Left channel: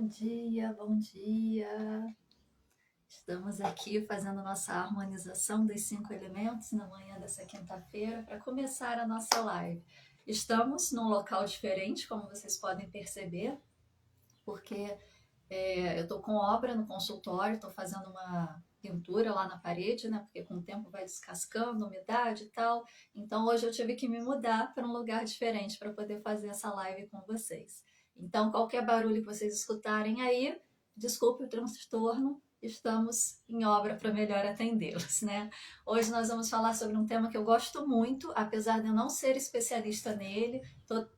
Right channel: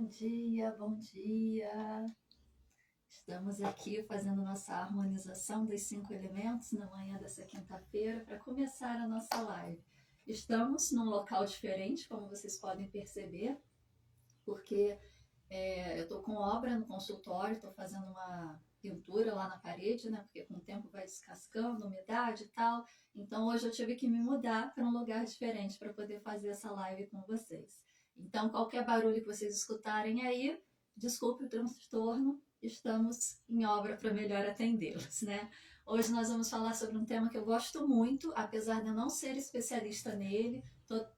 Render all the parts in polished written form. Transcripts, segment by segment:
Bom dia, bom dia. Estamos aqui fazendo nossa harmonização dos 5 elementos na manhã dessa quinta-feira para começar a nossa live. Estamos num local diferente, como vocês podem perceber, porque eu estou com obra no consultório, estou fazendo uma pintura lá na parede, né? Porque com o tempo vai descascando, umidade e tal. Então hoje eu tive que me mudar para um lugar diferente para poder fazer essa live com vocês. Então qualquer barulho que vocês escutarem aí, desculpe o transtorno, estamos em obra para melhor atendê-los, né? Hoje nós vamos falar sobre um tema que eu gosto muito, apesar de eu não ser especialista nele.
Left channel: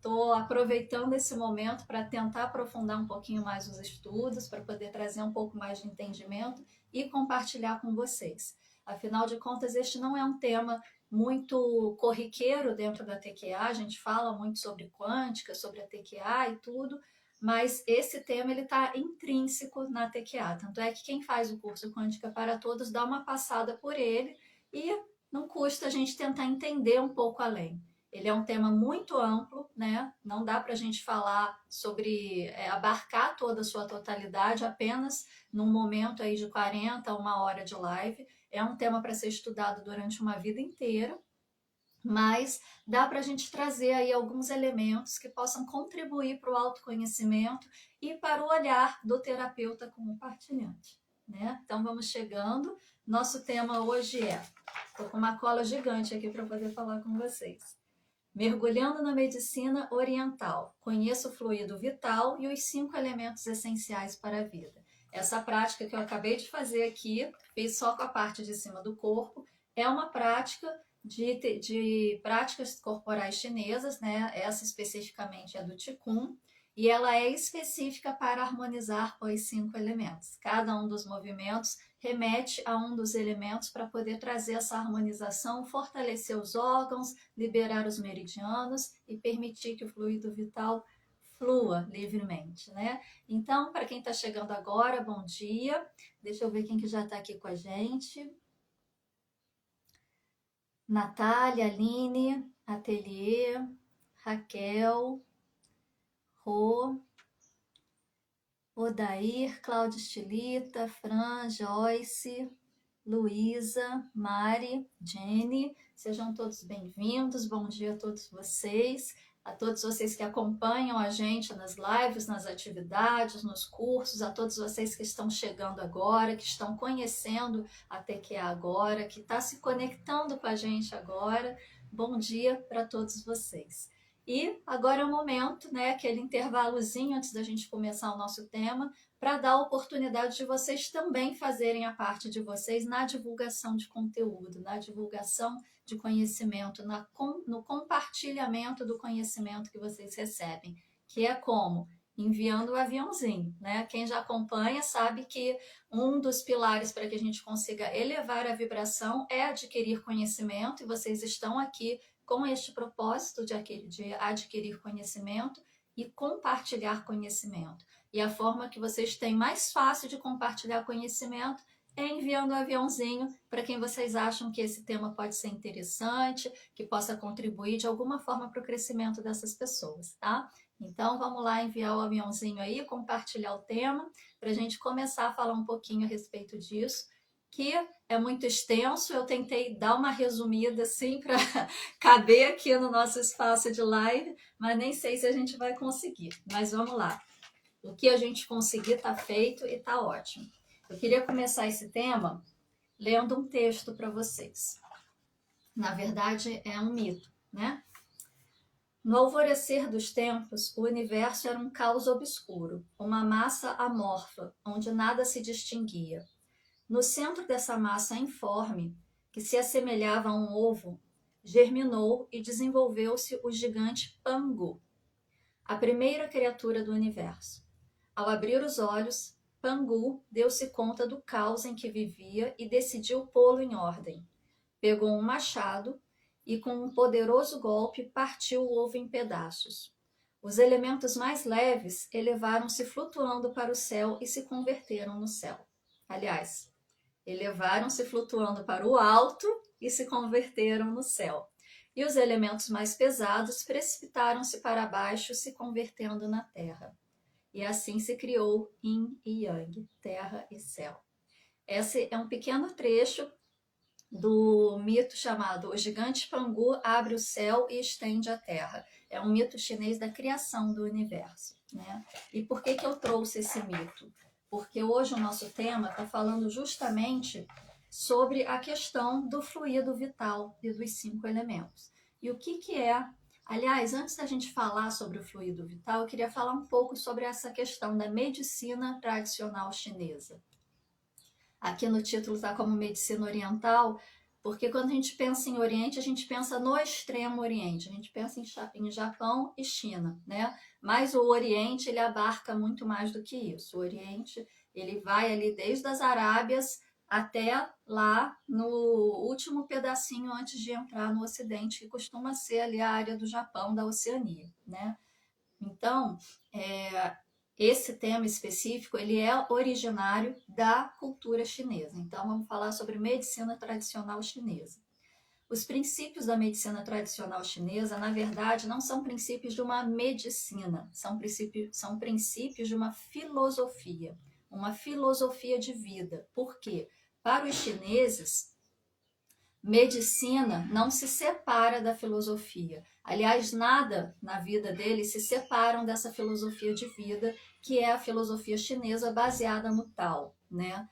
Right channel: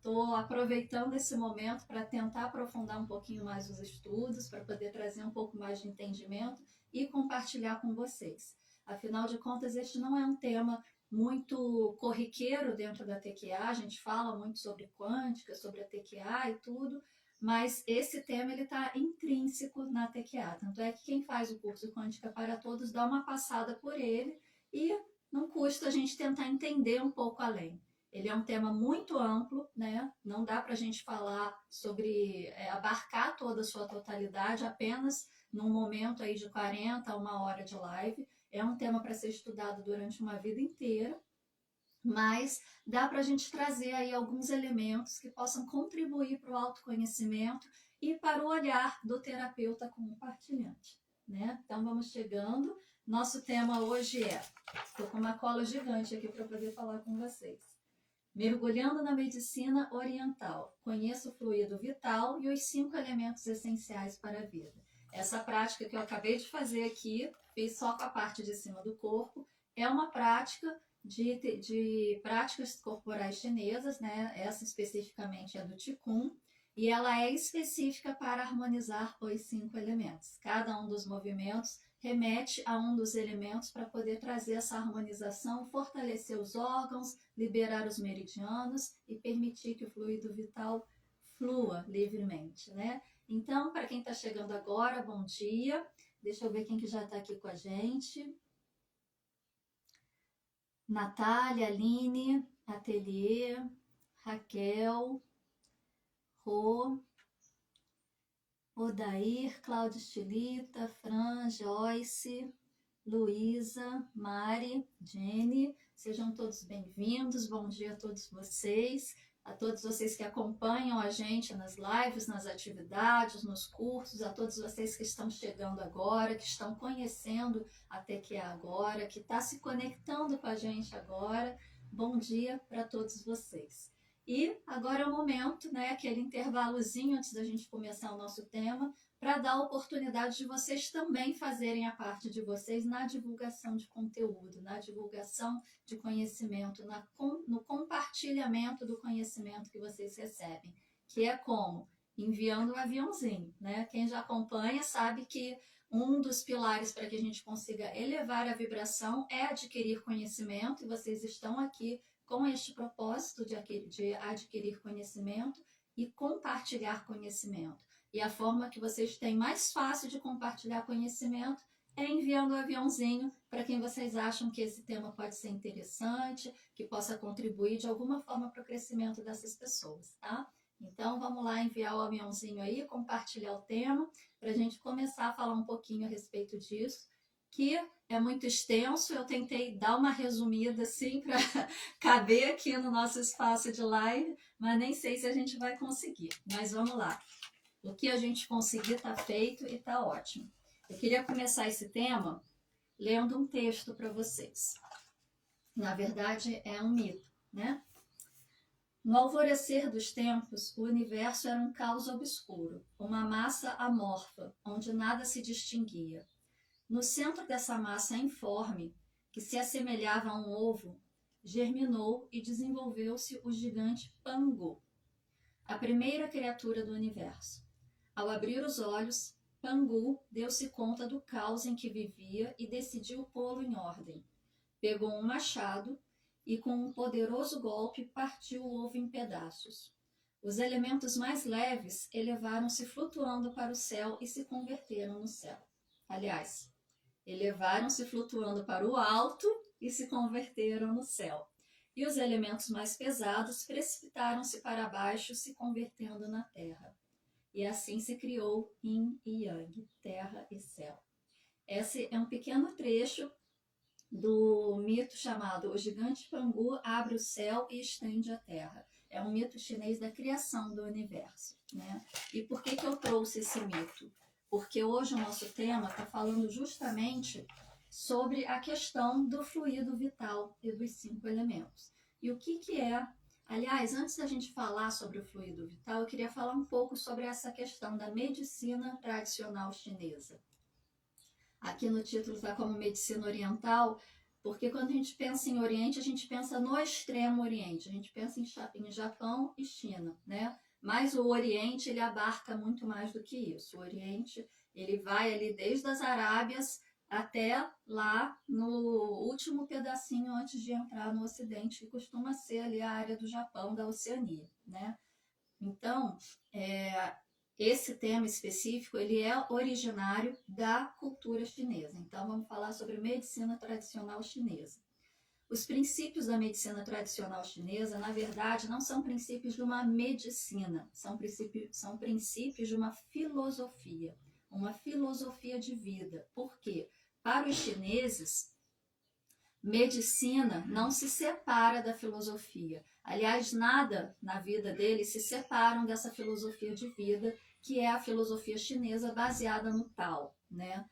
Tô aproveitando esse momento para tentar aprofundar um pouquinho mais os estudos, para poder trazer um pouco mais de entendimento e compartilhar com vocês. Afinal de contas, este não é um tema muito corriqueiro dentro da TQA, a gente fala muito sobre quântica, sobre a TQA e tudo, mas esse tema ele está intrínseco na TQA. Tanto é que quem faz o curso Quântica para Todos dá uma passada por ele e não custa a gente tentar entender um pouco além. Ele é um tema muito amplo, né? Não dá para a gente falar sobre abarcar toda a sua totalidade apenas num momento aí de 40 a 1 hora de live. É um tema para ser estudado durante uma vida inteira, mas dá para a gente trazer aí alguns elementos que possam contribuir para o autoconhecimento e para o olhar do terapeuta como partilhante, né? Então vamos chegando. Nosso tema hoje estou com uma cola gigante aqui para poder falar com vocês. Mergulhando na medicina oriental, conheça o fluido vital e os 5 elementos essenciais para a vida. Essa prática que eu acabei de fazer aqui, fiz só com a parte de cima do corpo, é uma prática de práticas corporais chinesas, né? Essa especificamente é do Qigong, e ela é específica para harmonizar os 5 elementos. Cada um dos movimentos remete a um dos elementos para poder trazer essa harmonização, fortalecer os órgãos, liberar os meridianos e permitir que o fluido vital flua livremente, né? Então, para quem está chegando agora, bom dia. Deixa eu ver quem que já está aqui com a gente. Natália, Aline, Ateliê, Raquel, Rô, Odair, Cláudia Estilita, Fran, Joyce, Luísa, Mari, Jenny, sejam todos bem-vindos, bom dia a todos vocês que acompanham a gente nas lives, nas atividades, nos cursos, a todos vocês que estão chegando agora, que estão conhecendo a TQA agora, que está se conectando com a gente agora, bom dia para todos vocês. E agora é o momento, né, aquele intervalozinho antes da gente começar o nosso tema, para dar a oportunidade de vocês também fazerem a parte de vocês na divulgação de conteúdo, na divulgação de conhecimento, no compartilhamento do conhecimento que vocês recebem, que é como? Enviando o aviãozinho, né? Quem já acompanha sabe que um dos pilares para que a gente consiga elevar a vibração é adquirir conhecimento, e vocês estão aqui com este propósito de adquirir conhecimento e compartilhar conhecimento. E a forma que vocês têm mais fácil de compartilhar conhecimento é enviando o aviãozinho para quem vocês acham que esse tema pode ser interessante, que possa contribuir de alguma forma para o crescimento dessas pessoas, tá? Então vamos lá enviar o aviãozinho aí, compartilhar o tema, para a gente começar a falar um pouquinho a respeito disso, que é muito extenso. Eu tentei dar uma resumida assim para caber aqui no nosso espaço de live, mas nem sei se a gente vai conseguir. Mas vamos lá. O que a gente conseguir está feito e está ótimo. Eu queria começar esse tema lendo um texto para vocês. Na verdade, é um mito, né? No alvorecer dos tempos, o universo era um caos obscuro, uma massa amorfa, onde nada se distinguia. No centro dessa massa informe, que se assemelhava a um ovo, germinou e desenvolveu-se o gigante Pangu, a primeira criatura do universo. Ao abrir os olhos, Pangu deu-se conta do caos em que vivia e decidiu pô-lo em ordem. Pegou um machado e, com um poderoso golpe, partiu o ovo em pedaços. Os elementos mais leves elevaram-se flutuando para o céu e se converteram no céu. Aliás, elevaram-se flutuando para o alto e se converteram no céu. E os elementos mais pesados precipitaram-se para baixo, se convertendo na terra. e assim se criou Yin e Yang, terra e céu. Esse é um pequeno trecho do mito chamado O Gigante Pangu Abre o Céu e Estende a Terra. É um mito chinês da criação do universo, né? E por que eu trouxe esse mito? Porque hoje o nosso tema está falando justamente sobre a questão do fluido vital e dos 5 elementos. E o que é? Aliás, antes da gente falar sobre o fluido vital, eu queria falar um pouco sobre essa questão da medicina tradicional chinesa. Aqui no título está como medicina oriental, porque quando a gente pensa em Oriente, a gente pensa no extremo Oriente, a gente pensa em Japão e China, né? Mas o Oriente, ele abarca muito mais do que isso. O Oriente, ele vai ali desde as Arábias até lá no último pedacinho antes de entrar no Ocidente, que costuma ser ali a área do Japão, da Oceania, né? Então, esse tema específico, ele é originário da cultura chinesa. Então, vamos falar sobre medicina tradicional chinesa. Os princípios da medicina tradicional chinesa, na verdade, não são princípios de uma medicina, são princípios de uma filosofia de vida. Por quê? Para os chineses, medicina não se separa da filosofia. Aliás, nada na vida deles se separam dessa filosofia de vida, que é a filosofia chinesa baseada no Tao, né?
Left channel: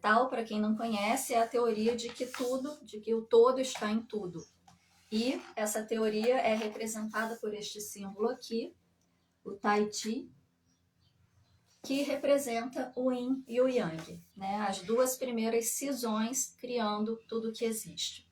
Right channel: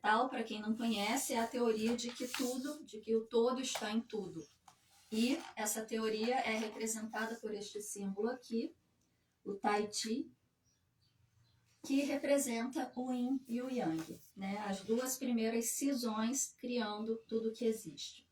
Tao, para quem não conhece, é a teoria de que o todo está em tudo. E essa teoria é representada por este símbolo aqui, o Tai Chi, que representa o Yin e o Yang, né? As duas primeiras cisões criando tudo que existe.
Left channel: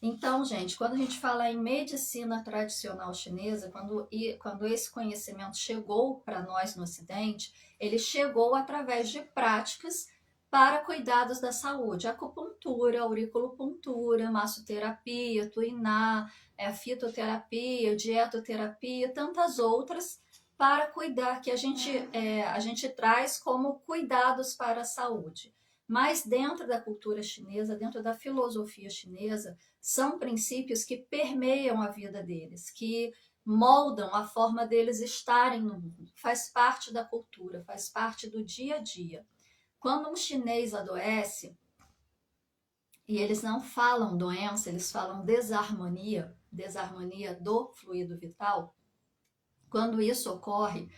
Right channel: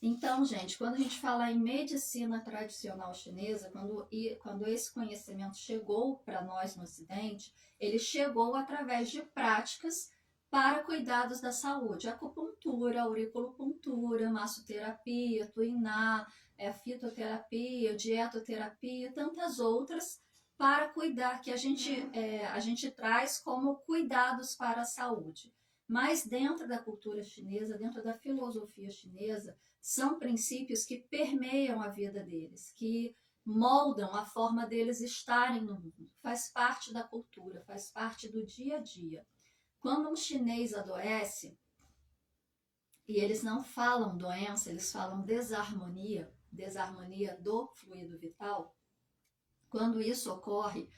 Então, gente, quando a gente fala em medicina tradicional chinesa, quando esse conhecimento chegou para nós no Ocidente, ele chegou através de práticas para cuidados da saúde, acupuntura, auriculopuntura, massoterapia, tuiná, fitoterapia, dietoterapia, tantas outras para cuidar, que a gente traz como cuidados para a saúde. Mas dentro da cultura chinesa, dentro da filosofia chinesa, são princípios que permeiam a vida deles, que moldam a forma deles estarem no mundo. Faz parte da cultura, faz parte do dia a dia. Quando um chinês adoece, e eles não falam doença, eles falam desarmonia do fluido vital, quando isso ocorre,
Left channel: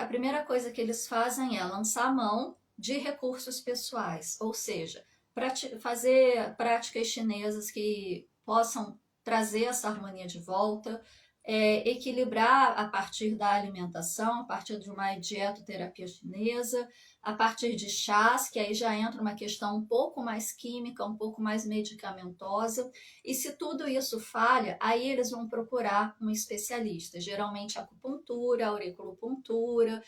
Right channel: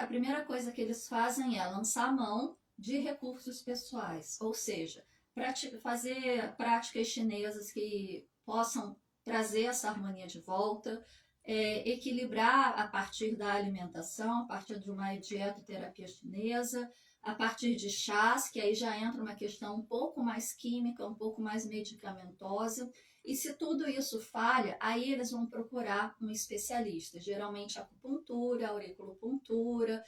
a primeira coisa que eles fazem é lançar mão de recursos pessoais, ou seja, fazer práticas chinesas que possam trazer essa harmonia de volta, equilibrar a partir da alimentação, a partir de uma dietoterapia chinesa, a partir de chás, que aí já entra uma questão um pouco mais química, um pouco mais medicamentosa, e se tudo isso falha, aí eles vão procurar um especialista, geralmente acupuntura, auriculopuntura,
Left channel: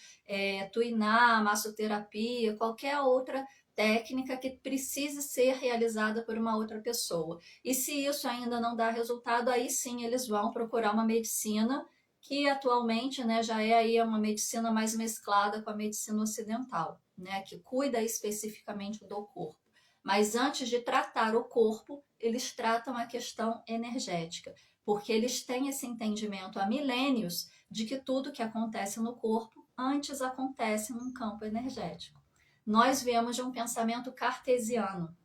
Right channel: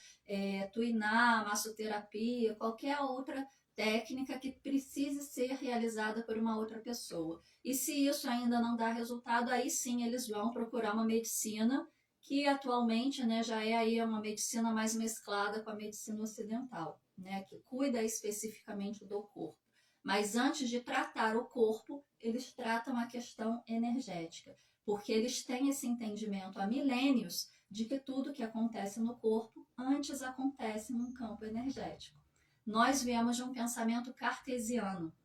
tuiná, massoterapia, qualquer outra técnica que precise ser realizada por uma outra pessoa. E se isso ainda não dá resultado, aí sim eles vão procurar uma medicina que atualmente, né, já é aí uma medicina mais mesclada com a medicina ocidental, né, que cuida especificamente do corpo. Mas antes de tratar o corpo, eles tratam a questão energética, porque eles têm esse entendimento há milênios de que tudo que acontece no corpo antes acontece num campo energético. Nós viemos de um pensamento cartesiano.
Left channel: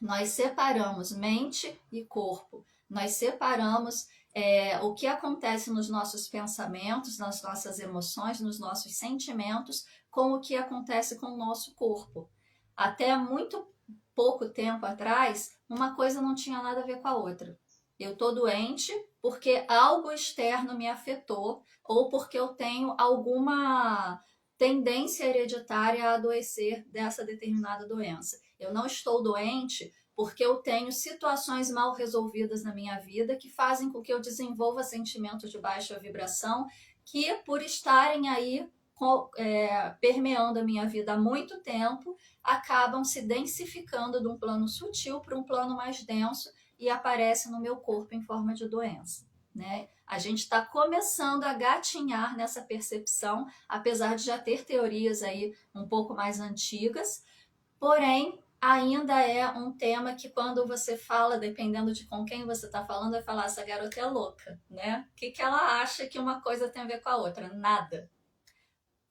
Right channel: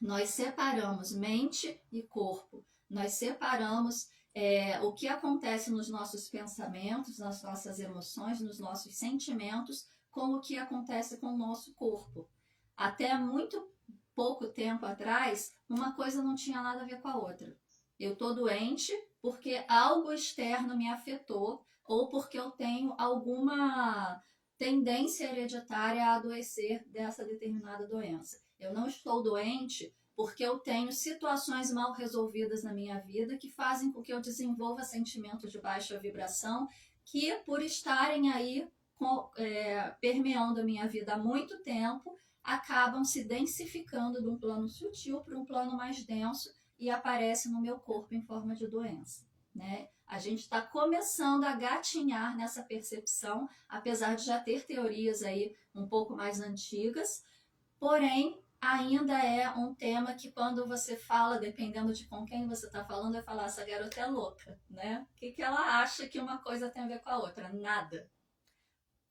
Nós separamos mente e corpo. Nós separamos o que acontece nos nossos pensamentos, nas nossas emoções, nos nossos sentimentos, com o que acontece com o nosso corpo. Até muito pouco tempo atrás, uma coisa não tinha nada a ver com a outra. Eu estou doente porque algo externo me afetou ou porque eu tenho alguma tendência hereditária a adoecer dessa determinada doença. Eu não estou doente porque eu tenho situações mal resolvidas na minha vida que fazem com que eu desenvolva sentimentos de baixa vibração que, por estarem aí permeando a minha vida há muito tempo, acabam se densificando de um plano sutil para um plano mais denso e aparecem no meu corpo em forma de doença, né? A gente está começando a gatinhar nessa percepção, apesar de já ter teorias aí um pouco mais antigas, porém ainda é um tema que quando você fala, dependendo de com quem você está falando, vai falar, essa garota é louca, né? O que ela acha que uma coisa tem a ver com a outra? Nada.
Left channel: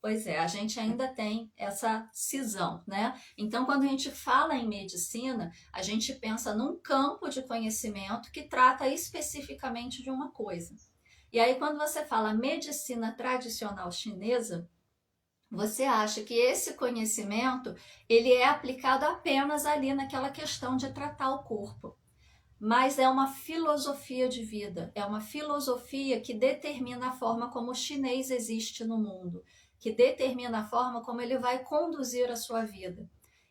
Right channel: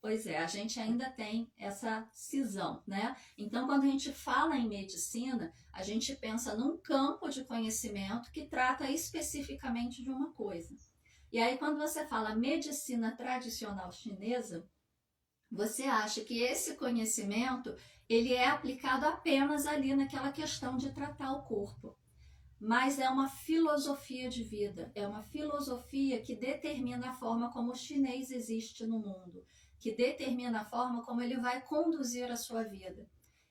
Pois é, a gente ainda tem essa cisão, né? Então, quando a gente fala em medicina, a gente pensa num campo de conhecimento que trata especificamente de uma coisa. E aí, quando você fala medicina tradicional chinesa, você acha que esse conhecimento ele é aplicado apenas ali naquela questão de tratar o corpo. Mas é uma filosofia de vida, é uma filosofia que determina a forma como o chinês existe no mundo, que determina a forma como ele vai conduzir a sua vida.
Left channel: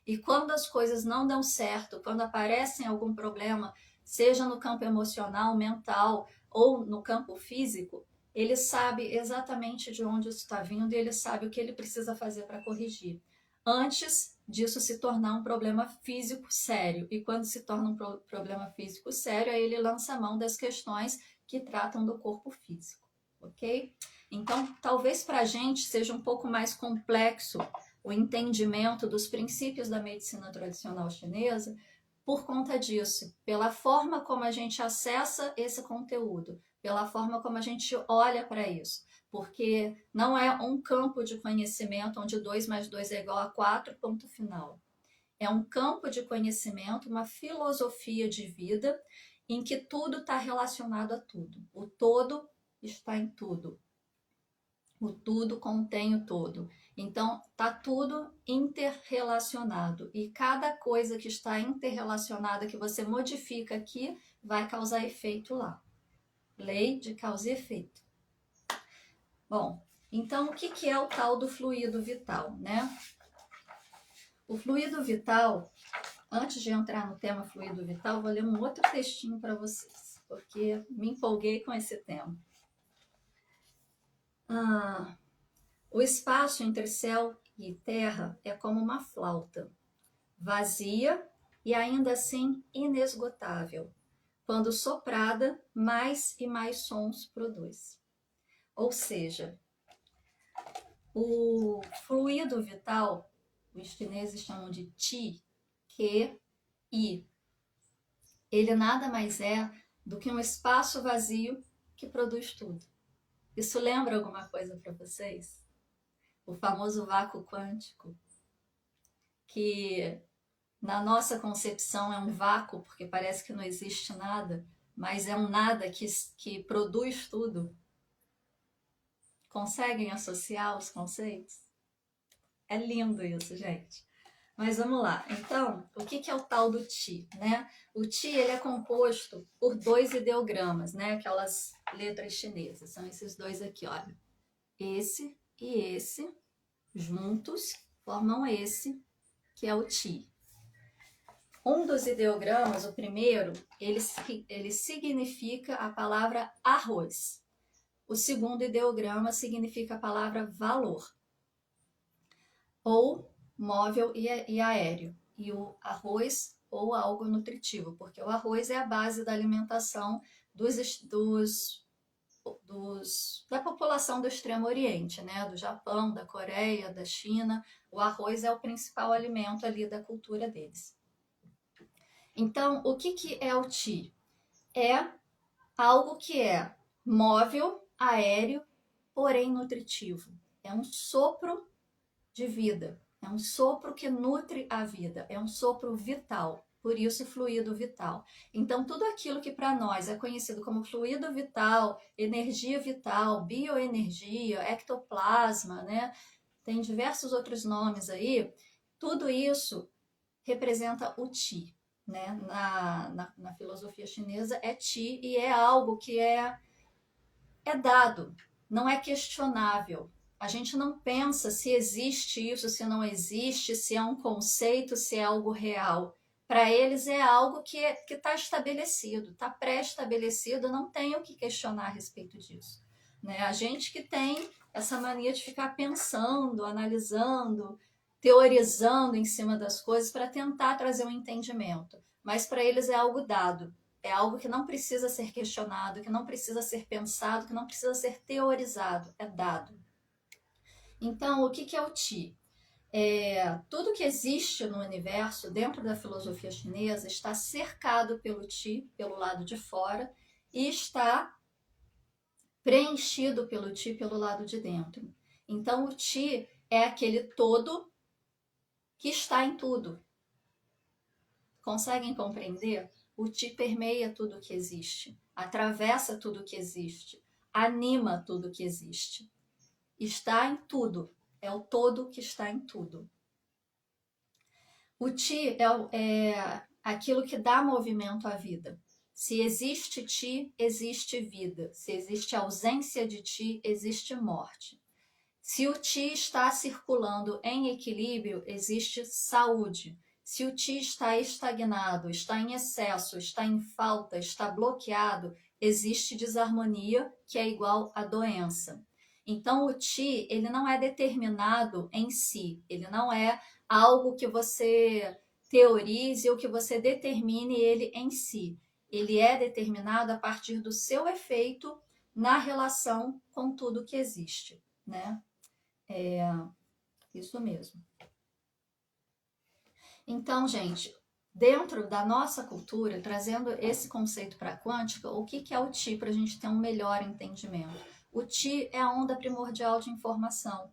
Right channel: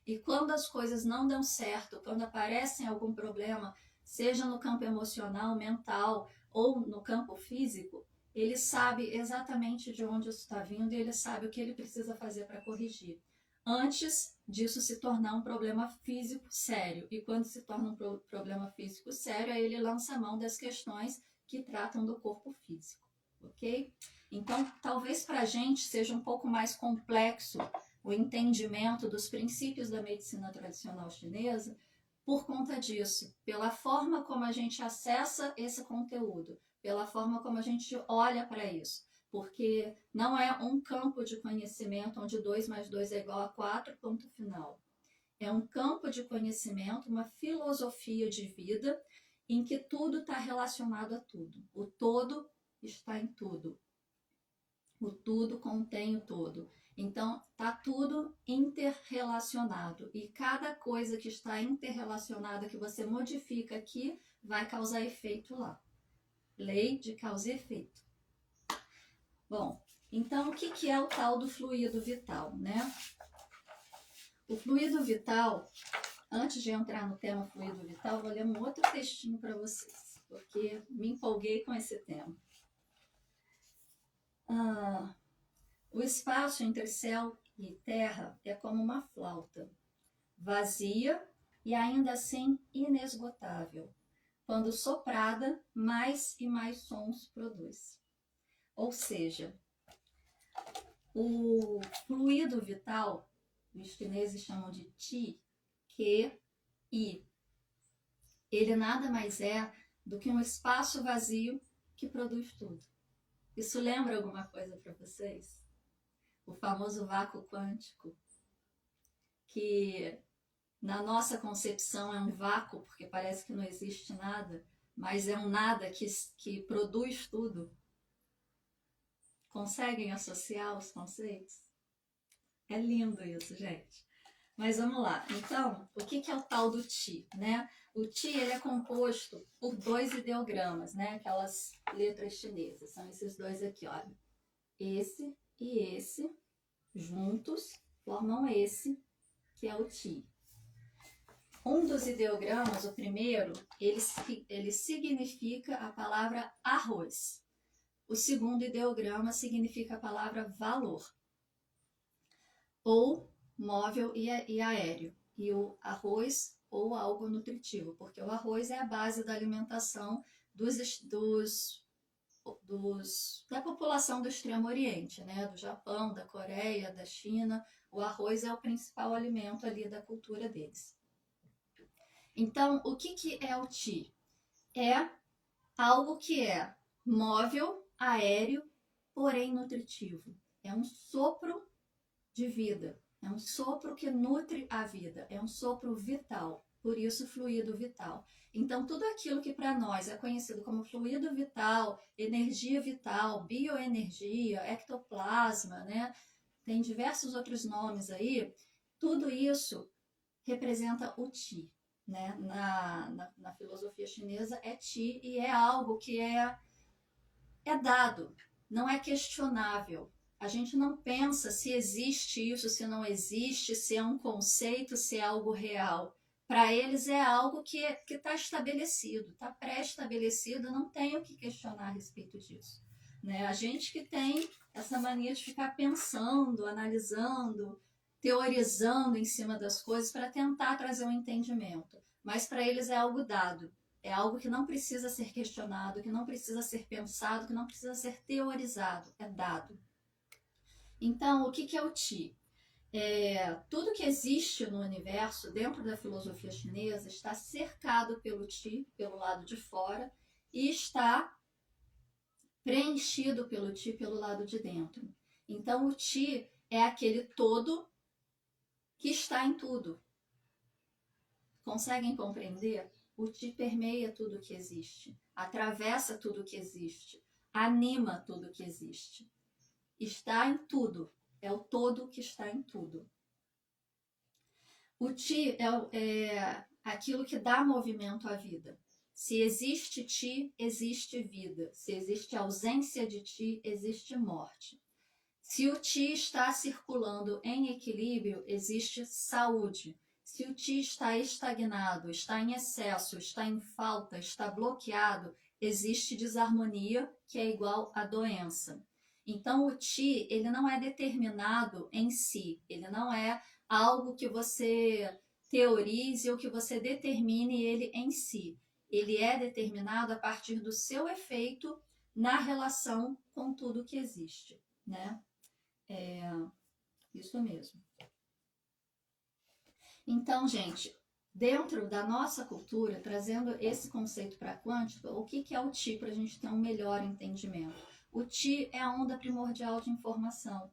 E quando as coisas não dão certo, quando aparecem algum problema, seja no campo emocional, mental ou no campo físico, ele sabe exatamente de onde isso está vindo e ele sabe o que ele precisa fazer para corrigir. Antes disso se tornar um problema físico sério. E quando se torna um problema físico sério, aí ele lança a mão das questões que tratam do corpo físico, ok? Então, talvez para a gente seja um pouco mais complexo o entendimento dos princípios da medicina tradicional chinesa por conta disso, pela forma como a gente acessa esse conteúdo, pela forma como a gente olha para isso. Porque não é um campo de conhecimento onde 2 mais 2 é igual a 4, ponto final. É um campo de conhecimento, uma filosofia de vida em que tudo está relacionado a tudo. O todo está em tudo. O tudo contém o todo. Então, está tudo interrelacionado. E cada coisa que está interrelacionada, que você modifica aqui, vai causar efeito lá. Lei de causa e efeito. Bom, então o que é o tal do fluido vital, né? O fluido vital, antes de entrar no tema fluido vital, vou ler um outro textinho para vocês, porque me empolguei com esse tema. O espaço entre céu e terra é como uma flauta, vazia e ainda assim inesgotável. Quando soprada, mais e mais sons produz. Ou seja, o fluido vital, os chineses chamam de Qi, Qi. Ele nada mais é do que um espaço vazio que produz tudo. Isso lembra alguma coisa para vocês? O famoso vácuo quântico, que na nossa concepção é um vácuo porque parece que não existe nada, mas é um nada que produz tudo. Conseguem associar os conceitos? É lindo isso, gente. Mas vamos lá. Então, o que é o tal do Qi, né? O Qi ele é composto por 2 ideogramas, né? Aquelas letras chinesas. São esses dois aqui, olha. Esse e esse juntos formam esse, que é o Qi. Um dos ideogramas, o primeiro, ele significa a palavra arroz. O segundo ideograma significa a palavra valor, ou móvel e aéreo, e o arroz ou algo nutritivo, porque o arroz é a base da alimentação da população do Extremo Oriente, né? Do Japão, da Coreia, da China. O arroz é o principal alimento ali da cultura deles. Então, o que é o Qi? É algo que é móvel, aéreo, porém nutritivo. É um sopro de vida, é um sopro que nutre a vida, é um sopro vital, por isso fluido vital. Então, tudo aquilo que para nós é conhecido como fluido vital, energia vital, bioenergia, ectoplasma, né? Tem diversos outros nomes aí, tudo isso representa o Qi, né? Na filosofia chinesa é Qi e é algo que é dado, não é questionável. A gente não pensa se existe isso, se não existe, se é um conceito, se é algo real. Para eles é algo que está estabelecido, está pré-estabelecido, não tem o que questionar a respeito disso. Né? A gente que tem essa mania de ficar pensando, analisando, teorizando em cima das coisas para tentar trazer um entendimento. Mas para eles é algo dado. É algo que não precisa ser questionado, que não precisa ser pensado, que não precisa ser teorizado, é dado. Então, o que é o Qi? Tudo que existe no universo, dentro da filosofia chinesa, está cercado pelo Qi, pelo lado de fora, e está preenchido pelo Qi pelo lado de dentro. Então, o Ti é aquele todo que está em tudo. Conseguem compreender? O Ti permeia tudo que existe, atravessa tudo que existe, anima tudo que existe. Está em tudo, é o todo que está em tudo. O Ti é aquilo que dá movimento à vida. Se existe Ti, existe vida. Se existe ausência de Ti, existe morte. Se o Ti está circulando em equilíbrio, existe saúde. Se o Ti está estagnado, está em excesso, está em falta, está bloqueado, existe desarmonia, que é igual a doença. Então, o Ti, ele não é determinado em si, ele não é algo que você teorize ou que você determine ele em si. Ele é determinado a partir do seu efeito na relação com tudo que existe, né? Isso mesmo. Então, gente, dentro da nossa cultura, trazendo esse conceito para a quântica, o que é o Ti para a gente ter um melhor entendimento? O Ti é a onda primordial de informação,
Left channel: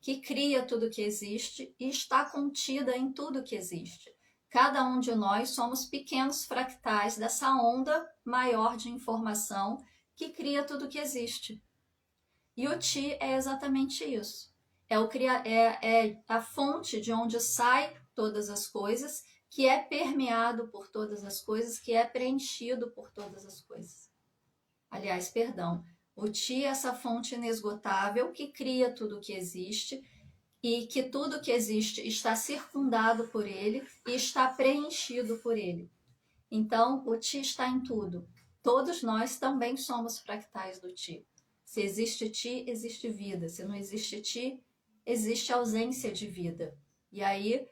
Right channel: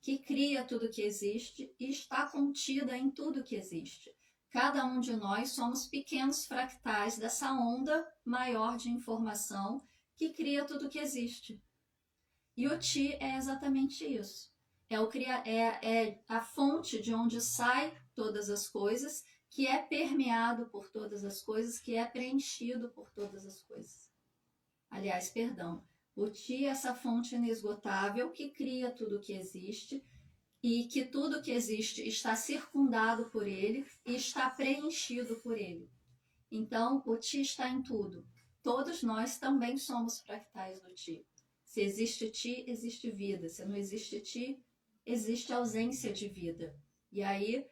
que cria tudo que existe e está contida em tudo que existe. Cada um de nós somos pequenos fractais dessa onda maior de informação que cria tudo que existe. E o Ti é exatamente isso. É a fonte de onde sai todas as coisas, que é permeado por todas as coisas, que é preenchido por todas as coisas. Aliás, perdão, o Ti é essa fonte inesgotável que cria tudo que existe e que tudo que existe está circundado por ele e está preenchido por ele. Então, o Ti está em tudo. Todos nós também somos fractais do Ti. Se existe Ti, existe vida. Se não existe Ti, existe ausência de vida. E aí,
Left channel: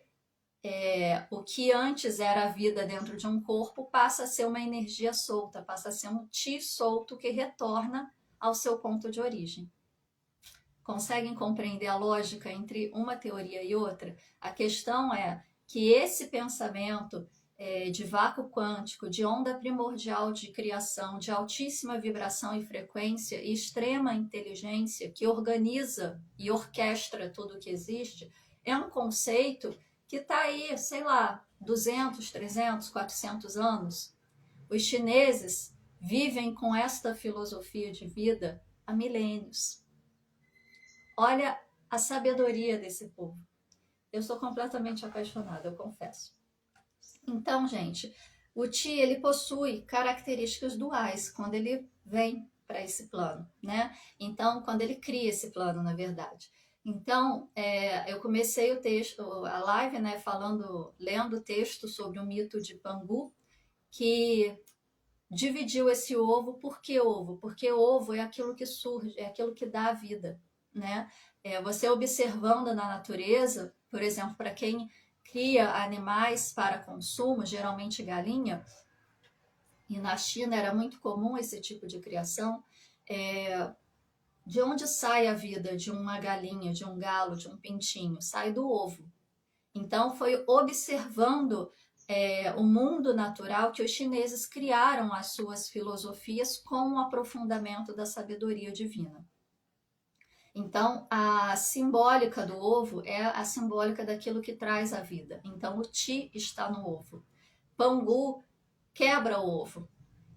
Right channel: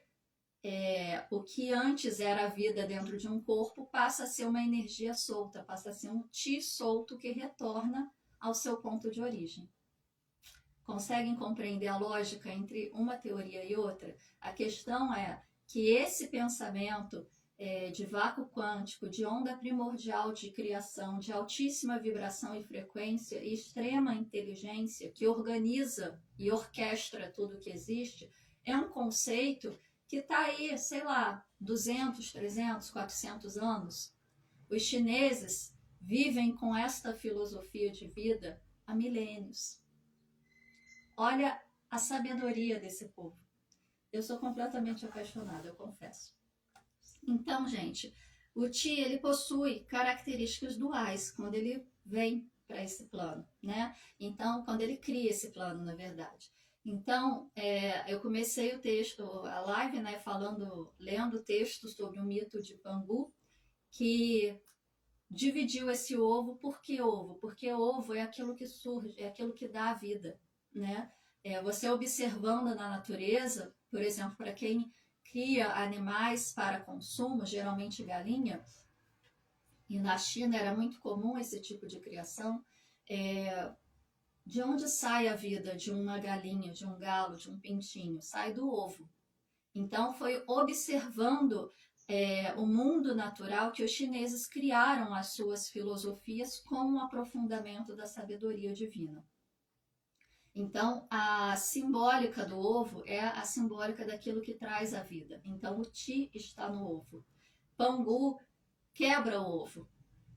o que antes era a vida dentro de um corpo passa a ser uma energia solta, passa a ser um Ti solto que retorna ao seu ponto de origem. Conseguem compreender a lógica entre uma teoria e outra? A questão é que esse pensamento de vácuo quântico, de onda primordial de criação, de altíssima vibração e frequência e extrema inteligência que organiza e orquestra tudo que existe, é um conceito que está aí, sei lá, 200, 300, 400 anos. Os chineses vivem com esta filosofia de vida há milênios. Olha a sabedoria desse povo. Eu sou completamente apaixonada, eu confesso. Então, gente, o Ti, ele possui características duais quando ele vem para esse plano, né? Então, quando ele cria esse plano, na verdade. Então, eu comecei o texto, a live, né, lendo o texto sobre o mito de Pangu, que dividiu esse ovo. Por que ovo? Porque ovo é aquilo que surge, é aquilo que dá a vida, né? Você observando na natureza, por exemplo, para quem cria animais para consumo, geralmente galinha, e na China era muito comum esse tipo de criação, de onde sai a vida de uma galinha, de um galo, de um pintinho? Sai do ovo. Então foi observando o mundo natural que os chineses criaram as suas filosofias com o aprofundamento da sabedoria divina. Então, a simbólica do ovo é a simbólica daquilo que traz a vida. Então, o Ti está no ovo. Pangu quebra o ovo.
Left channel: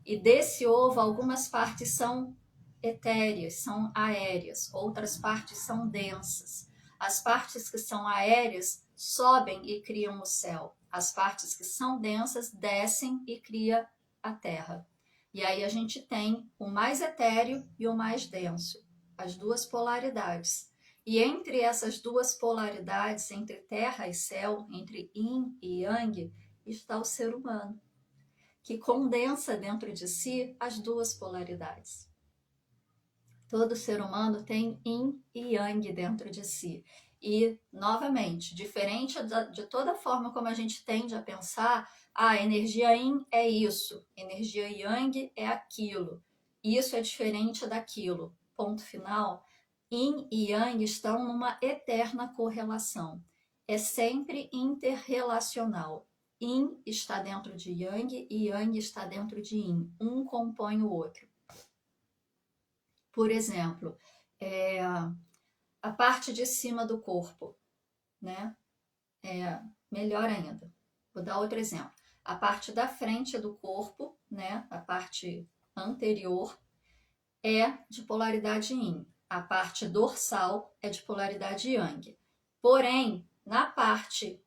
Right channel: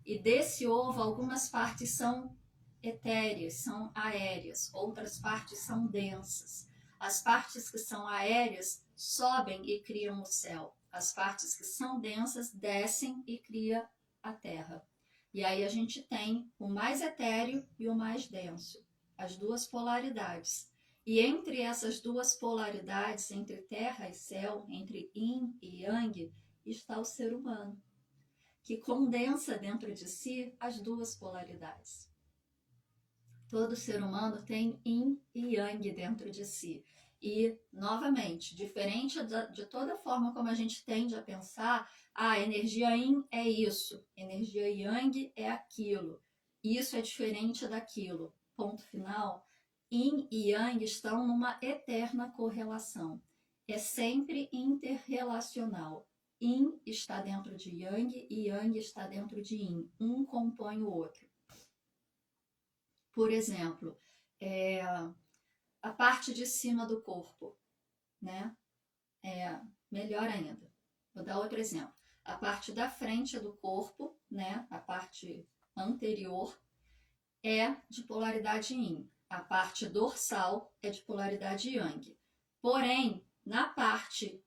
E desse ovo, algumas partes são etéreas, são aéreas, outras partes são densas. As partes que são aéreas sobem e criam o céu. As partes que são densas descem e cria a terra. E aí a gente tem o mais etéreo e o mais denso, as duas polaridades. E entre essas duas polaridades, entre terra e céu, entre yin e yang, está o ser humano, que condensa dentro de si as duas polaridades. Todo ser humano tem yin e yang dentro de si. E, novamente, diferente de toda forma como a gente tende a pensar, a energia yin é isso, energia yang é aquilo, isso é diferente daquilo. Ponto final. Yin e yang estão numa eterna correlação. É sempre interrelacional. Yin está dentro de yang e yang está dentro de yin. Um compõe o outro. Por exemplo, a parte de cima do corpo, né? Melhor ainda. Vou dar outro exemplo. A parte da frente do corpo, né? A parte anterior é de polaridade yin. A parte dorsal é de polaridade yang. Porém, na parte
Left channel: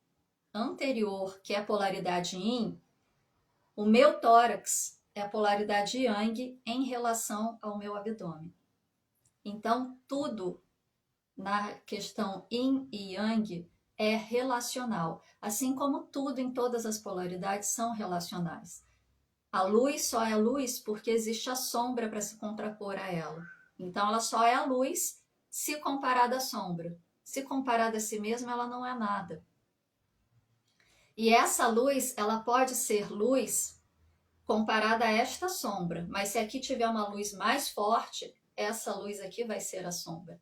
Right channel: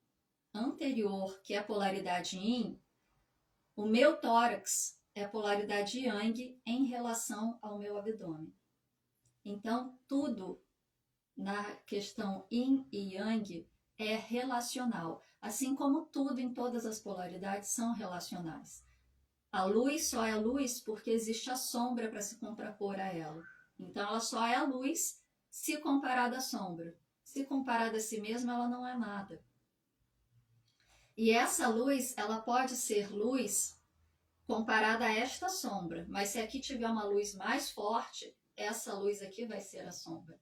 anterior, que é a polaridade yin, o meu tórax é a polaridade yang em relação ao meu abdômen. Então, tudo na questão yin e yang é relacional, assim como tudo em todas as polaridades são relacionais. A luz só é luz porque existe a sombra para se contrapor a ela. Então, ela só é a luz se comparada à sombra. Se comparada a si mesma, ela não é nada. E essa luz, ela pode ser luz comparada a esta sombra, mas se aqui tiver uma luz mais forte, essa luz aqui vai ser a sombra.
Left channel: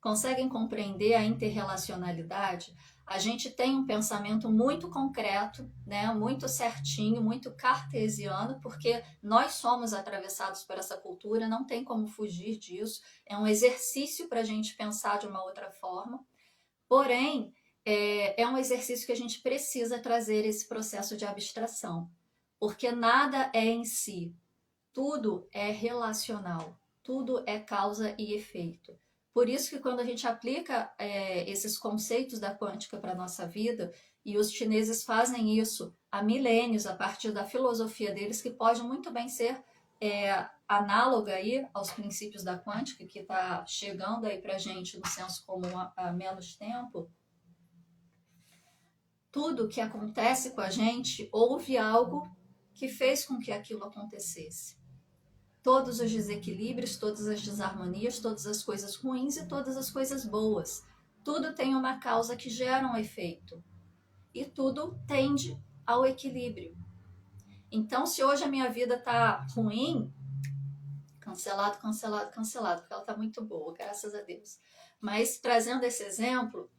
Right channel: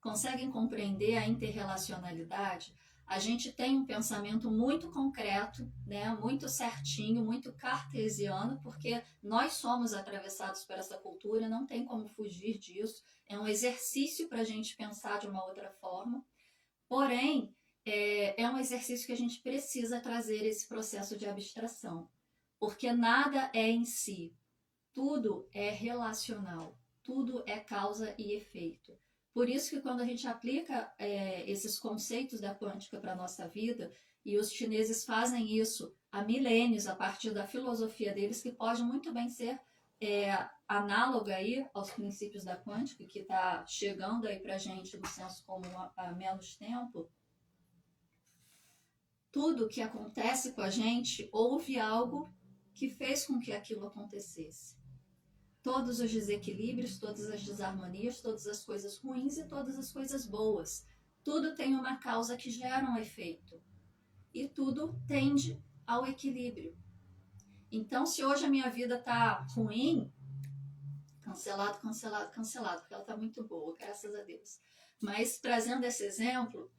Conseguem compreender a interrelacionalidade? A gente tem um pensamento muito concreto, né? Muito certinho, muito cartesiano, porque nós somos atravessados por essa cultura, não tem como fugir disso. É um exercício para a gente pensar de uma outra forma. Porém, é um exercício que a gente precisa trazer esse processo de abstração, porque nada é em si, tudo é relacional, tudo é causa e efeito. Por isso que quando a gente aplica esses conceitos da quântica para a nossa vida, e os chineses fazem isso há milênios, a partir da filosofia deles, que pode muito bem ser análoga aí aos princípios da quântica, que está chegando aí para a gente no senso comum há menos tempo. Tudo que acontece com a gente, houve algo que fez com que aquilo acontecesse. Todos os desequilíbrios, todas as desarmonias, todas as coisas ruins e todas as coisas boas. Tudo tem uma causa que gera um efeito. E tudo tende ao equilíbrio. Então, se hoje a minha vida está ruim, cancelado, cancelado, cancelado, porque ela está muito boa, graças a Deus. Mas, trazendo esse exemplo,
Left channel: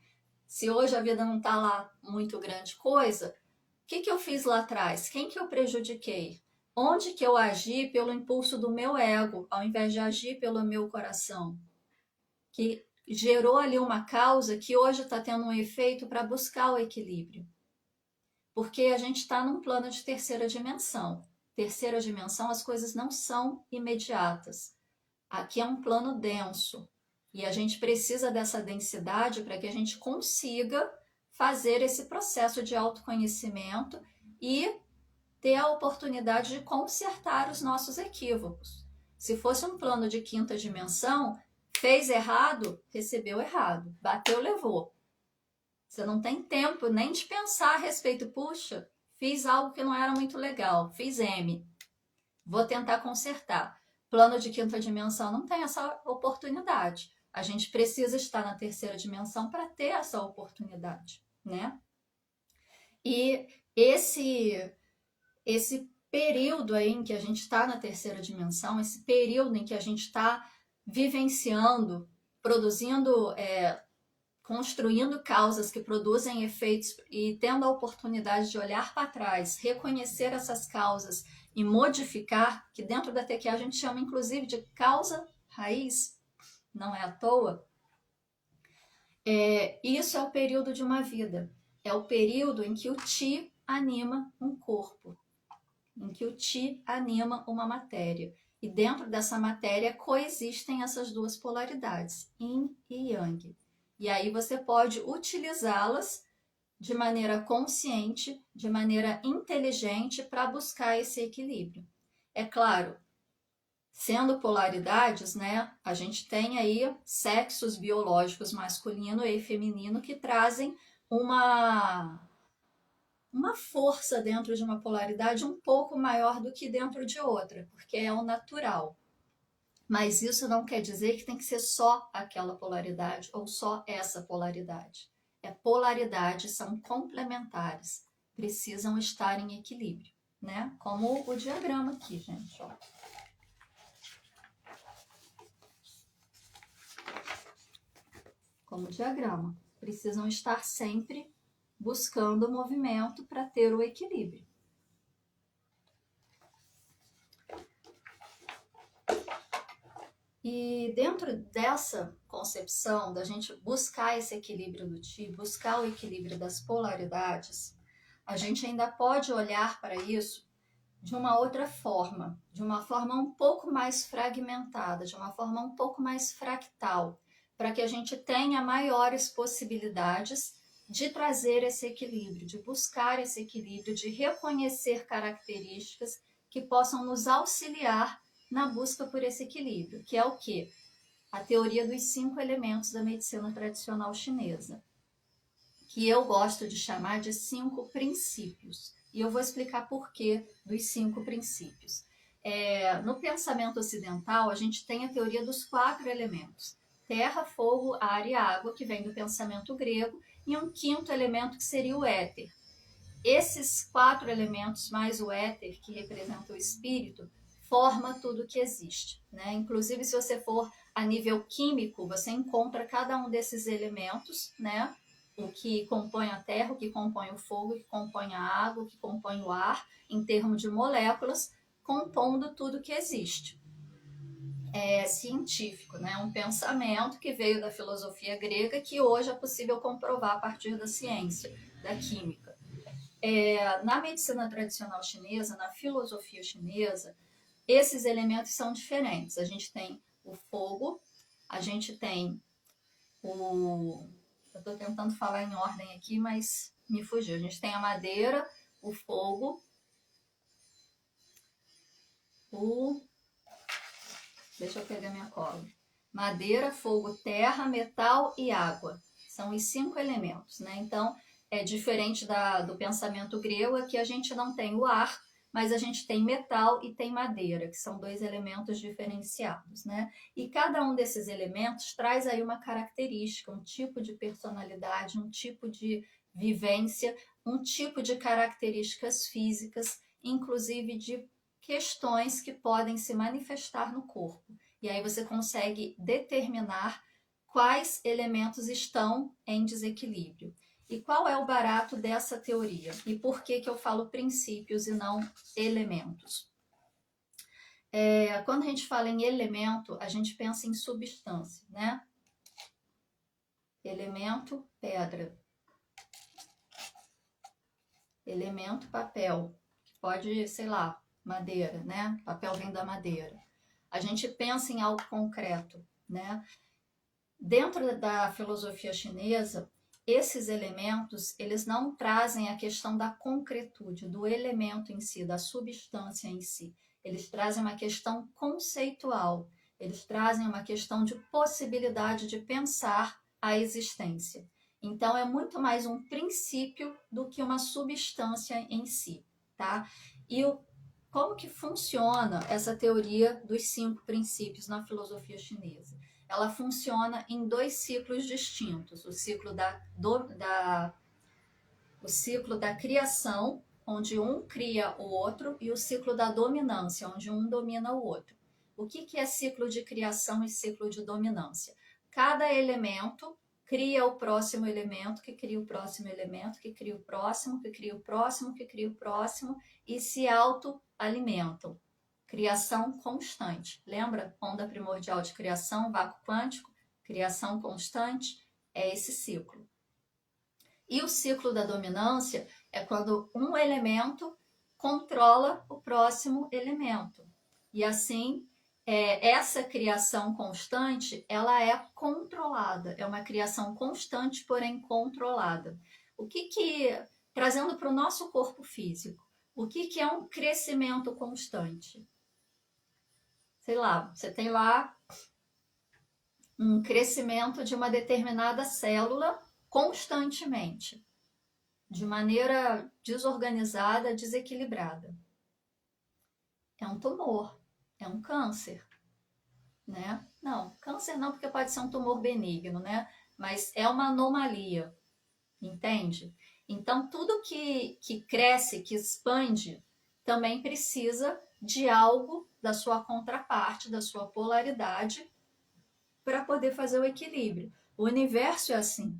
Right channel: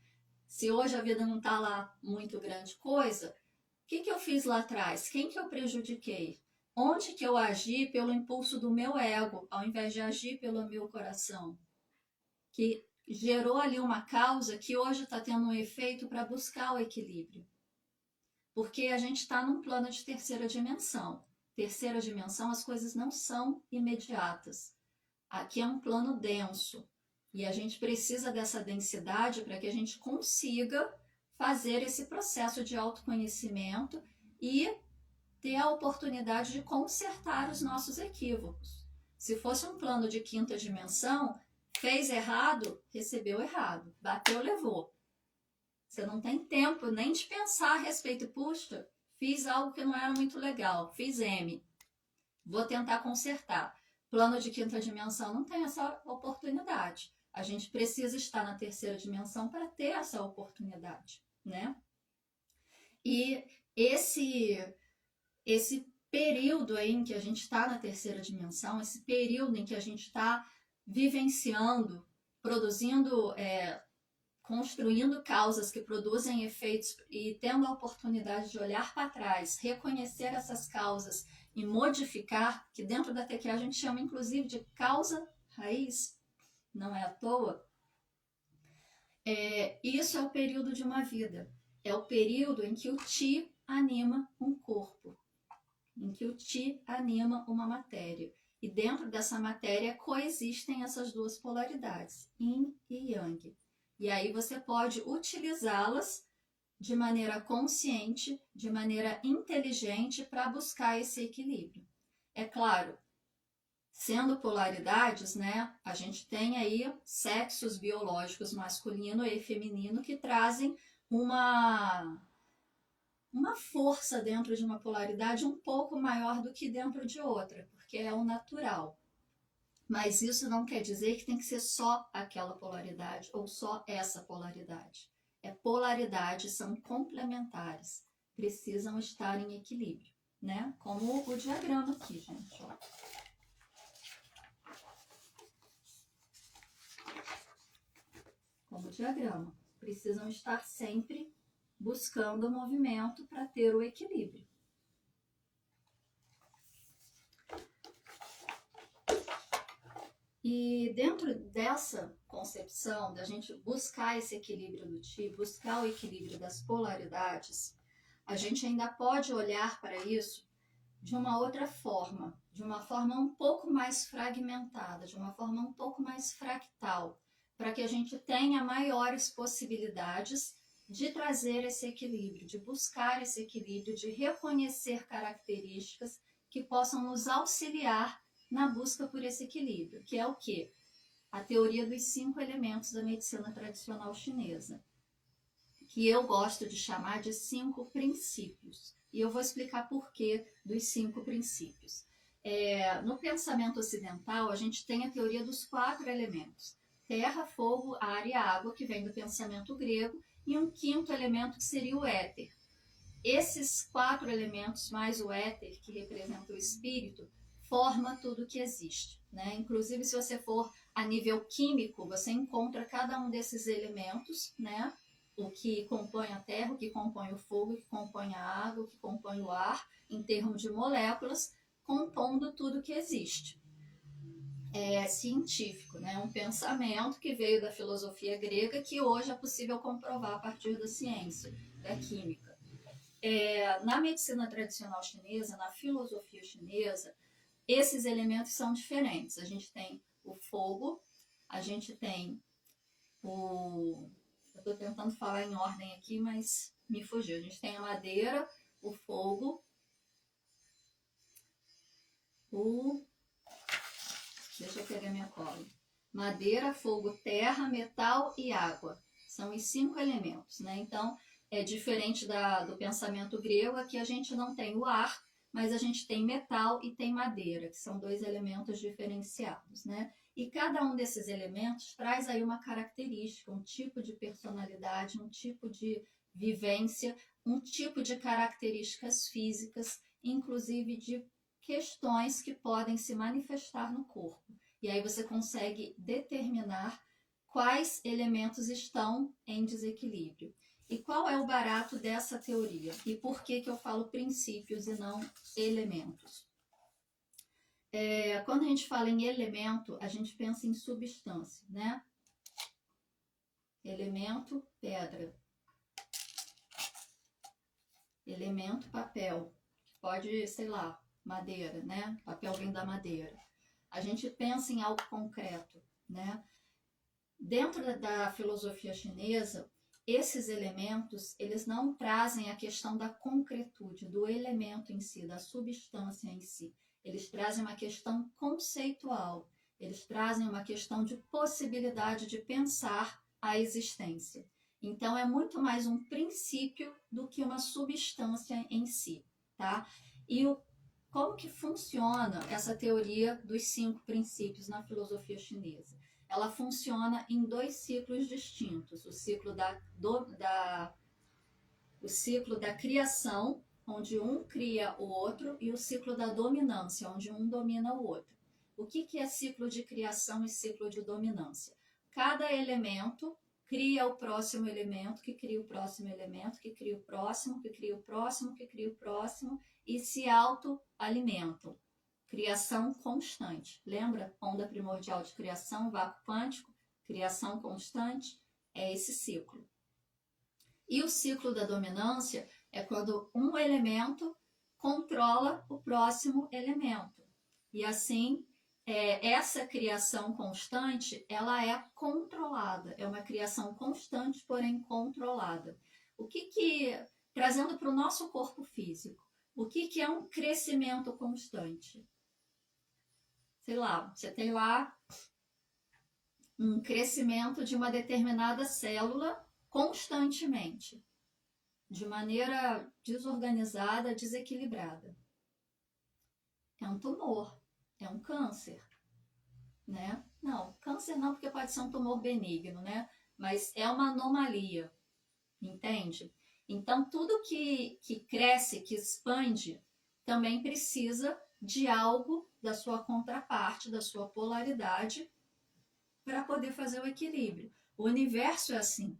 se hoje a vida não está lá muito grande coisa, o que eu fiz lá atrás? Quem que eu prejudiquei? Onde que eu agi pelo impulso do meu ego, ao invés de agir pelo meu coração? Que gerou ali uma causa que hoje está tendo um efeito para buscar o equilíbrio. Porque a gente está num plano de terceira dimensão. Terceira dimensão, as coisas não são imediatas. Aqui é um plano denso. E a gente precisa dessa densidade para que a gente consiga fazer esse processo de autoconhecimento e ter a oportunidade de consertar os nossos equívocos. Se fosse um plano de quinta dimensão, fez errado, recebeu errado, bateu, levou. Você não tem tempo nem de pensar a respeito. Puxa, fiz algo que não era muito legal, fiz M, vou tentar consertar. Plano de quinta dimensão não tem essa oportunidade. A gente precisa estar na terceira dimensão para ter essa oportunidade, né? E esse período aí em que a gente está na terceira dimensão, esse período em que a gente está vivenciando, produzindo, construindo causas que produzem efeitos e tendo a oportunidade de olhar para trás, reconhecer essas causas e modificar, que dentro da TQA a gente chama inclusive de causa raiz, não é à toa. Isso é o período de uma vida, é o período em que o Ti anima um corpo, em que o Ti anima uma matéria. E dentro dessa matéria coexistem essas duas polaridades, Yin e Yang. E aí você pode utilizá-las de maneira consciente, de maneira inteligente para buscar esse equilíbrio. É claro, sendo polaridades, né, a gente tem aí sexos biológicos masculino e feminino que trazem uma força dentro de uma polaridade um pouco maior do que dentro de outra, porque é o natural. Mas isso não quer dizer que tem que ser só aquela polaridade ou só essa polaridade. Polaridades são complementares, precisam estar em equilíbrio, né? Como o diagrama aqui, gente, ó. Como o diagrama, precisam estar sempre buscando o movimento para ter o equilíbrio. E dentro dessa concepção da gente buscar esse equilíbrio do Ti, buscar o equilíbrio das polaridades, a gente ainda pode olhar para isso de uma outra forma, de uma forma um pouco mais fragmentada, de uma forma um pouco mais fractal, para que a gente tenha maiores possibilidades de trazer esse equilíbrio, de buscar esse equilíbrio, de reconhecer características que possam nos auxiliar na busca por esse equilíbrio, que é o quê? A teoria dos 5 elementos da medicina tradicional chinesa, que eu gosto de chamar de 5 princípios. E eu vou explicar por que dos 5 princípios. No pensamento ocidental, a gente tem a teoria dos 4 elementos: terra, fogo, ar e água, que vem do pensamento grego, e um quinto elemento que seria o éter. Esses 4 elementos, mais o éter, que representa o espírito, forma tudo que existe, né? Inclusive, se você for a nível químico, você encontra cada um desses elementos, né? O que compõe a terra, o que compõe o fogo, o que compõe a água, o que compõe o ar, em termos de moléculas, compondo tudo que existe. É científico, né? Um pensamento que veio da filosofia grega, que hoje é possível comprovar a partir da ciência, da química. Na medicina tradicional chinesa, na filosofia chinesa, esses elementos são diferentes. A gente tem o fogo, a gente tem o... Eu estou tentando falar em ordem aqui, mas me fugiu. A gente tem a madeira, o fogo, Deixa eu pegar minha cola. Madeira, fogo, terra, metal e água. São os 5 elementos, né? Então, é diferente do pensamento grego, aqui a gente não tem o ar, mas a gente tem metal e tem madeira, que são 2 elementos diferenciados, né? E cada um desses elementos traz aí uma característica, um tipo de personalidade, um tipo de vivência, um tipo de características físicas, inclusive de questões que podem se manifestar no corpo. E aí você consegue determinar quais elementos estão em desequilíbrio. E qual é o barato dessa teoria? E por que eu falo princípios e não elementos? Quando a gente fala em elemento, a gente pensa em substância, né? Elemento, pedra. Elemento, papel. Pode, sei lá, madeira, né? Papel vem da madeira. A gente pensa em algo concreto, né? Dentro da filosofia chinesa, esses elementos, eles não trazem a questão da concretude, do elemento em si, da substância em si. Eles trazem uma questão conceitual, eles trazem uma questão de possibilidade de pensar a existência. Então, é muito mais um princípio do que uma substância em si, tá? E como que funciona essa teoria dos 5 princípios na filosofia chinesa? Ela funciona em 2 ciclos distintos: o ciclo o ciclo da criação, onde um cria o outro, e o ciclo da dominância, onde um domina o outro. O que é ciclo de criação e ciclo de dominância? Cada elemento cria o próximo elemento, que cria o próximo elemento, que cria o próximo, que cria o próximo, que cria o próximo, e se autoalimentam. Criação constante. Lembra? Onda primordial de criação, vácuo quântico, criação constante, é esse ciclo. E o ciclo da dominância é quando um elemento controla o próximo elemento. E assim, essa criação constante, ela é controlada. É uma criação constante, porém controlada. Trazendo para o nosso corpo físico, o que é um crescimento constante? Sei lá, você tem lá um crescimento de uma determinada célula constantemente, de maneira desorganizada, desequilibrada. É um tumor, é um câncer, né? Não, câncer não, porque pode ser um tumor benigno, né? Mas é uma anomalia, entende? Então, tudo que cresce, que expande, também precisa de algo da sua contraparte, da sua polaridade, para poder fazer o equilíbrio. O universo é assim.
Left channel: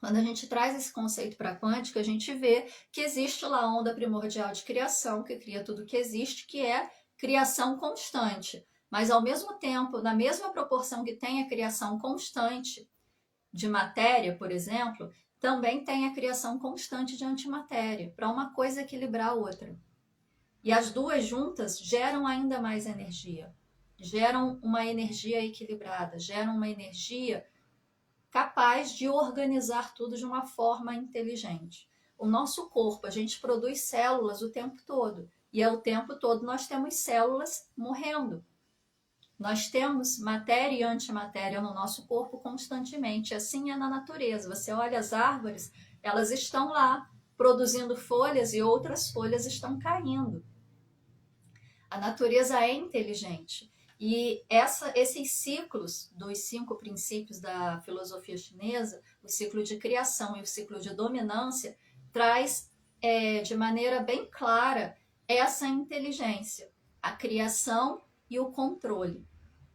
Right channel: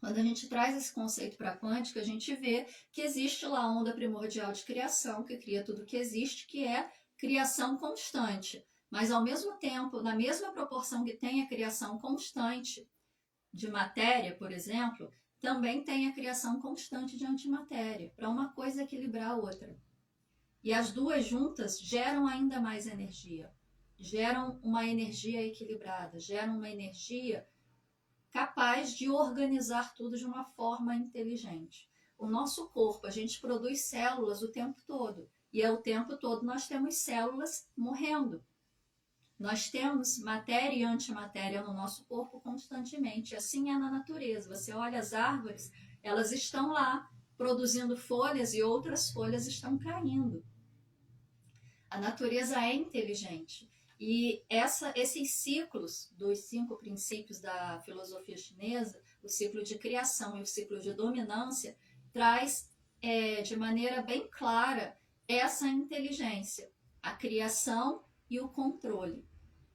Quando a gente traz esse conceito para a quântica, a gente vê que existe lá a onda primordial de criação, que cria tudo que existe, que é criação constante. mas ao mesmo tempo, na mesma proporção que tem a criação constante de matéria, por exemplo, também tem a criação constante de antimatéria, para uma coisa equilibrar a outra. E as duas juntas geram ainda mais energia, geram uma energia equilibrada, geram uma energia capaz de organizar tudo de uma forma inteligente. O nosso corpo, a gente produz células o tempo todo, e ao tempo todo nós temos células morrendo. Nós temos matéria e antimatéria no nosso corpo constantemente, assim é na natureza. Você olha as árvores, elas estão lá produzindo folhas e outras folhas estão caindo. A natureza é inteligente. E esses ciclos dos 5 princípios da filosofia chinesa, o ciclo de criação e o ciclo de dominância, traz de maneira bem clara essa inteligência, a criação e o controle.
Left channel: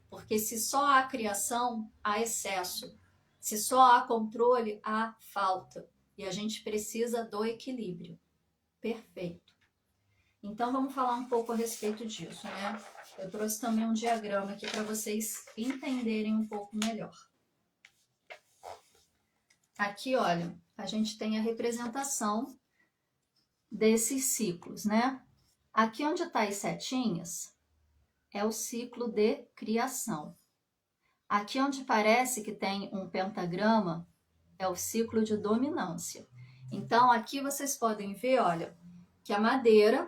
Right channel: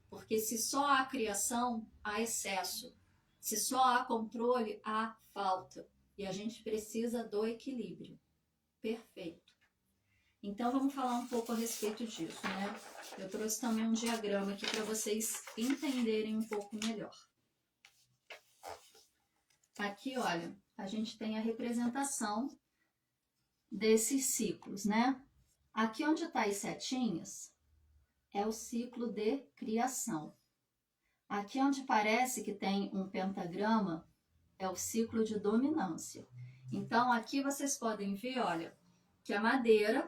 Porque se só há criação, há excesso. Se só há controle, há falta. E a gente precisa do equilíbrio. Perfeito. Então, vamos falar um pouco a respeito disso, né? Eu trouxe também um diagrama aqui para vocês entenderem um pouco melhor. Aqui, olha, a gente tem a representação desses ciclos, né? Aqui onde está as setinhas é o ciclo de criação. Aqui onde parece que tem um pentagrama é o ciclo de dominância. Então, aqui vocês podem ver, olha, que a madeira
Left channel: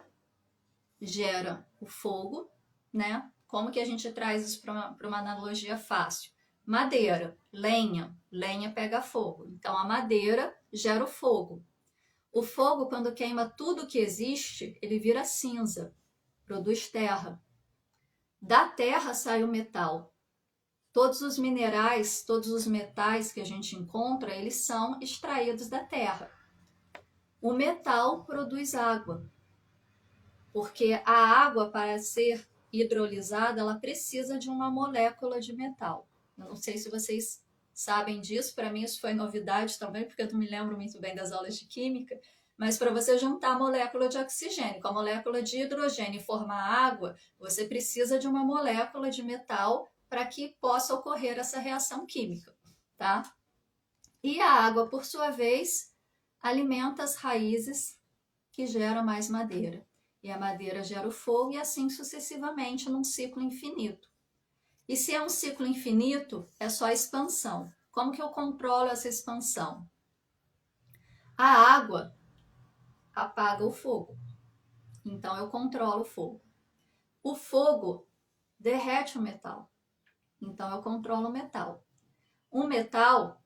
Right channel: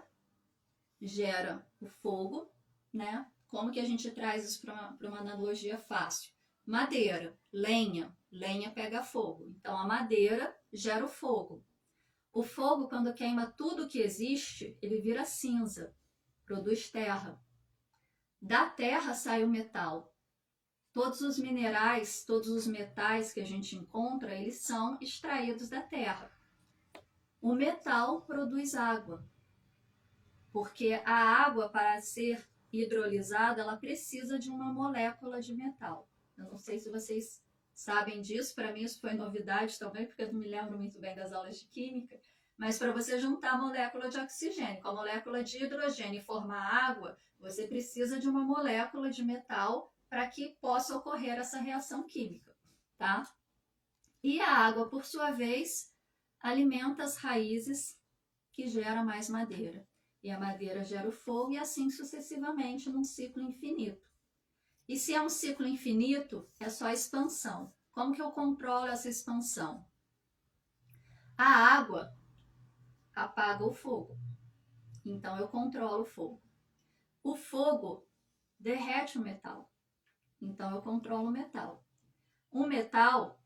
gera o fogo, né? Como que a gente traz isso para uma analogia fácil? Madeira, lenha, lenha pega fogo. Então, a madeira gera o fogo. O fogo, quando queima tudo que existe, ele vira cinza, produz terra. Da terra sai o metal. Todos os minerais, todos os metais que a gente encontra, eles são extraídos da terra. O metal produz água. Porque a água, para ser hidrolisada, ela precisa de uma molécula de metal. Eu não sei se vocês sabem disso, para mim isso foi novidade também, porque eu não me lembro muito bem das aulas de química, mas para você juntar a molécula de oxigênio com a molécula de hidrogênio e formar água, você precisa de uma molécula de metal para que possa ocorrer essa reação química, tá? E a água, por sua vez, alimenta as raízes que geram mais madeira. E a madeira gera o fogo e assim sucessivamente num ciclo infinito. E se é um ciclo infinito, é só expansão. Como que eu controlo essa expansão? A água apaga o fogo. Então eu controlo o fogo. O fogo derrete o metal. Então eu controlo o metal. O metal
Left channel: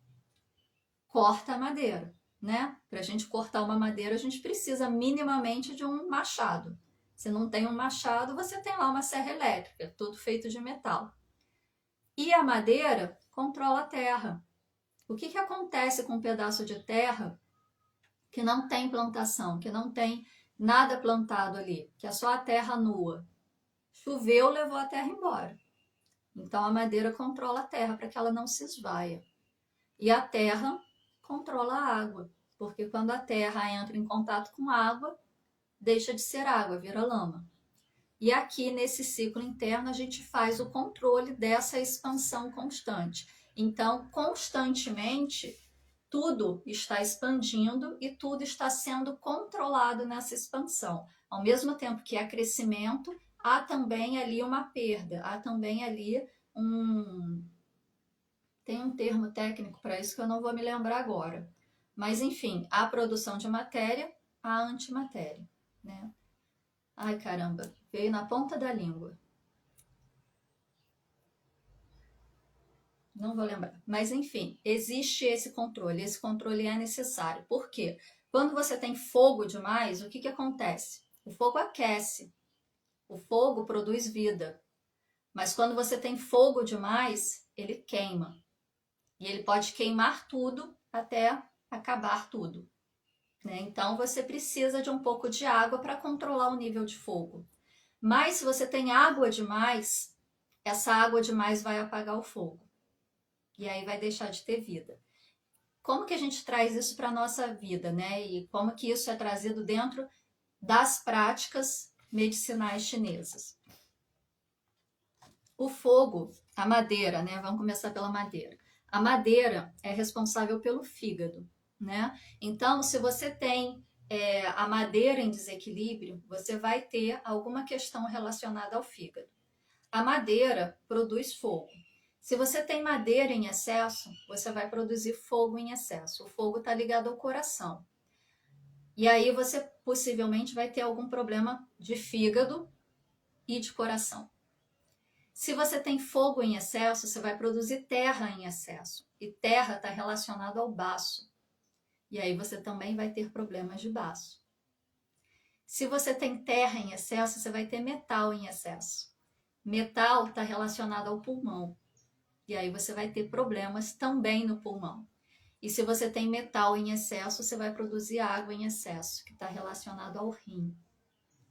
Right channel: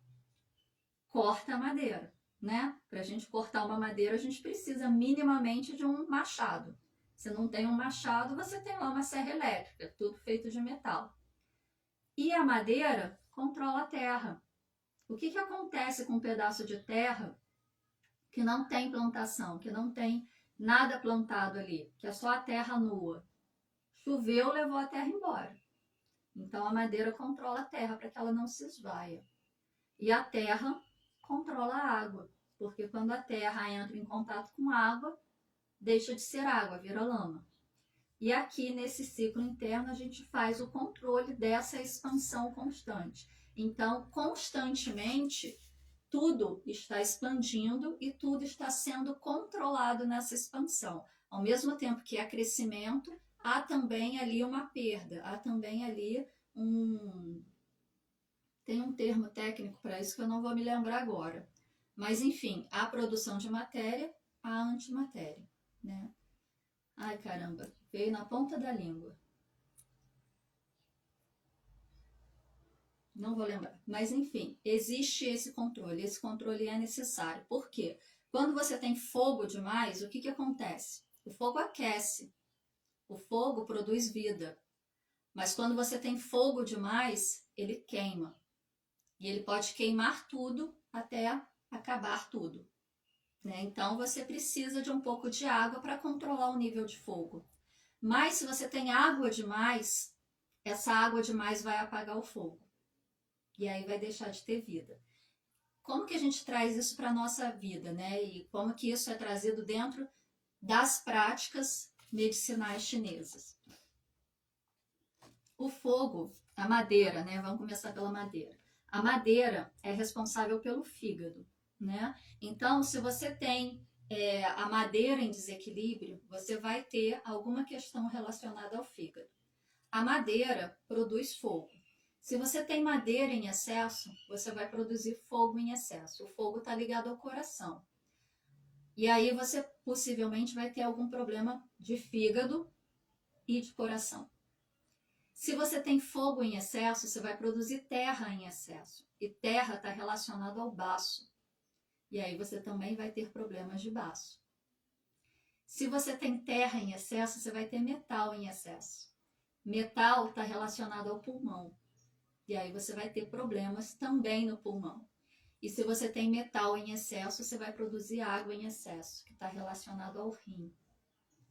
corta a madeira. Né? Para a gente cortar uma madeira, a gente precisa minimamente de um machado. Se não tem um machado, você tem lá uma serra elétrica, tudo feito de metal. E a madeira controla a terra. O que acontece com um pedaço de terra que não tem plantação, que não tem nada plantado ali, que é só a terra nua? Choveu, levou a terra embora. Então a madeira controla a terra para que ela não se esvaia. E a terra controla a água, porque quando a terra entra em contato com água, deixa de ser água, vira lama. E aqui nesse ciclo interno a gente faz o controle dessa expansão constante. Então, constantemente, tudo está expandindo e tudo está sendo controlado nessa expansão. Ao mesmo tempo que há crescimento, há também ali uma perda, há também ali tem um termo técnico para isso que eu não vou me lembrar agora. Mas, enfim, há produção de matéria, há antimatéria, né? Ai, caramba, veio na ponta da língua. Não vou lembrar. Mas, enfim, existe esse controle é necessário. Por quê? Quando você tem fogo demais, o que acontece? O fogo aquece, o fogo produz vida. Mas quando você tem fogo demais, ele queima. E ele pode queimar tudo até acabar tudo. Né? Então, você precisa de um pouco de água para controlar o nível de fogo. Mas, se você tem água demais, essa água demais vai apagar o fogo. E aí vai deixar de ter vida. Como que a gente traz isso para a nossa vida, né? E como que isso é trazido dentro das práticas medicinais chinesas? O fogo, a madeira, né? Vamos começar pela madeira. A madeira é responsável pelo fígado, né? Então, se você tem a madeira em desequilíbrio, você vai ter alguma questão relacionada ao fígado. A madeira produz fogo. Se você tem madeira em excesso, você vai produzir fogo em excesso. O fogo está ligado ao coração. E aí você possivelmente vai ter algum problema de fígado e de coração. Se você tem fogo em excesso, você vai produzir terra em excesso. E terra está relacionado ao baço. E aí você também vai ter problemas de baço. Se você tem terra em excesso, você vai ter metal em excesso. Metal está relacionado ao pulmão. E aí você vai ter problemas também no pulmão. E se você tem metal em excesso, você vai produzir água em excesso, que está relacionado ao rim.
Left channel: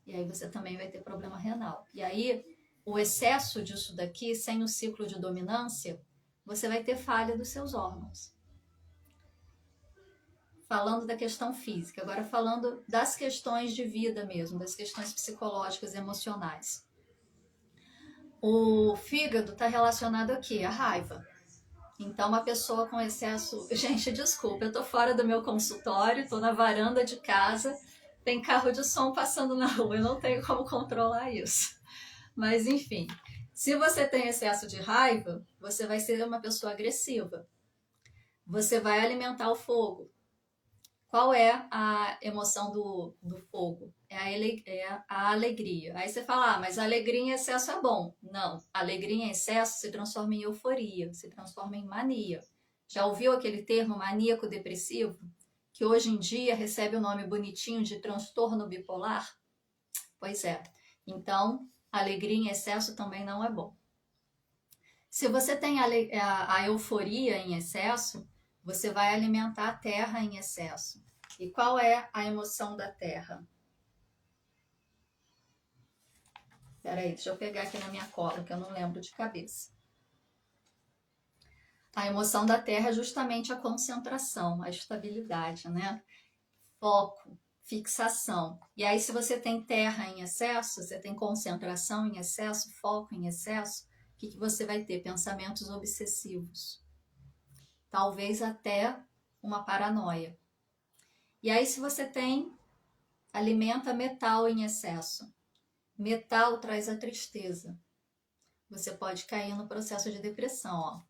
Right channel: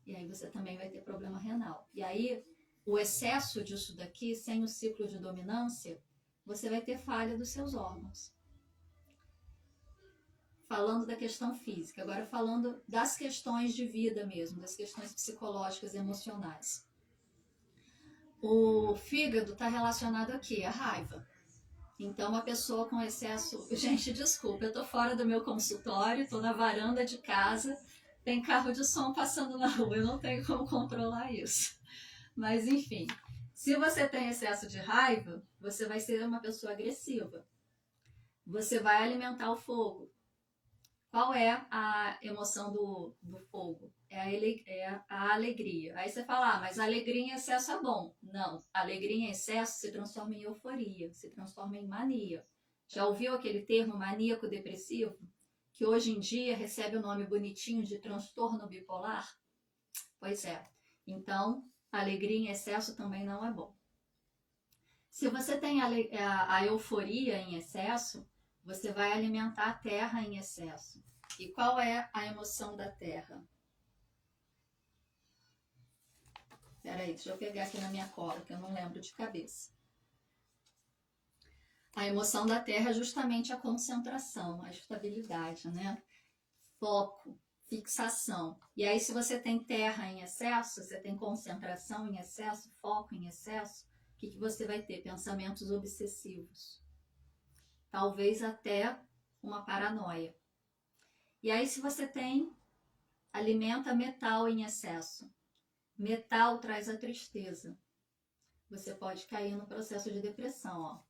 E aí você também vai ter problema renal. E aí, o excesso disso daqui, sem o ciclo de dominância, você vai ter falha dos seus órgãos. Falando da questão física, agora falando das questões de vida mesmo, das questões psicológicas e emocionais. O fígado está relacionado aqui, à raiva. Então, uma pessoa com excesso... Gente, desculpa, eu tô fora do meu consultório, tô na varanda de casa, tem carro de som passando na rua, eu não tenho como controlar isso. Mas, enfim, se você tem excesso de raiva, você vai ser uma pessoa agressiva. Você vai alimentar o fogo. Qual é a emoção do fogo? É a alegria. Aí você fala, mas a alegria em excesso é bom. Não, a alegria em excesso se transforma em euforia, se transforma em mania. Já ouviu aquele termo maníaco-depressivo? Que hoje em dia recebe o nome bonitinho de transtorno bipolar? Pois é. Então, alegria em excesso também não é bom. Se você tem a euforia em excesso, você vai alimentar a terra em excesso. E qual é a emoção da terra? Peraí, deixa eu pegar aqui na minha cola, que eu não lembro de cabeça. A emoção da terra é justamente a concentração, a estabilidade, né? Foco, fixação. E aí, se você tem terra em excesso, você tem concentração em excesso, foco em excesso, o que você vai ter? Pensamentos obsessivos. Talvez até uma paranoia. E aí, se você alimenta metal em excesso. Metal traz a tristeza. Você pode cair no processo de depressão, ó.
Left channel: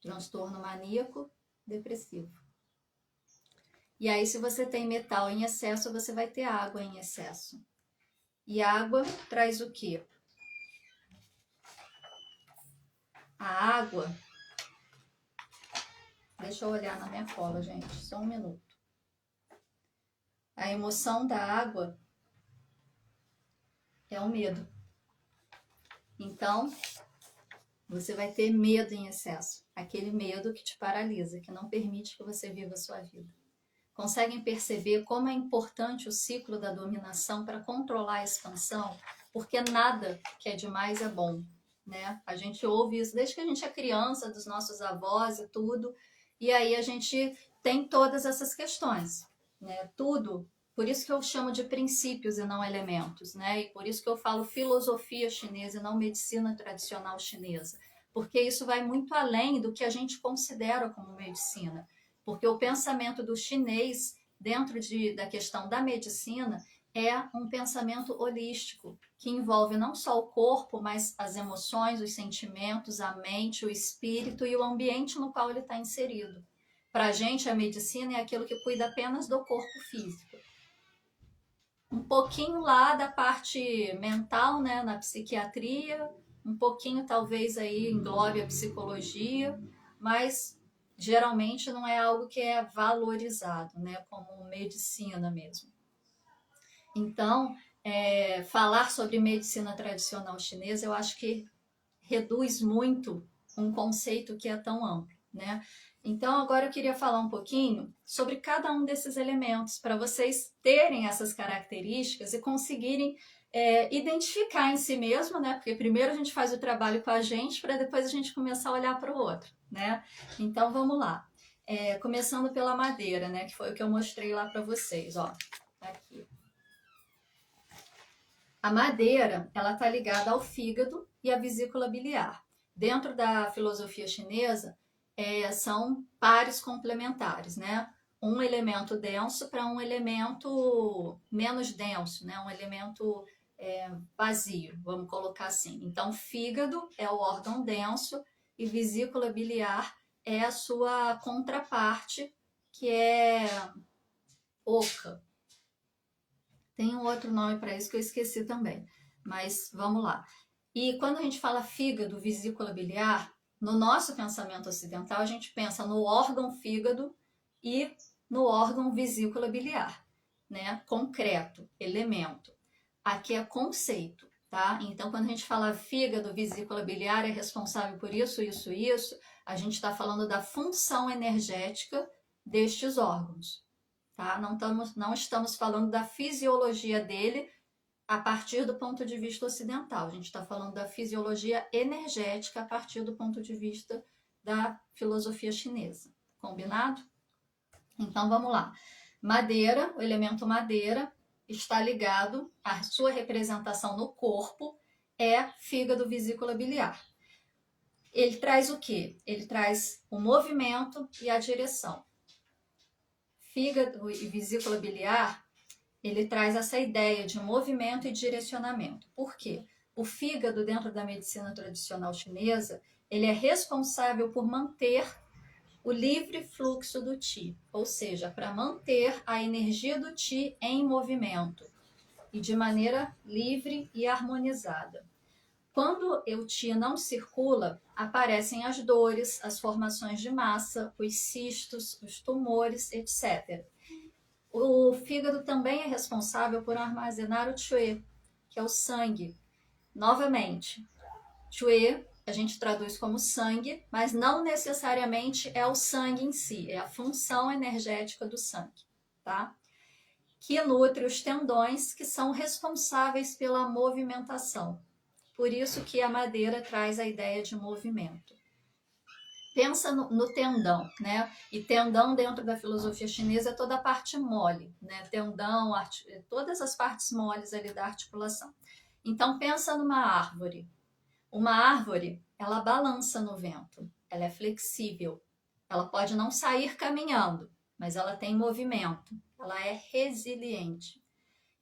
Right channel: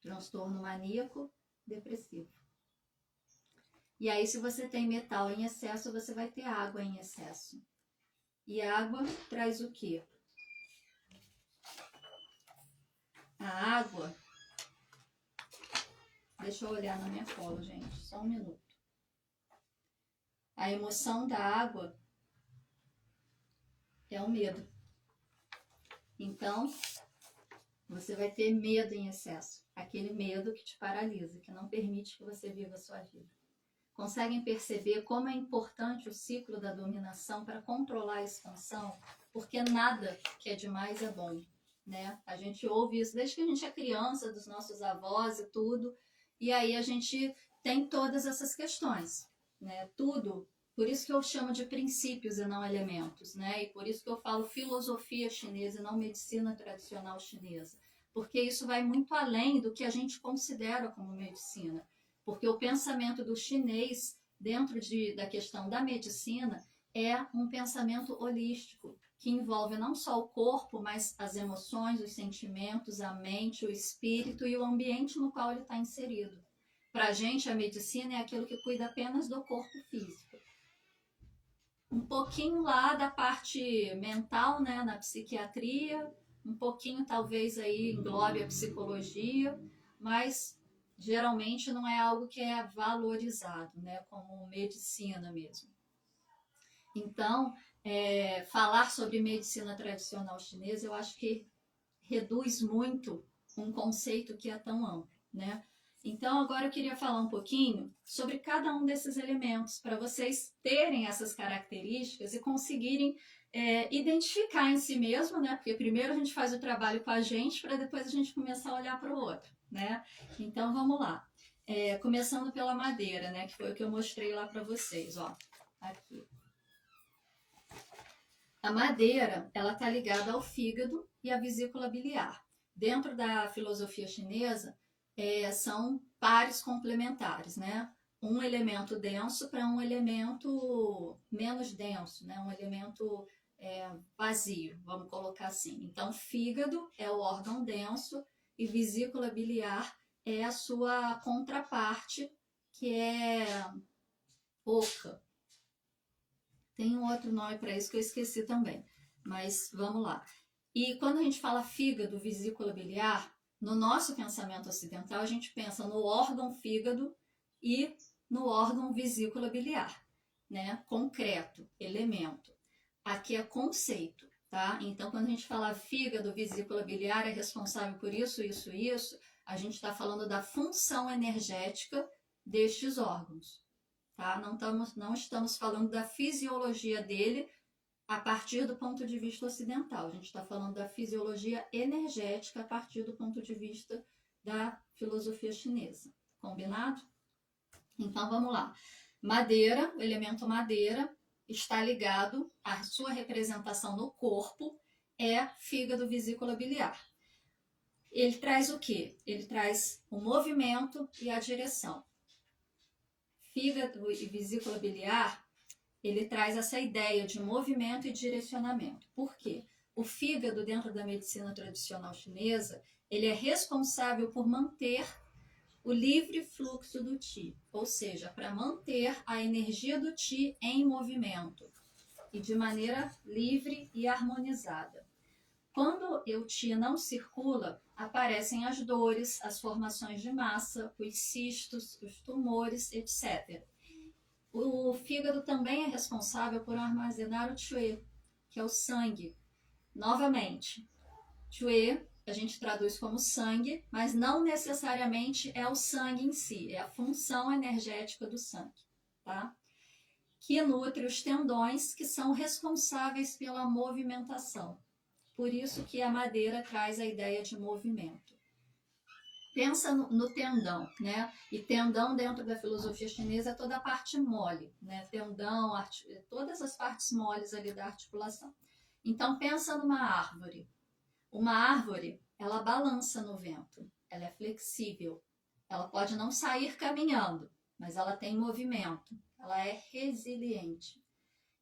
Transtorno maníaco, depressivo. E aí, se você tem metal em excesso, você vai ter água em excesso. E água traz o quê? A água... Deixa eu olhar na minha cola, gente. Só um minuto. A emoção da água é o medo. Então, você vai ter medo em excesso. Aquele medo que te paralisa, que não permite que você viva a sua vida. Conseguem perceber como é importante o ciclo da dominação para controlar a expansão? Porque nada que é demais é bom, né? A gente ouve isso desde que a gente é criança, dos nossos avós e tudo, e aí a gente tem todas essas questões, né? Tudo, por isso que eu chamo de princípios e não elementos, né? E por isso que eu falo filosofia chinesa e não medicina tradicional chinesa, porque isso vai muito além do que a gente considera como medicina. Porque o pensamento do chinês, dentro da questão da medicina, é um pensamento holístico, que envolve não só o corpo, mas as emoções, os sentimentos, a mente, o espírito e o ambiente no qual ele está inserido. Para a gente, a medicina é aquilo que cuida apenas do corpo físico. Um pouquinho lá da parte mental, né, na psiquiatria, um pouquinho talvez aí englobe a psicologia, mas... geralmente não é algo que é valorizado, né, como medicina mesmo. Então, falar sobre medicina tradicional chinesa, eu acho que reduz muito um conceito que é tão amplo, né? Então, agora eu queria falar um pouquinho sobre cada um desses elementos, para vocês terem essas características e conseguirem identificar em si mesmo, né? Porque primeiro a gente faz o trabalho com a gente, para depois a gente começar a olhar para o outro, né? Então, vamos lá. Começando pela madeira, né? Que foi o que eu mostrei lá para vocês, ó. Aqui. A madeira, ela está ligada ao fígado e à vesícula biliar. Dentro da filosofia chinesa, são pares complementares, né? Um elemento denso para um elemento menos denso, né? Um elemento vazio, vamos colocar assim. Então, fígado é o órgão denso e vesícula biliar é a sua contraparte, que é oca. Tem um outro nome para isso que eu esqueci também, mas vamos lá. E quando a gente fala fígado, vesícula biliar, no nosso pensamento ocidental, a gente pensa no órgão fígado e no órgão vesícula biliar, né? Concreto, elemento. Aqui é conceito, tá? Então, quando a gente fala fígado, vesícula biliar é responsável por isso, isso, isso, a gente está falando da função energética destes órgãos, tá? Não estamos falando da fisiologia dele a partir do ponto de vista ocidental. A gente está falando da fisiologia energética a partir do ponto de vista da filosofia chinesa. Combinado? Então vamos lá. Madeira, o elemento madeira, está ligado, a sua representação no corpo é fígado, vesícula biliar. Ele traz o quê? Ele traz o movimento e a direção. Fígado e vesícula biliar, ele traz essa ideia de movimento e direcionamento. Por quê? O fígado, dentro da medicina tradicional chinesa, ele é responsável por manter o livre fluxo do Qi, ou seja, para manter a energia do Qi em movimento e de maneira livre e harmonizada. Quando o Qi não circula, aparecem as dores, as formações de massa, os cistos, os tumores, etc. O fígado também é responsável por armazenar o Que, que é o sangue. Novamente, Que a gente traduz como sangue, mas não necessariamente é o sangue em si, é a função energética do sangue, tá? Que nutre os tendões, que são responsáveis pela movimentação. Por isso que a madeira traz a ideia de movimento. Pensa no tendão, né? E tendão dentro da filosofia chinesa é toda a parte mole, né? Tendão, todas as partes moles ali da articulação. Então pensa numa árvore. Uma árvore, ela balança no vento, ela é flexível. Ela pode não sair caminhando, mas ela tem movimento, ela é resiliente.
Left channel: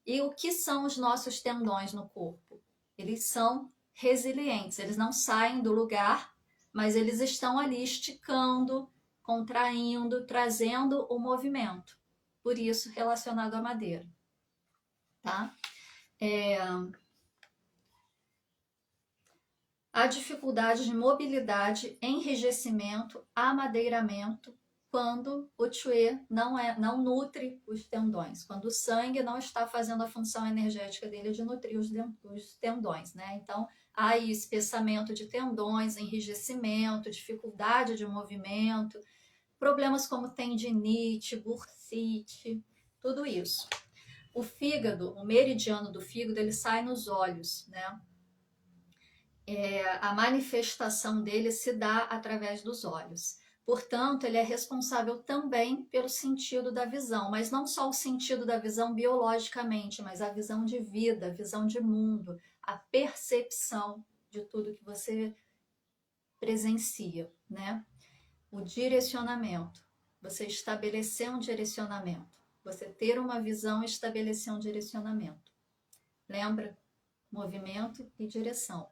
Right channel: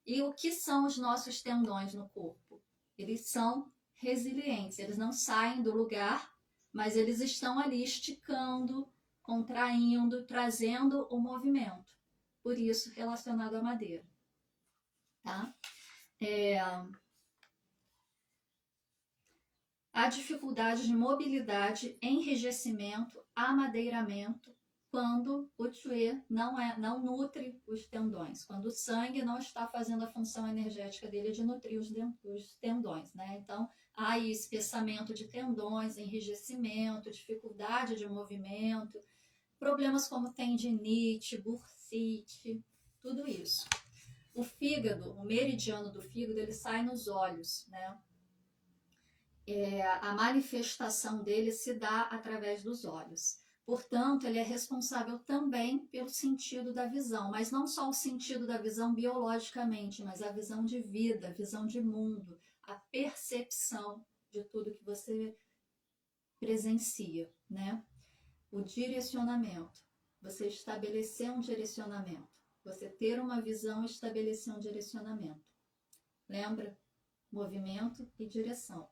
E o que são os nossos tendões no corpo? Eles são resilientes, eles não saem do lugar, mas eles estão ali esticando, contraindo, trazendo o movimento. Por isso, relacionado à madeira. Tá? A dificuldade de mobilidade, enrijecimento, amadeiramento, quando o Que não nutre os tendões, quando o sangue não está fazendo a função energética dele de nutrir os tendões, né? Então, há aí espessamento de tendões, enrijecimento, dificuldade de movimento, problemas como tendinite, bursite, tudo isso. O fígado, o meridiano do fígado, ele sai nos olhos, né? A manifestação dele se dá através dos olhos. Portanto, ele é responsável também pelo sentido da visão, mas não só o sentido da visão biologicamente, mas a visão de vida, a visão de mundo, a percepção de tudo que você presencia, né? O direcionamento, você estabelecer um direcionamento, você ter uma visão e estabelecer um direcionamento. Lembra? Movimento e direção.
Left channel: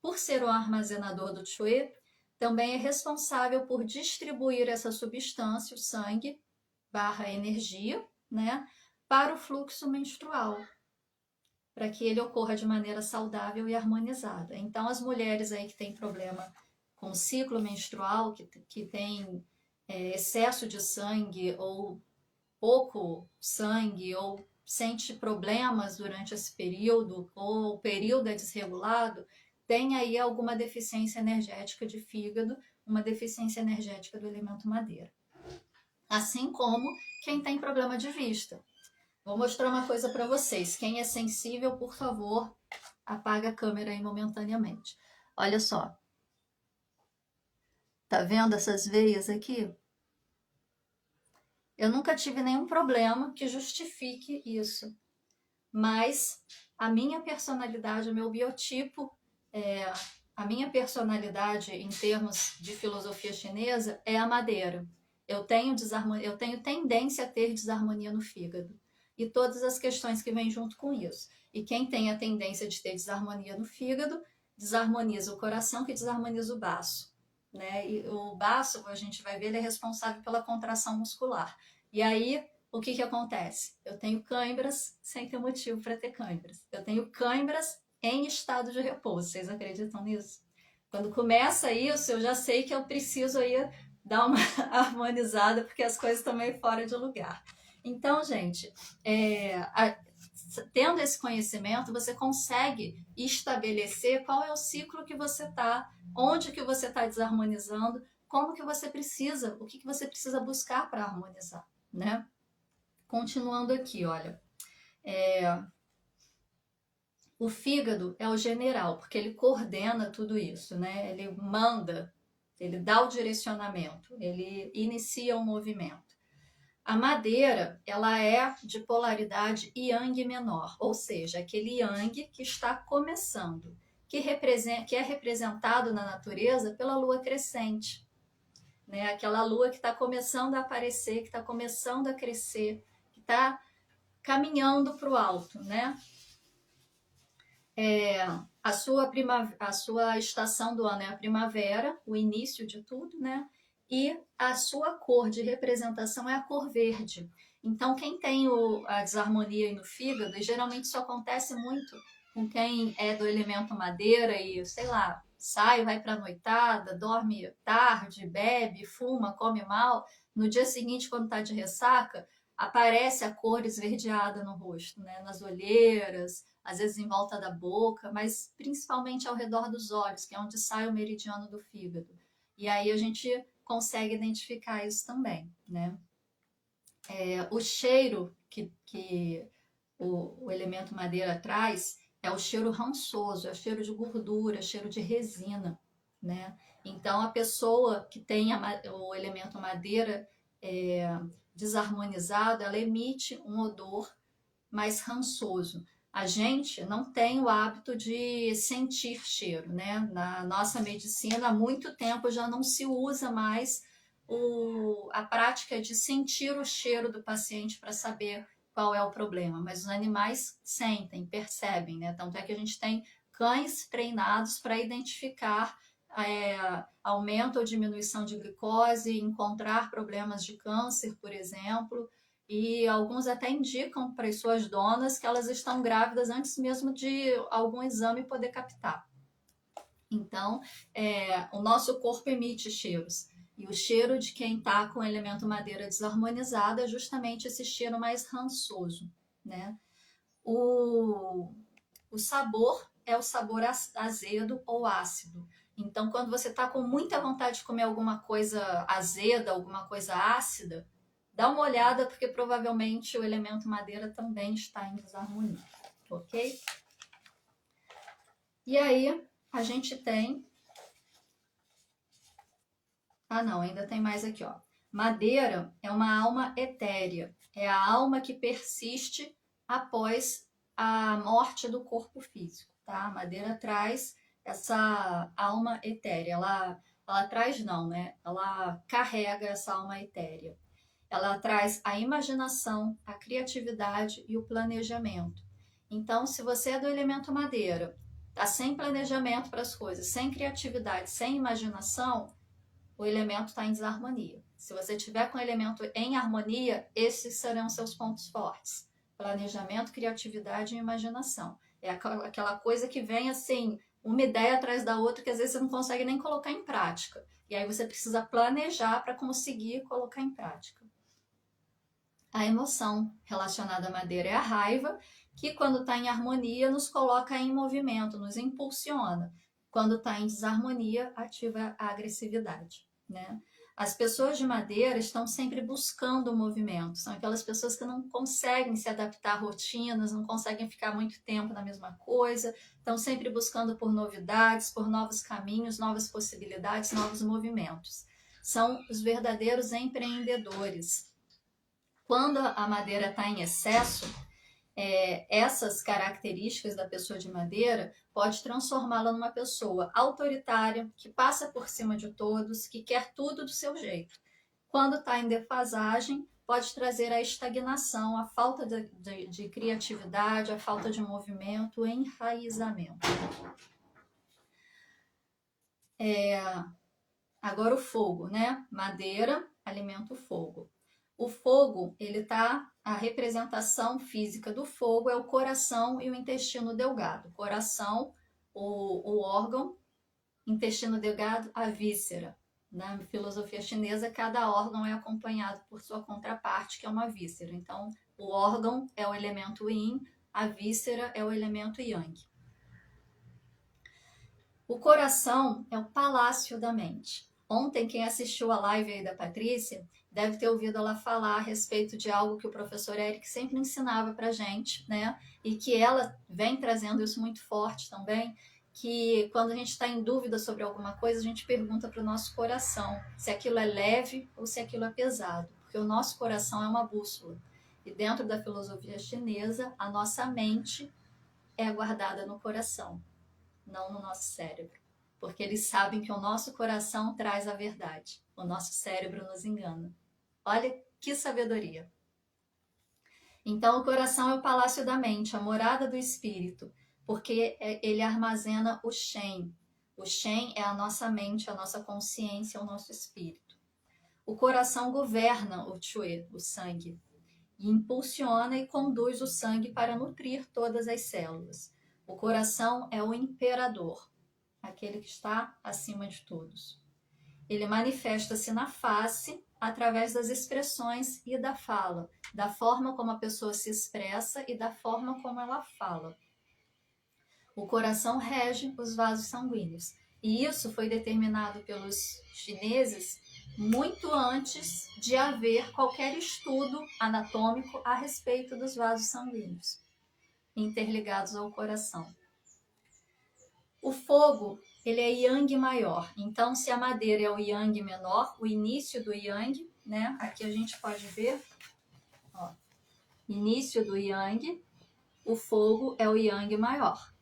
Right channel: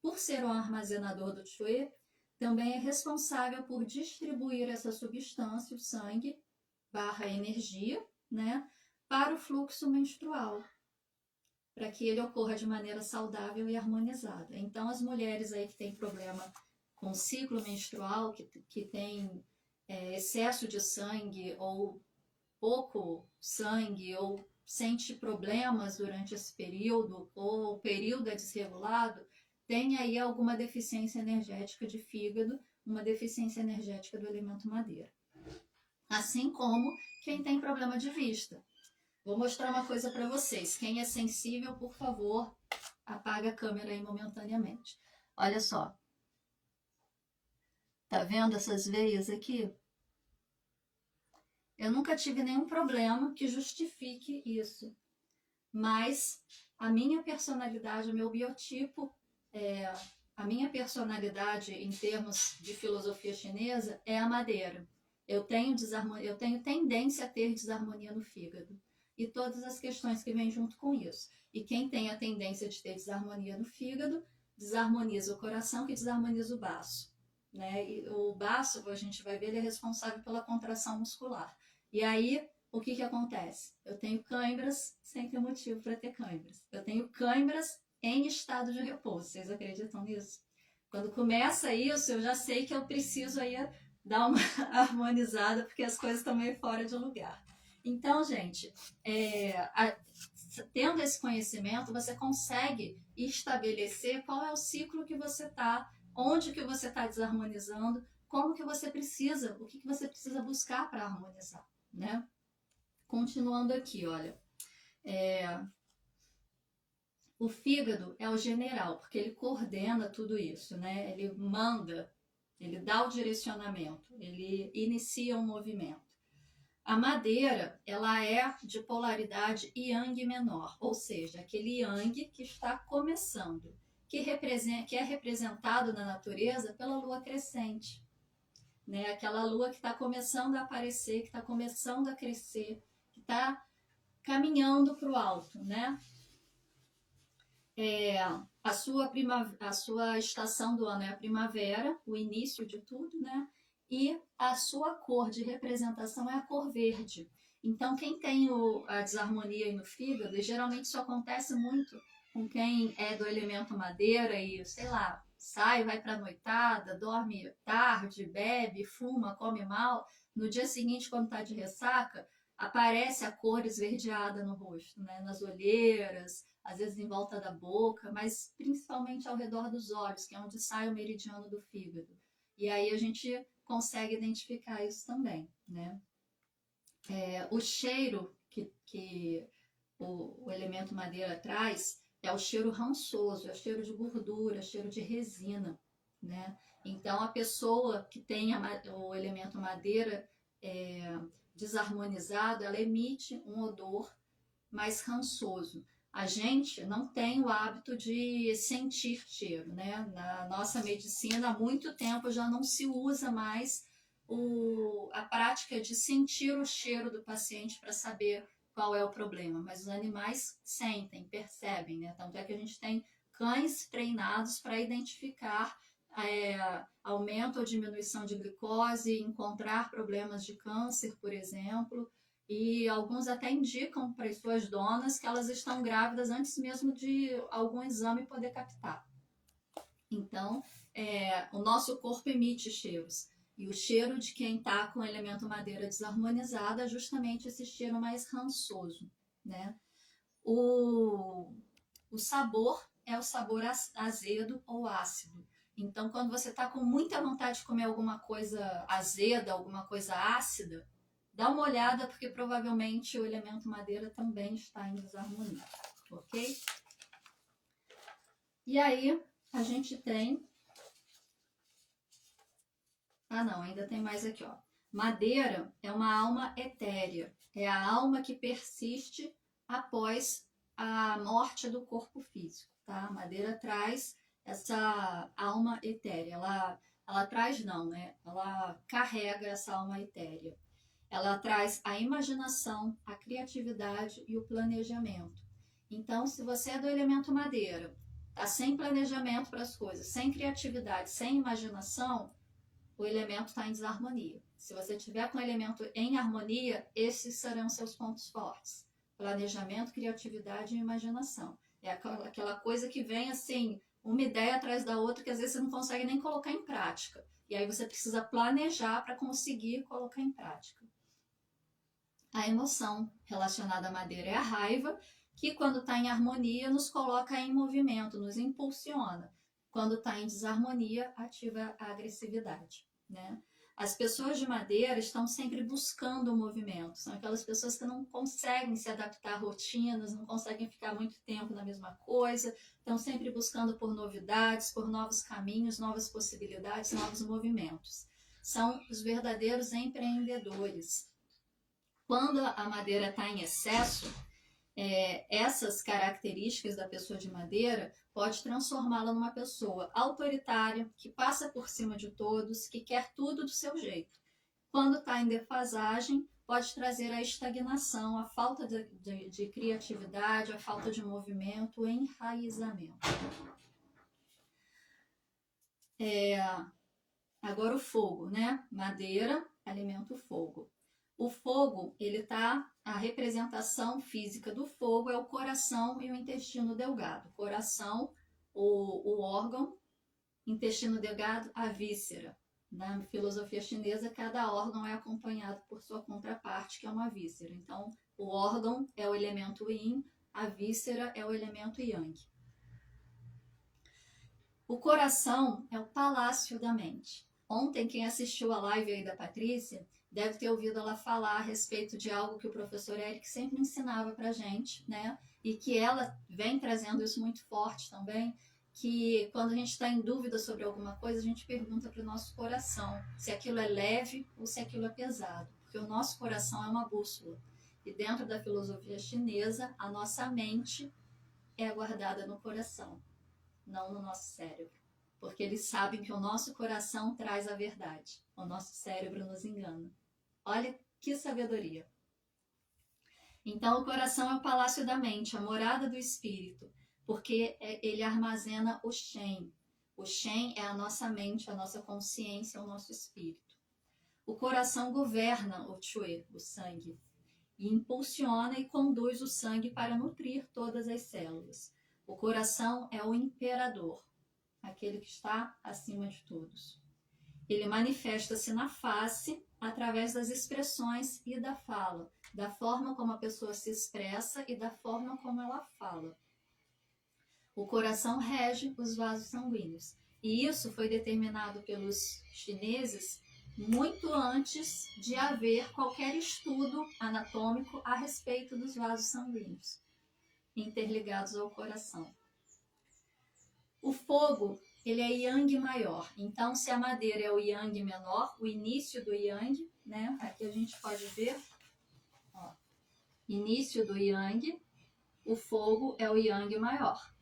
Por ser o armazenador do Que, também é responsável por distribuir essa substância, o sangue, barra energia, né, para o fluxo menstrual, para que ele ocorra de maneira saudável e harmonizada. Então, as mulheres aí que têm problema com o ciclo menstrual, que tem excesso de sangue ou pouco sangue, ou sente problemas durante esse período, ou o período é desregulado, tem aí alguma deficiência energética de fígado, uma deficiência energética do elemento madeira. Assim como quem tem problema de vista. Vou mostrar uma coisa para vocês. Quem é sensível, por favor, apaga a câmera aí momentaneamente. Olha só. Tá vendo essas veias aqui? Eu nunca tive nenhum problema que justifique isso. Mas a minha personalidade, o meu biotipo, a minha personalidade em termos de filosofia chinesa é a madeira. Eu tenho tendência a ter desarmonia no fígado e todas as questões que vêm junto com isso. E quem tem a tendência de ter desarmonia no fígado, desarmoniza o coração, que desarmoniza o baço. Né? E o baço, a gente vai ver, ele é responsável pela contração muscular. E aí, o que acontece? Eu tenho câimbras sem ter motivo para ter câimbras. Eu tenho câimbras em estado de repouso. Vocês acreditam nisso? Quando começa isso, eu já sei que eu preciso aí dar uma harmonizada, porque as coisas estão meio fora de lugar. Então, gente, tendo esse conhecimento, você consegue estabelecer qual é o ciclo que você está, onde que você está desarmonizando, como que você precisa, o que você precisa buscar para harmonizar, né? Continuando aqui, olha, o fígado é o general, porque ele coordena tudo isso, né? Ele manda, ele dá o direcionamento, ele inicia o movimento. A madeira, ela é de polaridade yang menor, ou seja, aquele yang que está começando, que é representado na natureza pela lua crescente, né? Aquela lua que está começando a aparecer, que está começando a crescer, que está caminhando para o alto, né? A sua estação do ano é a primavera, o início de tudo, né? E a sua cor de representação é a cor verde. Então, quem tem a desarmonia no fígado, e geralmente isso acontece muito com quem é do elemento madeira e, sei lá, sai, vai para a noitada, dorme tarde, bebe, fuma, come mal. No dia seguinte, quando está de ressaca, aparece a cor esverdeada no rosto, né? Nas olheiras, às vezes em volta da boca, mas principalmente ao redor dos olhos, que é onde sai o meridiano do fígado. E aí a gente consegue identificar isso também, né? O cheiro que o elemento madeira traz é o cheiro rançoso, é o cheiro de gordura, cheiro de resina, né? Então, a pessoa que tem o elemento madeira desarmonizado, ela emite um odor mais rançoso. A gente não tem o hábito de sentir cheiro, né? Na nossa medicina, há muito tempo já não se usa mais a prática de sentir o cheiro do paciente para saber qual é o problema, mas os animais sentem, percebem, né? Tanto é que a gente tem cães treinados para identificar aumento ou diminuição de glicose, encontrar problemas de câncer, por exemplo, e alguns até indicam para as suas donas que elas estão grávidas antes mesmo de algum exame poder captar. Então, o nosso corpo emite cheiros. E o cheiro de quem está com o elemento madeira desarmonizado é justamente esse cheiro mais rançoso, né? O sabor é o sabor azedo ou ácido. Então, quando você está com muita vontade de comer alguma coisa azeda, alguma coisa ácida, dá uma olhada, porque provavelmente o elemento madeira também está em desarmonia, ok? E aí, a gente tem... Ah, não, ainda tem mais aqui, ó. Madeira é uma alma etérea, é a alma que persiste após a morte do corpo físico, tá? A madeira traz essa alma etérea, ela traz não, né? Ela carrega essa alma etérea. Ela traz a imaginação, a criatividade e o planejamento. Então, se você é do elemento madeira, tá sem planejamento para as coisas, sem criatividade, sem imaginação, o elemento está em desarmonia. Se você tiver com o elemento em harmonia, esses serão seus pontos fortes. Planejamento, criatividade e imaginação. É aquela coisa que vem assim, uma ideia atrás da outra, que às vezes você não consegue nem colocar em prática. E aí você precisa planejar para conseguir colocar em prática. A emoção relacionada à madeira é a raiva, que quando está em harmonia nos coloca em movimento, nos impulsiona. Quando está em desarmonia, ativa a agressividade, né? As pessoas de madeira estão sempre buscando o movimento, são aquelas pessoas que não conseguem se adaptar a rotinas, não conseguem ficar muito tempo na mesma coisa, estão sempre buscando por novidades, por novos caminhos, novas possibilidades, novos movimentos. São os verdadeiros empreendedores. Quando a madeira está em excesso, essas características da pessoa de madeira pode transformá-la numa pessoa autoritária, que passa por cima de todos, que quer tudo do seu jeito. Quando está em defasagem, pode trazer a estagnação, a falta de criatividade, a falta de movimento, o enraizamento. Agora o fogo, né? Madeira alimenta o fogo. O fogo, a representação física do fogo é o coração e o intestino delgado. Coração, o órgão, intestino delgado, a víscera. Na filosofia chinesa, cada órgão é acompanhado por sua contraparte, que é uma víscera. Então, o órgão é o elemento yin, a víscera é o elemento yang. O coração é o palácio da mente. Ontem, quem assistiu a live aí da Patrícia, deve ter ouvido ela falar a respeito de algo que o professor Eric sempre ensinava pra gente, né? E que ela vem trazendo isso muito forte também, que quando a gente está em dúvida sobre alguma coisa, a gente pergunta para o nosso coração se aquilo é leve ou se aquilo é pesado, porque o nosso coração é uma bússola. E dentro da filosofia chinesa, a nossa mente é guardada no coração, não no nosso cérebro, porque eles sabem que o nosso coração traz a verdade, o nosso cérebro nos engana. Olha que sabedoria! Então, o coração é o palácio da mente, a morada do espírito, porque ele armazena o Shen. O Shen é a nossa mente, a nossa consciência, o nosso espírito. O coração governa o Chue, o sangue, e impulsiona e conduz o sangue para nutrir todas as células. O coração é o imperador, aquele que está acima de todos. Ele manifesta-se na face através das expressões e da fala, da forma como a pessoa se expressa e da forma como ela fala. O coração rege os vasos sanguíneos. E isso foi determinado pelos chineses muito antes de haver qualquer estudo anatômico a respeito dos vasos sanguíneos interligados ao coração. O fogo, ele é yang maior. Então, se a madeira é o yang menor, o início do yang, né? Aqui a gente pode ver, ó, início do yang, o fogo é o yang maior.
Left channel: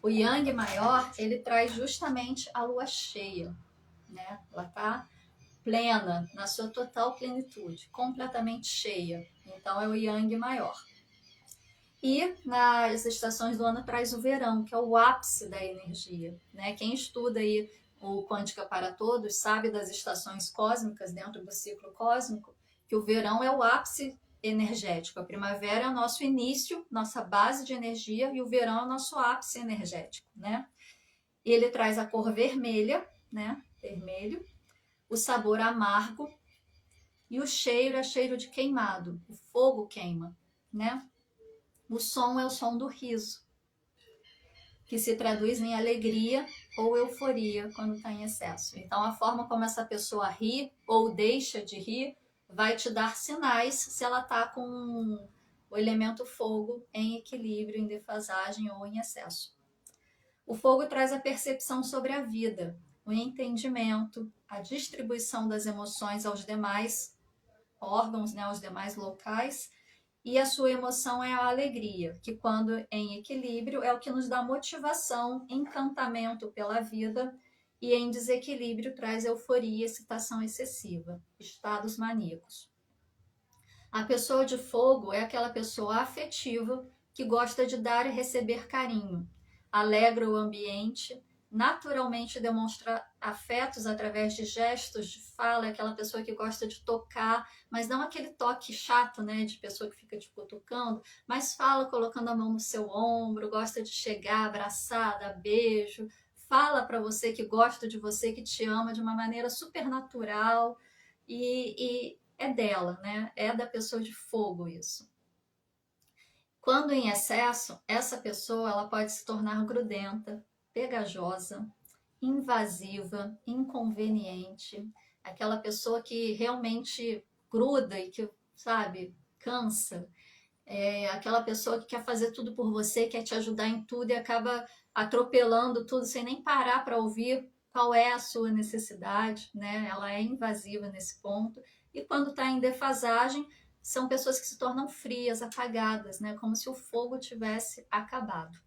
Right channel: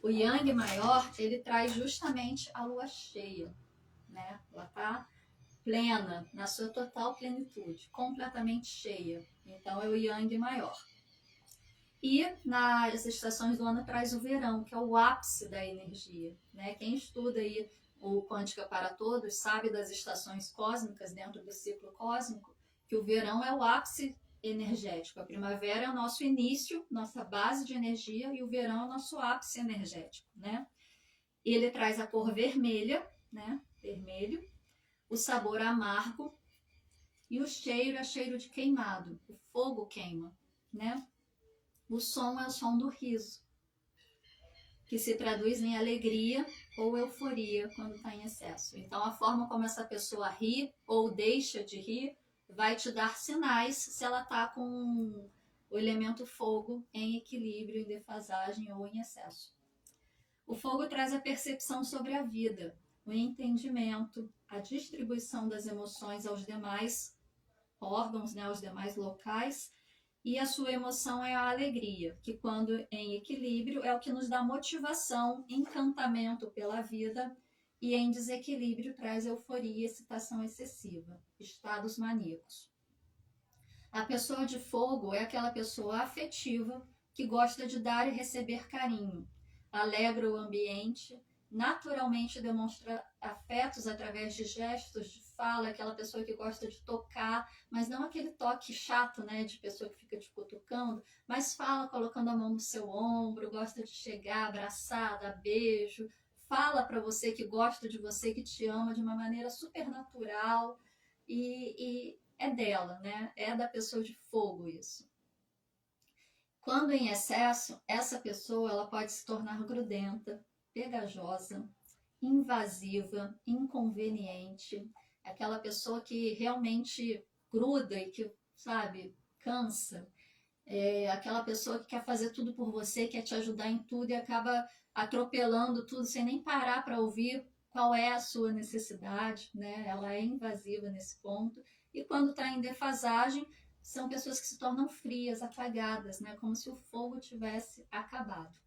O yang maior, ele traz justamente a lua cheia, né? Ela está plena, na sua total plenitude, completamente cheia. Então, é o yang maior. E nas estações do ano traz o verão, que é o ápice da energia, né? Quem estuda aí o Quântica para Todos sabe das estações cósmicas dentro do ciclo cósmico, que o verão é o ápice energético. A primavera é o nosso início, nossa base de energia, e o verão é o nosso ápice energético, né? E ele traz a cor vermelha, né? Vermelho, o sabor amargo e o cheiro é cheiro de queimado. O fogo queima, né? O som é o som do riso, que se traduz em alegria ou euforia quando está em excesso. Então, a forma como essa pessoa ri ou deixa de rir vai te dar sinais se ela está com o elemento fogo em equilíbrio, em defasagem ou em excesso. O fogo traz a percepção sobre a vida, o entendimento, a distribuição das emoções aos demais órgãos, né, aos demais locais, e a sua emoção é a alegria, que quando em equilíbrio é o que nos dá motivação, encantamento pela vida, e em desequilíbrio traz euforia, excitação excessiva, estados maníacos. A pessoa de fogo é aquela pessoa afetiva que gosta de dar e receber carinho, alegra o ambiente, naturalmente demonstra afetos através de gestos, de fala, é aquela pessoa que gosta de tocar, mas não aquele toque chato, né, de pessoa que fica te cutucando, mas fala colocando a mão no seu ombro, gosta de chegar, abraçar, dar beijo, fala para você que gosta de você, que te ama de uma maneira super natural e é dela, né? É da pessoa de fogo isso. Quando em excesso, essa pessoa ela pode se tornar grudenta, pegajosa, invasiva, inconveniente, aquela pessoa que realmente gruda e que, sabe, cansa, aquela pessoa que quer fazer tudo por você, quer te ajudar em tudo e acaba atropelando tudo sem nem parar para ouvir qual é a sua necessidade, né? Ela é invasiva nesse ponto. E quando está em defasagem, são pessoas que se tornam frias, apagadas, né? Como se o fogo tivesse acabado.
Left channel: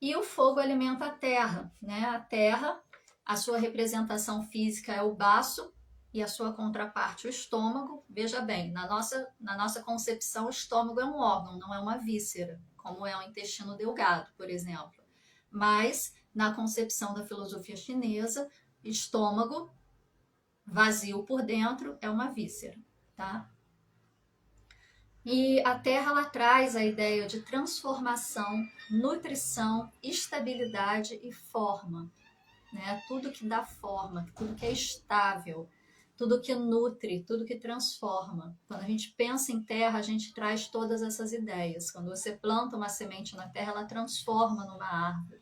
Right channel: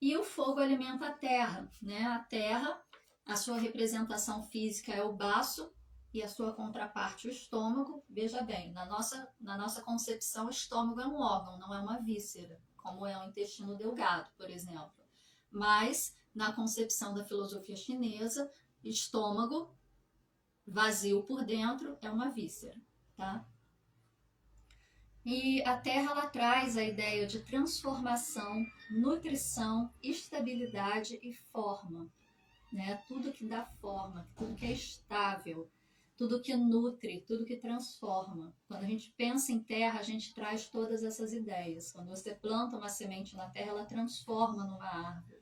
E o fogo alimenta a terra, né? A terra, a sua representação física é o baço e a sua contraparte o estômago. Veja bem, na nossa concepção, o estômago é um órgão, não é uma víscera, como é o intestino delgado, por exemplo. Mas, na concepção da filosofia chinesa, estômago vazio por dentro é uma víscera, tá? E a Terra ela traz a ideia de transformação, nutrição, estabilidade e forma, né? Tudo que dá forma, tudo que é estável, tudo que nutre, tudo que transforma. Quando a gente pensa em terra, a gente traz todas essas ideias. Quando você planta uma semente na terra, ela transforma numa árvore.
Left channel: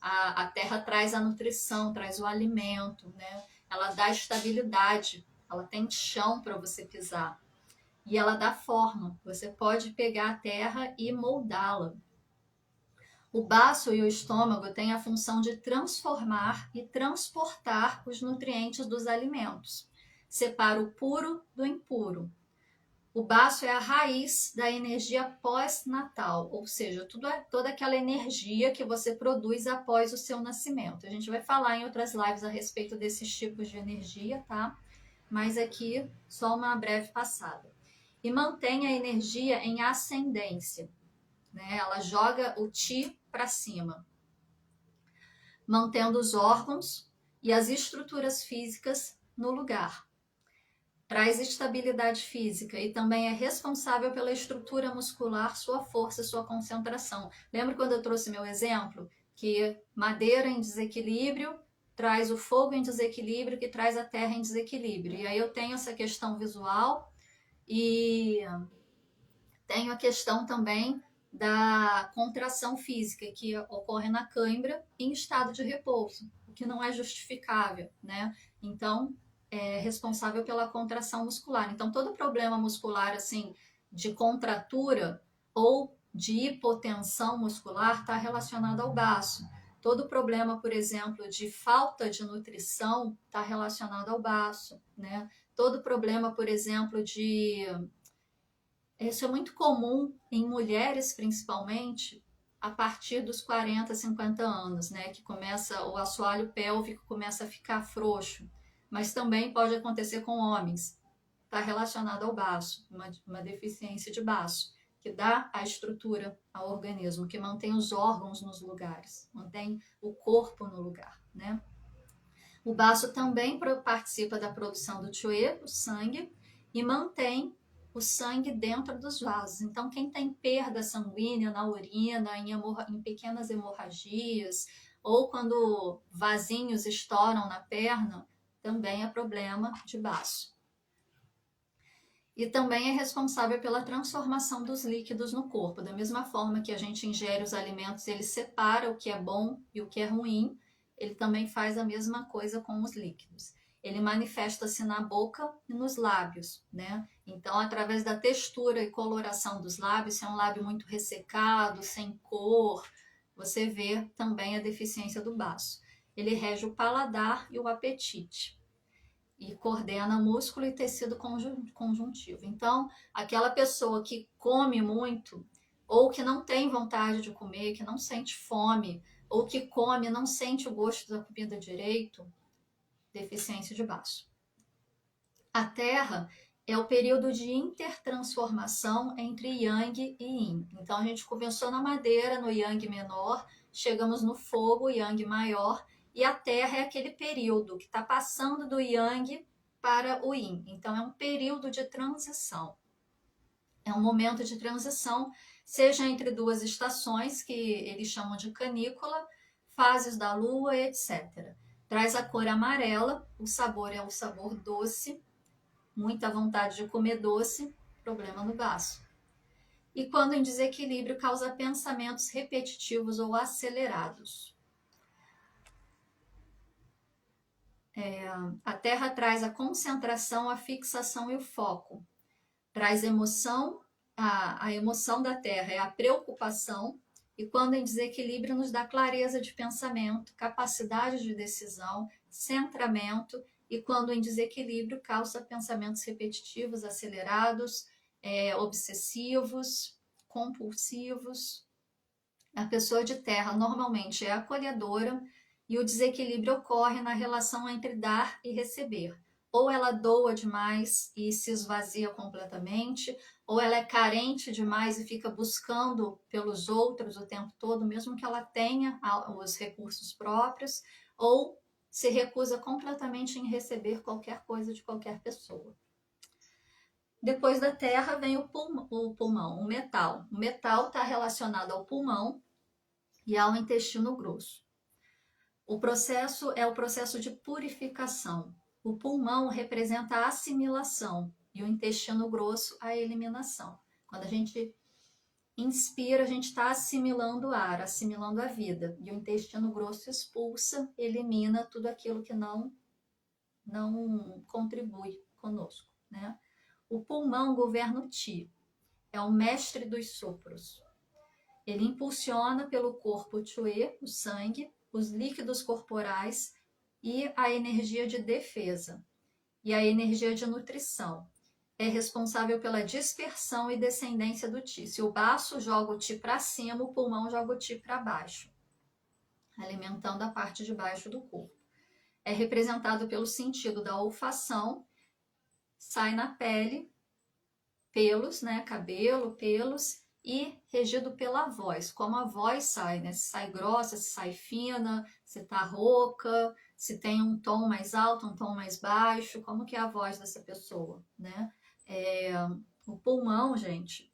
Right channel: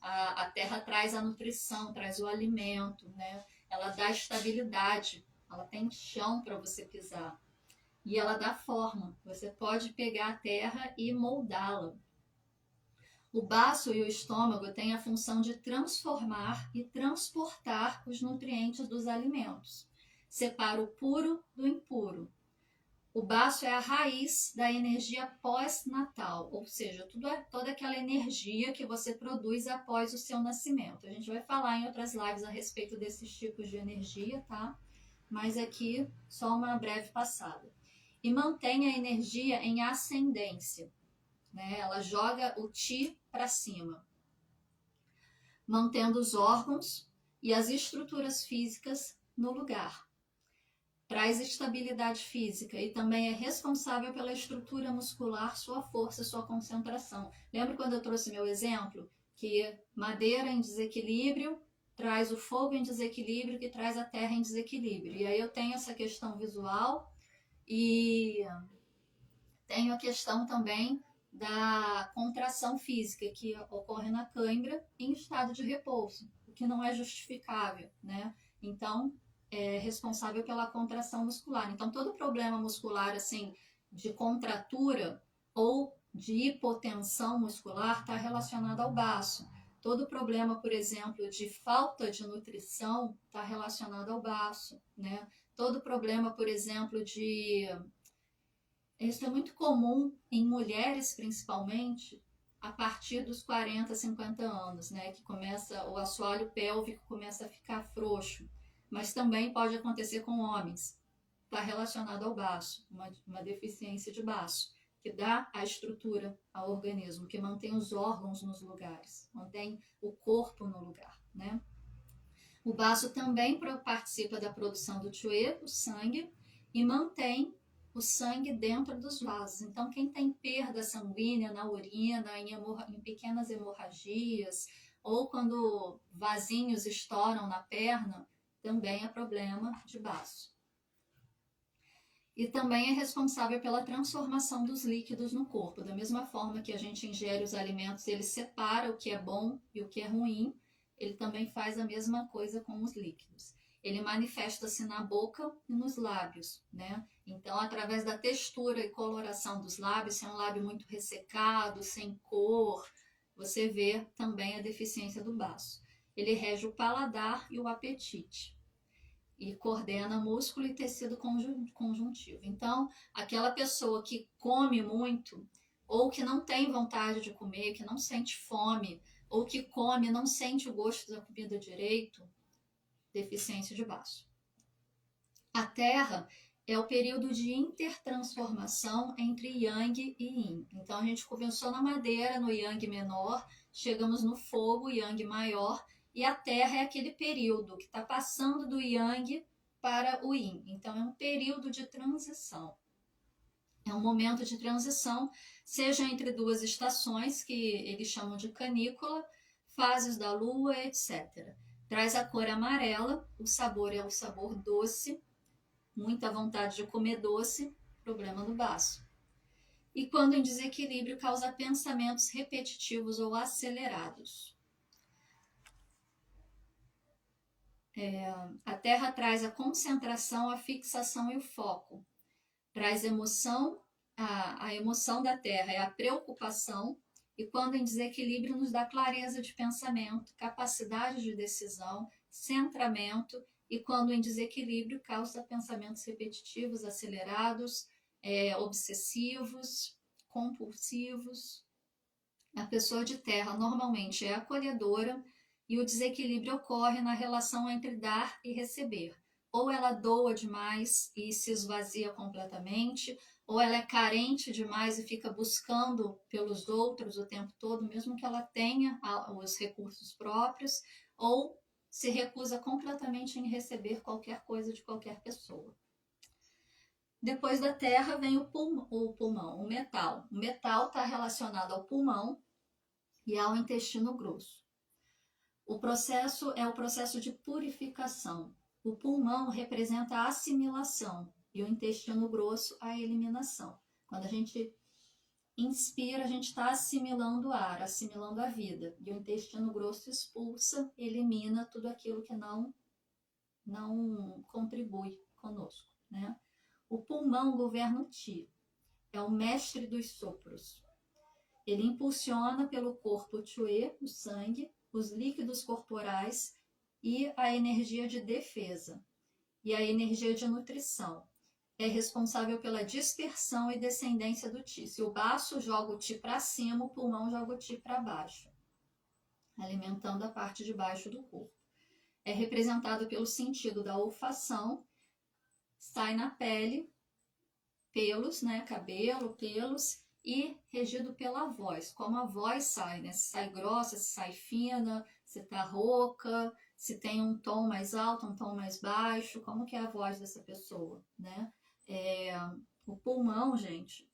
A terra traz a nutrição, traz o alimento, né? Ela dá estabilidade, ela tem chão para você pisar. E ela dá forma. Você pode pegar a terra e moldá-la. O baço e o estômago têm a função de transformar e transportar os nutrientes dos alimentos. Separa o puro do impuro. O baço é a raiz da energia pós-natal, ou seja, toda aquela energia que você produz após o seu nascimento. A gente vai falar em outras lives a respeito desses tipos de energia, tá? Mas aqui só uma breve passada. E mantém a energia em ascendência, né? Ela joga o Qi para cima, mantendo os órgãos e as estruturas físicas no lugar. Traz estabilidade física e também é responsável pela estrutura muscular, sua força, sua concentração. Lembra quando eu trouxe meu exemplo? Que madeira em desequilíbrio traz o fogo em desequilíbrio, que traz a terra em desequilíbrio. E aí eu tenho essa questão visual e tenho a questão também da contração física, que ocorre na cãibra em estado de repouso, o que não é justificável, né? Então, é responsável pela contração muscular. Então, todo problema muscular, assim, de contratura ou de hipotensão muscular está relacionado ao baço. Todo problema, por exemplo, de falta de nutrição está relacionado ao baço, né? Todo problema, por exemplo, isso é muito comum em mulheres, principalmente, a partir dos 40, 50 anos, né? Que começa, o assoalho pélvico começa a ficar frouxo. Mas também pode acontecer com homens. Está relacionado ao baço, uma deficiência de baço, que dá a estrutura ao organismo, que mantém os órgãos nos lugares, mantém o corpo no lugar, né? O baço também participa da produção do Chue, o sangue, e mantém o sangue dentro dos vasos. Então, quem tem perda sanguínea na urina, em pequenas hemorragias, ou quando vasinhos estouram na perna, também é problema de baço. E também é responsável pela transformação dos líquidos no corpo. Da mesma forma que a gente ingere os alimentos, ele separa o que é bom e o que é ruim, ele também faz a mesma coisa com os líquidos. Ele manifesta-se na boca e nos lábios, né? Então, através da textura e coloração dos lábios, se é um lábio muito ressecado, sem cor, você vê também a deficiência do baço. Ele rege o paladar e o apetite e coordena músculo e tecido conjuntivo. Então, aquela pessoa que come muito ou que não tem vontade de comer, que não sente fome, ou que come e não sente o gosto da comida direito, deficiência de baço. A Terra é o período de intertransformação entre Yang e Yin. Então, a gente começou na madeira, no Yang menor, chegamos no fogo, Yang maior, e a Terra é aquele período que está passando do Yang para o Yin. Então, é um período de transição. É um momento de transição, seja entre duas estações, que eles chamam de canícula, fases da lua, etc. Traz a cor amarela, o sabor é o sabor doce, muita vontade de comer doce, problema no baço. E quando em desequilíbrio, causa pensamentos repetitivos ou acelerados. A Terra traz a concentração, a fixação e o foco. Traz emoção, a emoção da Terra é a preocupação, e quando em desequilíbrio nos dá clareza de pensamento, capacidade de decisão, centramento e quando em desequilíbrio causa pensamentos repetitivos, acelerados, obsessivos, compulsivos. A pessoa de terra normalmente é acolhedora e o desequilíbrio ocorre na relação entre dar e receber. Ou ela doa demais e se esvazia completamente, ou ela é carente demais e fica buscando pelos outros o tempo todo, mesmo que ela tenha os recursos próprios, ou se recusa completamente em receber qualquer coisa de qualquer pessoa. Depois da terra vem o pulmão, o metal. O metal está relacionado ao pulmão e ao intestino grosso. O processo é o processo de purificação. O pulmão representa a assimilação e o intestino grosso a eliminação. Quando a gente inspira, a gente está assimilando o ar, assimilando a vida. E o intestino grosso expulsa, elimina tudo aquilo que não contribui conosco, né? O pulmão governa o Ti, é o mestre dos sopros. Ele impulsiona pelo corpo Chue, o sangue, os líquidos corporais e a energia de defesa e a energia de nutrição. É responsável pela dispersão e descendência do Ti. Se o baço joga o Ti para cima, o pulmão joga o Ti para baixo, alimentando a parte de baixo do corpo. É representado pelo sentido da olfação, sai na pele, pelos, né, cabelo, pelos, e regido pela voz, como a voz sai, né? Se sai grossa, se sai fina, se tá rouca, se tem um tom mais alto, um tom mais baixo, como que é a voz dessa pessoa, né? O pulmão, gente,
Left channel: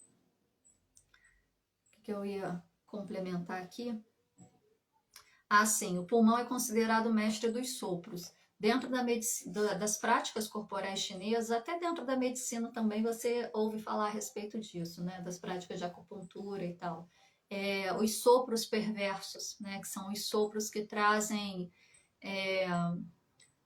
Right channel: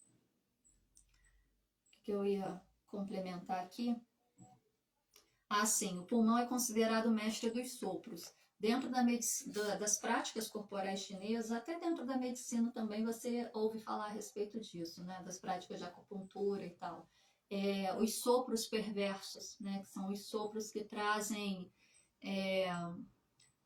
o que eu ia complementar aqui? Sim, o pulmão é considerado o mestre dos sopros. Dentro das práticas corporais chinesas, até dentro da medicina também você ouve falar a respeito disso, né? Das práticas de acupuntura e tal. Os sopros perversos, né? Que são os sopros que trazem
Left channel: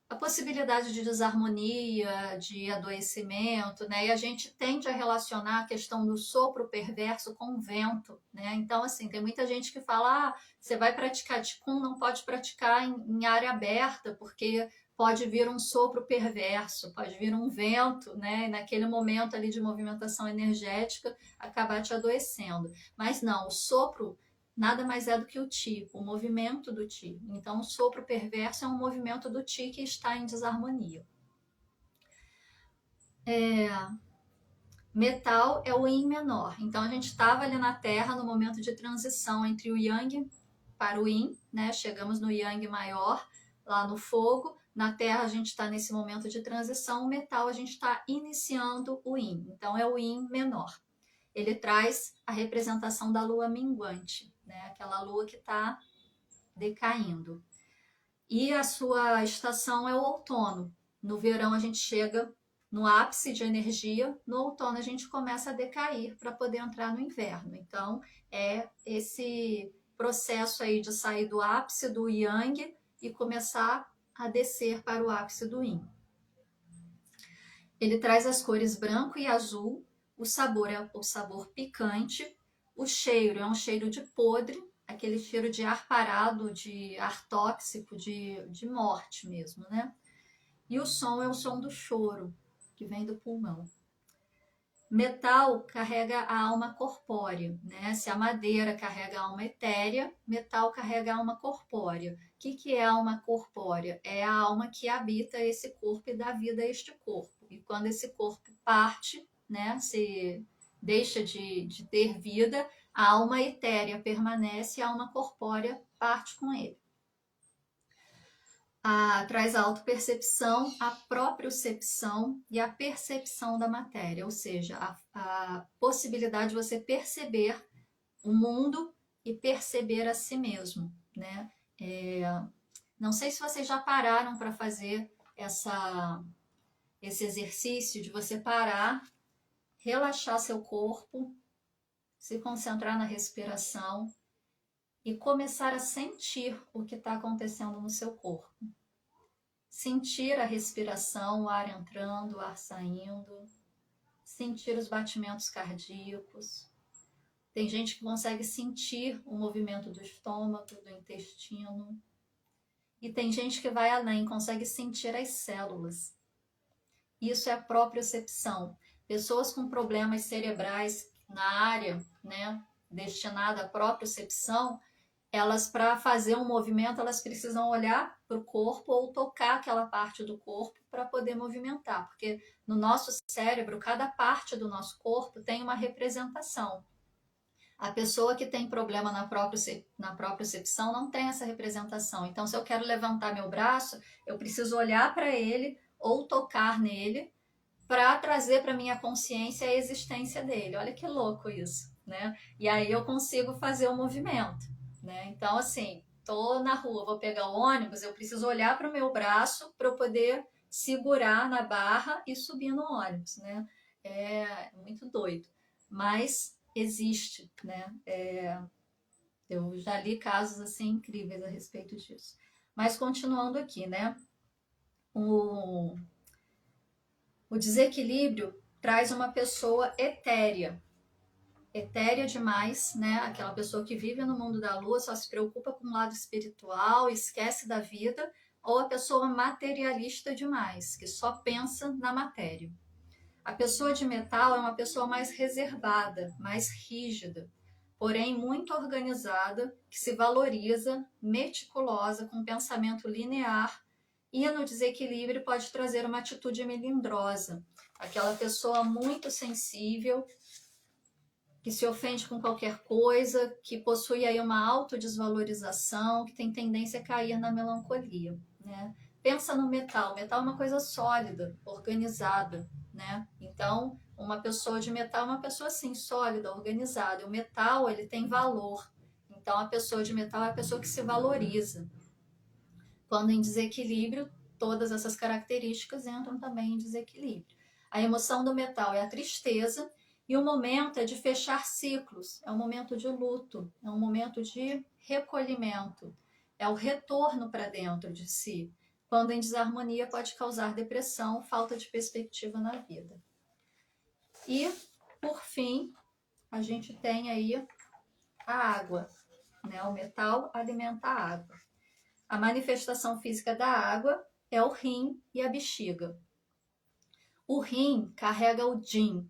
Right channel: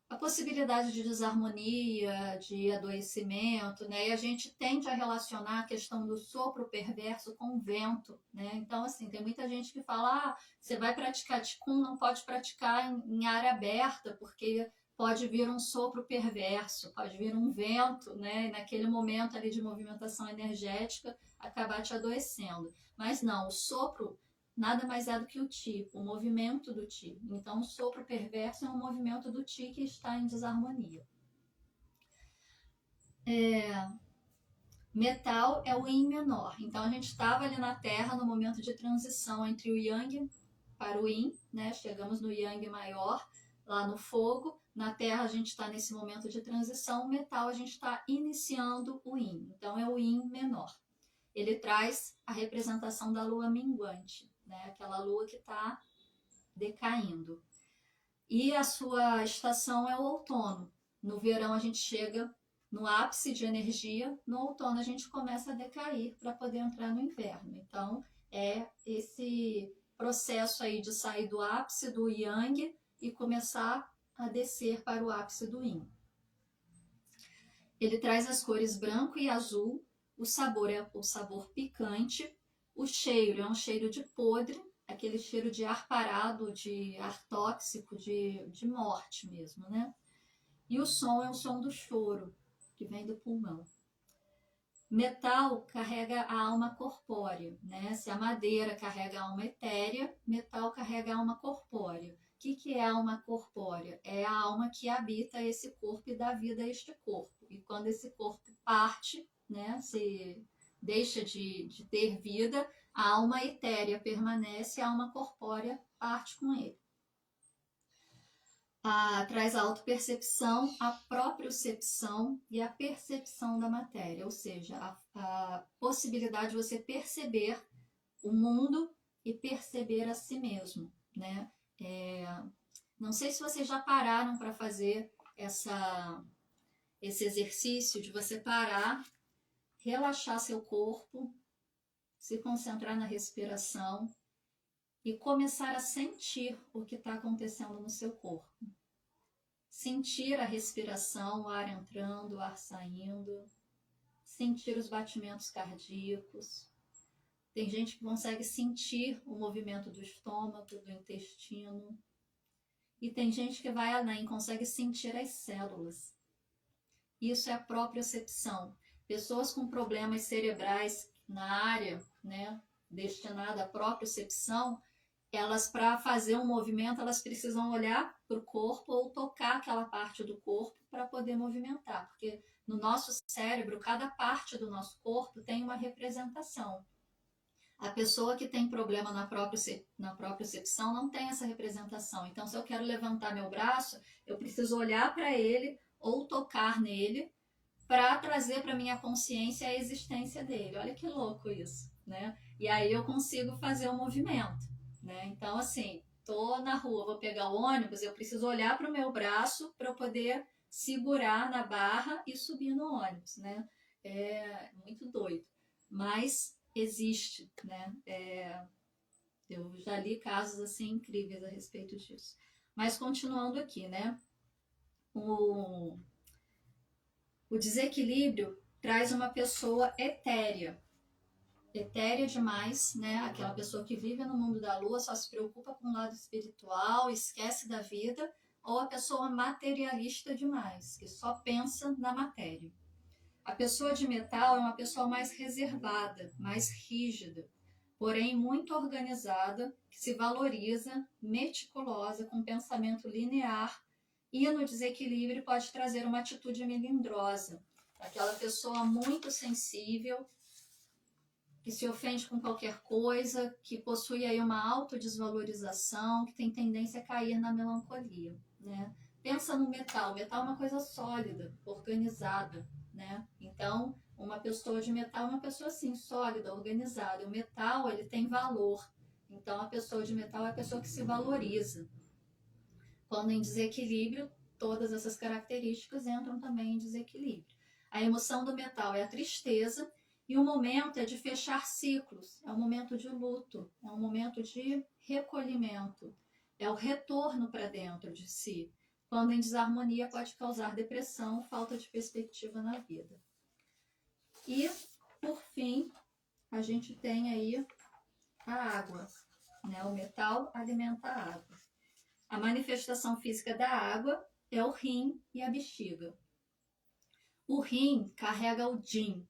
a possibilidade de desarmonia, de adoecimento, né? E a gente tende a relacionar a questão do sopro perverso com o vento, né? Então, assim, tem muita gente que fala, você vai praticar Qigong, não pode praticar em área aberta, porque pode vir um sopro perverso, pode vir um vento, né? E naquele momento ali de movimentação energética, acabar te adoecendo. Mas não, o sopro nada mais é do que o Ti, o movimento do Ti. Então, o sopro perverso é um movimento do Ti que está em desarmonia. Metal é o Yin menor. Então, a gente estava ali na Terra no momento de transição entre o Yang para o Yin, né? Chegamos no Yang maior, lá no fogo. Na Terra, a gente está nesse momento de transição. O metal, a gente está iniciando o Yin. Então, é o Yin menor. Ele traz a representação da lua minguante, né? Aquela lua que está decaindo. E a sua estação é o outono. No verão a gente chega no ápice de energia, no outono a gente começa a decair para poder entrar no inverno. Então é esse processo aí de sair do ápice do Yang e começar a descer para o ápice do Yin. Ele traz as cores branco e azul, o sabor é o sabor picante, o cheiro é um cheiro de podre, aquele cheiro de ar parado, de ar tóxico, de morte mesmo, né? E o som é o som do choro, que vem do pulmão. Metal carrega a alma corpórea, né? Se a madeira carrega a alma etérea, metal carrega a alma corpórea. O que é a alma corpórea? É a alma que habita esse corpo e dá vida a este corpo. E quando esse corpo parte, né, se deixa de ter vida, a alma etérea permanece, a alma corpórea parte com ele. Traz a autopercepção, a propriocepção e a percepção da matéria, ou seja, a possibilidade de você perceber o mundo e perceber a si mesmo, né? Não sei se vocês já pararam para fazer esse exercício de você parar, relaxar seu corpo, se concentrar na respiração e começar a sentir o que está acontecendo no seu corpo. Sentir a respiração, o ar entrando, o ar saindo, sentir os batimentos cardíacos. Tem gente que consegue sentir o movimento do estômago, do intestino. E tem gente que vai além, consegue sentir as células. Isso é a propriocepção. Pessoas com problemas cerebrais na área, né, destinada à propriocepção, elas, para fazer um movimento, elas precisam olhar para o corpo ou tocar aquela parte do corpo para poder movimentar, porque no nosso cérebro, cada parte do nosso corpo tem uma representação. A pessoa que tem problema na propriocepção não tem essa representação. Então, se eu quero levantar meu braço, eu preciso olhar para ele ou tocar nele para trazer para minha consciência a existência dele. Olha que louco isso, né? E aí eu consigo fazer o movimento, né? Então, assim, tô na rua, vou pegar o ônibus, eu preciso olhar para o meu braço para eu poder segurar na barra e subir no ônibus, né? É muito doido, mas existe, né? Eu já li casos assim incríveis a respeito disso. Mas continuando aqui, né? O, o desequilíbrio traz uma pessoa etérea. Etérea demais, né? Aquela pessoa que vive no mundo da lua, só se preocupa com o lado espiritual, esquece da vida, ou a pessoa materialista demais, que só pensa na matéria. A pessoa de metal é uma pessoa mais reservada, mais rígida, porém muito organizada, que se valoriza, meticulosa, com pensamento linear, e no desequilíbrio pode trazer uma atitude melindrosa. Aquela pessoa muito sensível, que se ofende com qualquer coisa, que possui aí uma autodesvalorização, que tem tendência a cair na melancolia, né? Pensa no metal. O metal é uma coisa sólida, organizada, né? Então, uma pessoa de metal é uma pessoa assim, sólida, organizada. O metal, ele tem valor. Então, a pessoa de metal é a pessoa que se valoriza. Quando em desequilíbrio, todas essas características entram também em desequilíbrio. A emoção do metal é a tristeza, e o momento é de fechar ciclos, é um momento de luto, é um momento de recolhimento, é o retorno para dentro de si. Quando em desarmonia, pode causar depressão, falta de perspectiva na vida. E, por fim, a gente tem aí a água, né? O metal alimenta a água. A manifestação física da água é o rim e a bexiga. O rim carrega o Jin. O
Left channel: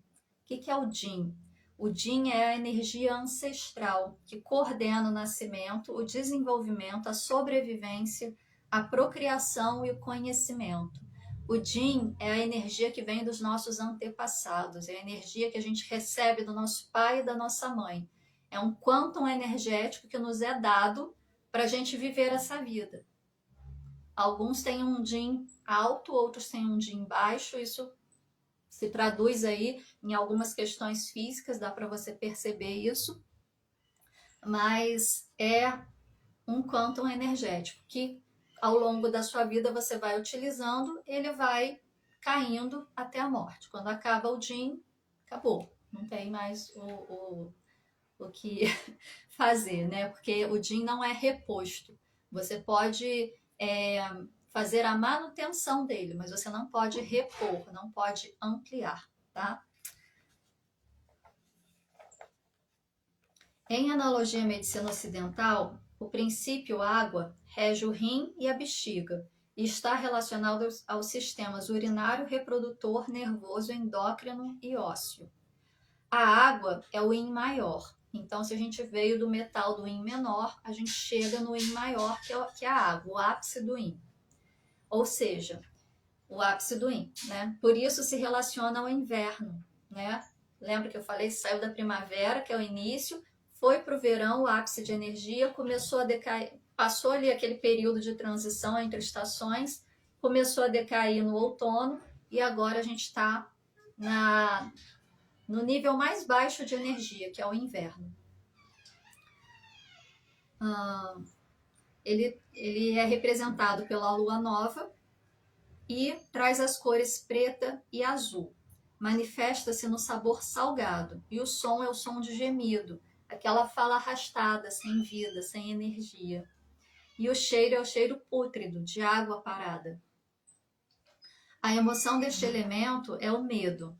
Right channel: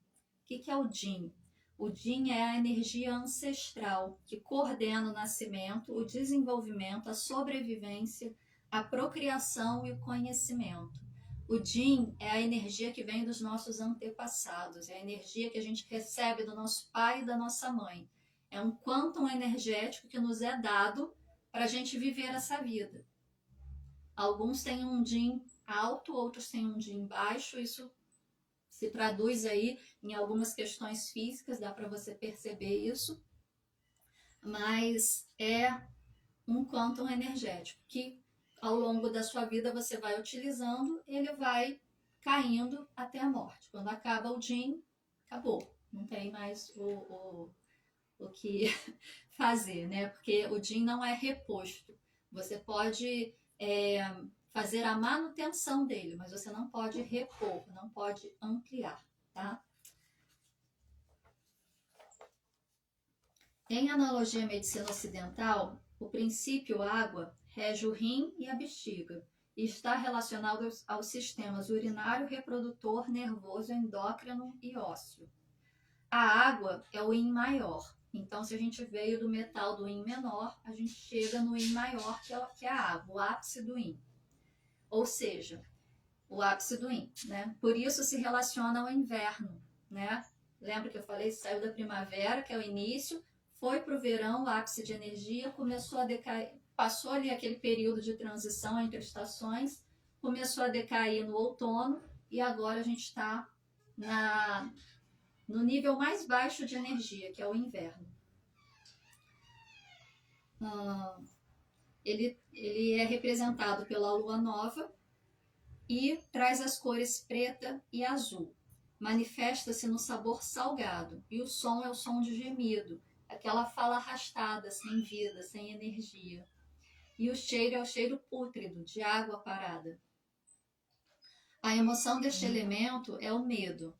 que é o Jin? O Jin é a energia ancestral que coordena o nascimento, o desenvolvimento, a sobrevivência, a procriação e o conhecimento. O Jin é a energia que vem dos nossos antepassados, é a energia que a gente recebe do nosso pai e da nossa mãe. É um quantum energético que nos é dado para a gente viver essa vida. Alguns têm um Jin alto, outros têm um Jin baixo, isso se traduz aí em algumas questões físicas, dá para você perceber isso, mas é um quantum energético que ao longo da sua vida você vai utilizando, ele vai caindo até a morte. Quando acaba o Jin, acabou, não tem mais o que fazer, né? Porque o Jin não é reposto. Você pode fazer a manutenção dele, mas você não pode repor, não pode ampliar, tá? Em analogia à medicina ocidental, o princípio água rege o rim e a bexiga e está relacionado aos sistemas urinário, reprodutor, nervoso, endócrino e ósseo. A água é o yin maior. Então, se a gente veio do metal do yin menor, a gente chega no yin maior, que é a água, o ápice do yin. Ou seja, o ápice do yin, né? Por isso se relaciona ao inverno, né? Lembra que eu falei, saiu da primavera, que é o início, foi para o verão, o ápice de energia, começou a decair, passou ali aquele período de transição entre estações, começou a decair no outono e agora a gente está no nível mais baixo de energia, que é o inverno. Ele é representado pela lua nova e traz as cores preta e azul. Manifesta-se no sabor salgado e o som é o som de gemido, aquela fala arrastada, sem vida, sem energia. E o cheiro é o cheiro pútrido, de água parada. A emoção deste elemento é o medo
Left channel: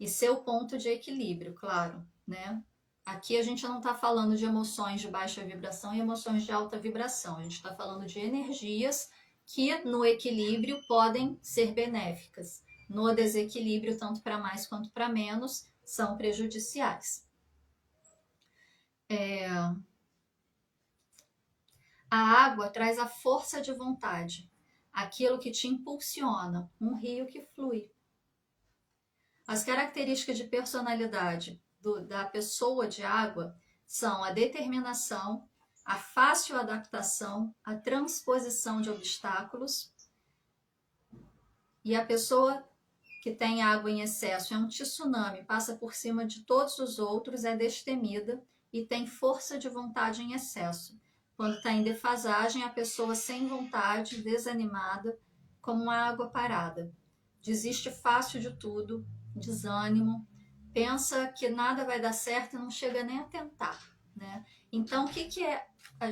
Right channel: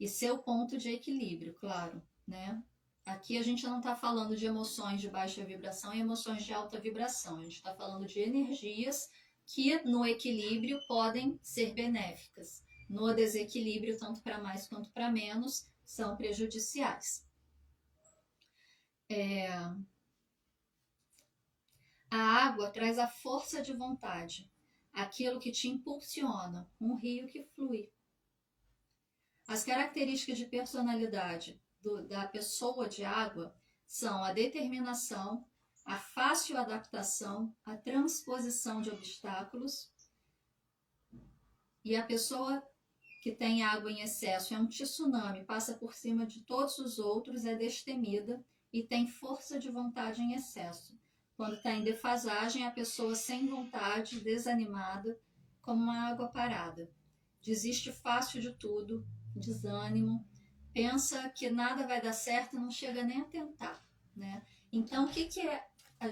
e seu ponto de equilíbrio, claro, né? Aqui a gente não está falando de emoções de baixa vibração e emoções de alta vibração. A gente está falando de energias que no equilíbrio podem ser benéficas. No desequilíbrio, tanto para mais quanto para menos, são prejudiciais. A água traz a força de vontade, aquilo que te impulsiona, um rio que flui. As características de personalidade da pessoa de água são a determinação, a fácil adaptação, a transposição de obstáculos. E a pessoa que tem água em excesso é um tsunami, passa por cima de todos os outros, é destemida e tem força de vontade em excesso. Quando está em defasagem, a pessoa sem vontade, desanimada, como uma água parada. Desiste fácil de tudo, desânimo, pensa que nada vai dar certo e não chega nem a tentar, né? Então, o que é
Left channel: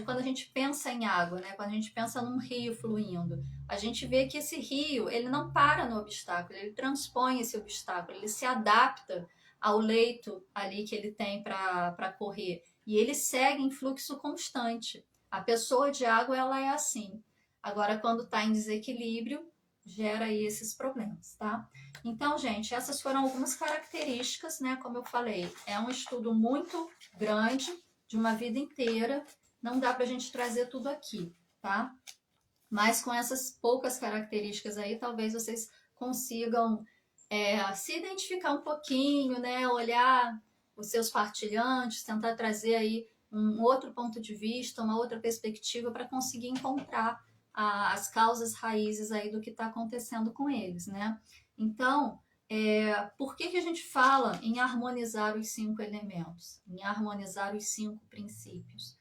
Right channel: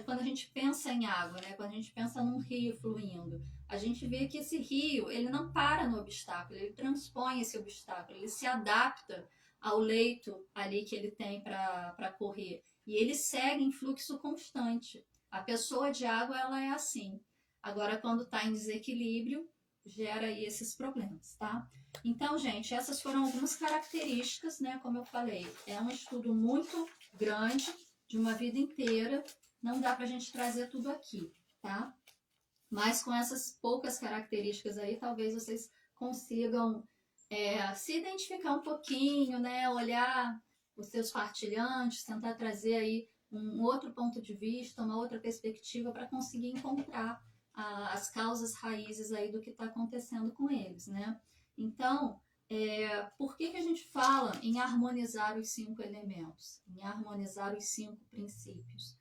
quando a gente pensa em água, né? Quando a gente pensa num rio fluindo, a gente vê que esse rio, ele não para no obstáculo, ele transpõe esse obstáculo, ele se adapta ao leito ali que ele tem para correr, e ele segue em fluxo constante. A pessoa de água, ela é assim. Agora, quando está em desequilíbrio, gera aí esses problemas, tá? Então, gente, essas foram algumas características, né? Como eu falei, é um estudo muito grande, de uma vida inteira, não dá pra gente trazer tudo aqui, tá? Mas com essas poucas características aí, talvez vocês consigam se identificar um pouquinho, né? Olhar os seus partilhantes, tentar trazer aí um outro ponto de vista, uma outra perspectiva para conseguir encontrar as causas raízes aí do que está acontecendo com eles, né? Então, por que a gente fala em harmonizar os 5 elementos, em harmonizar os 5 princípios?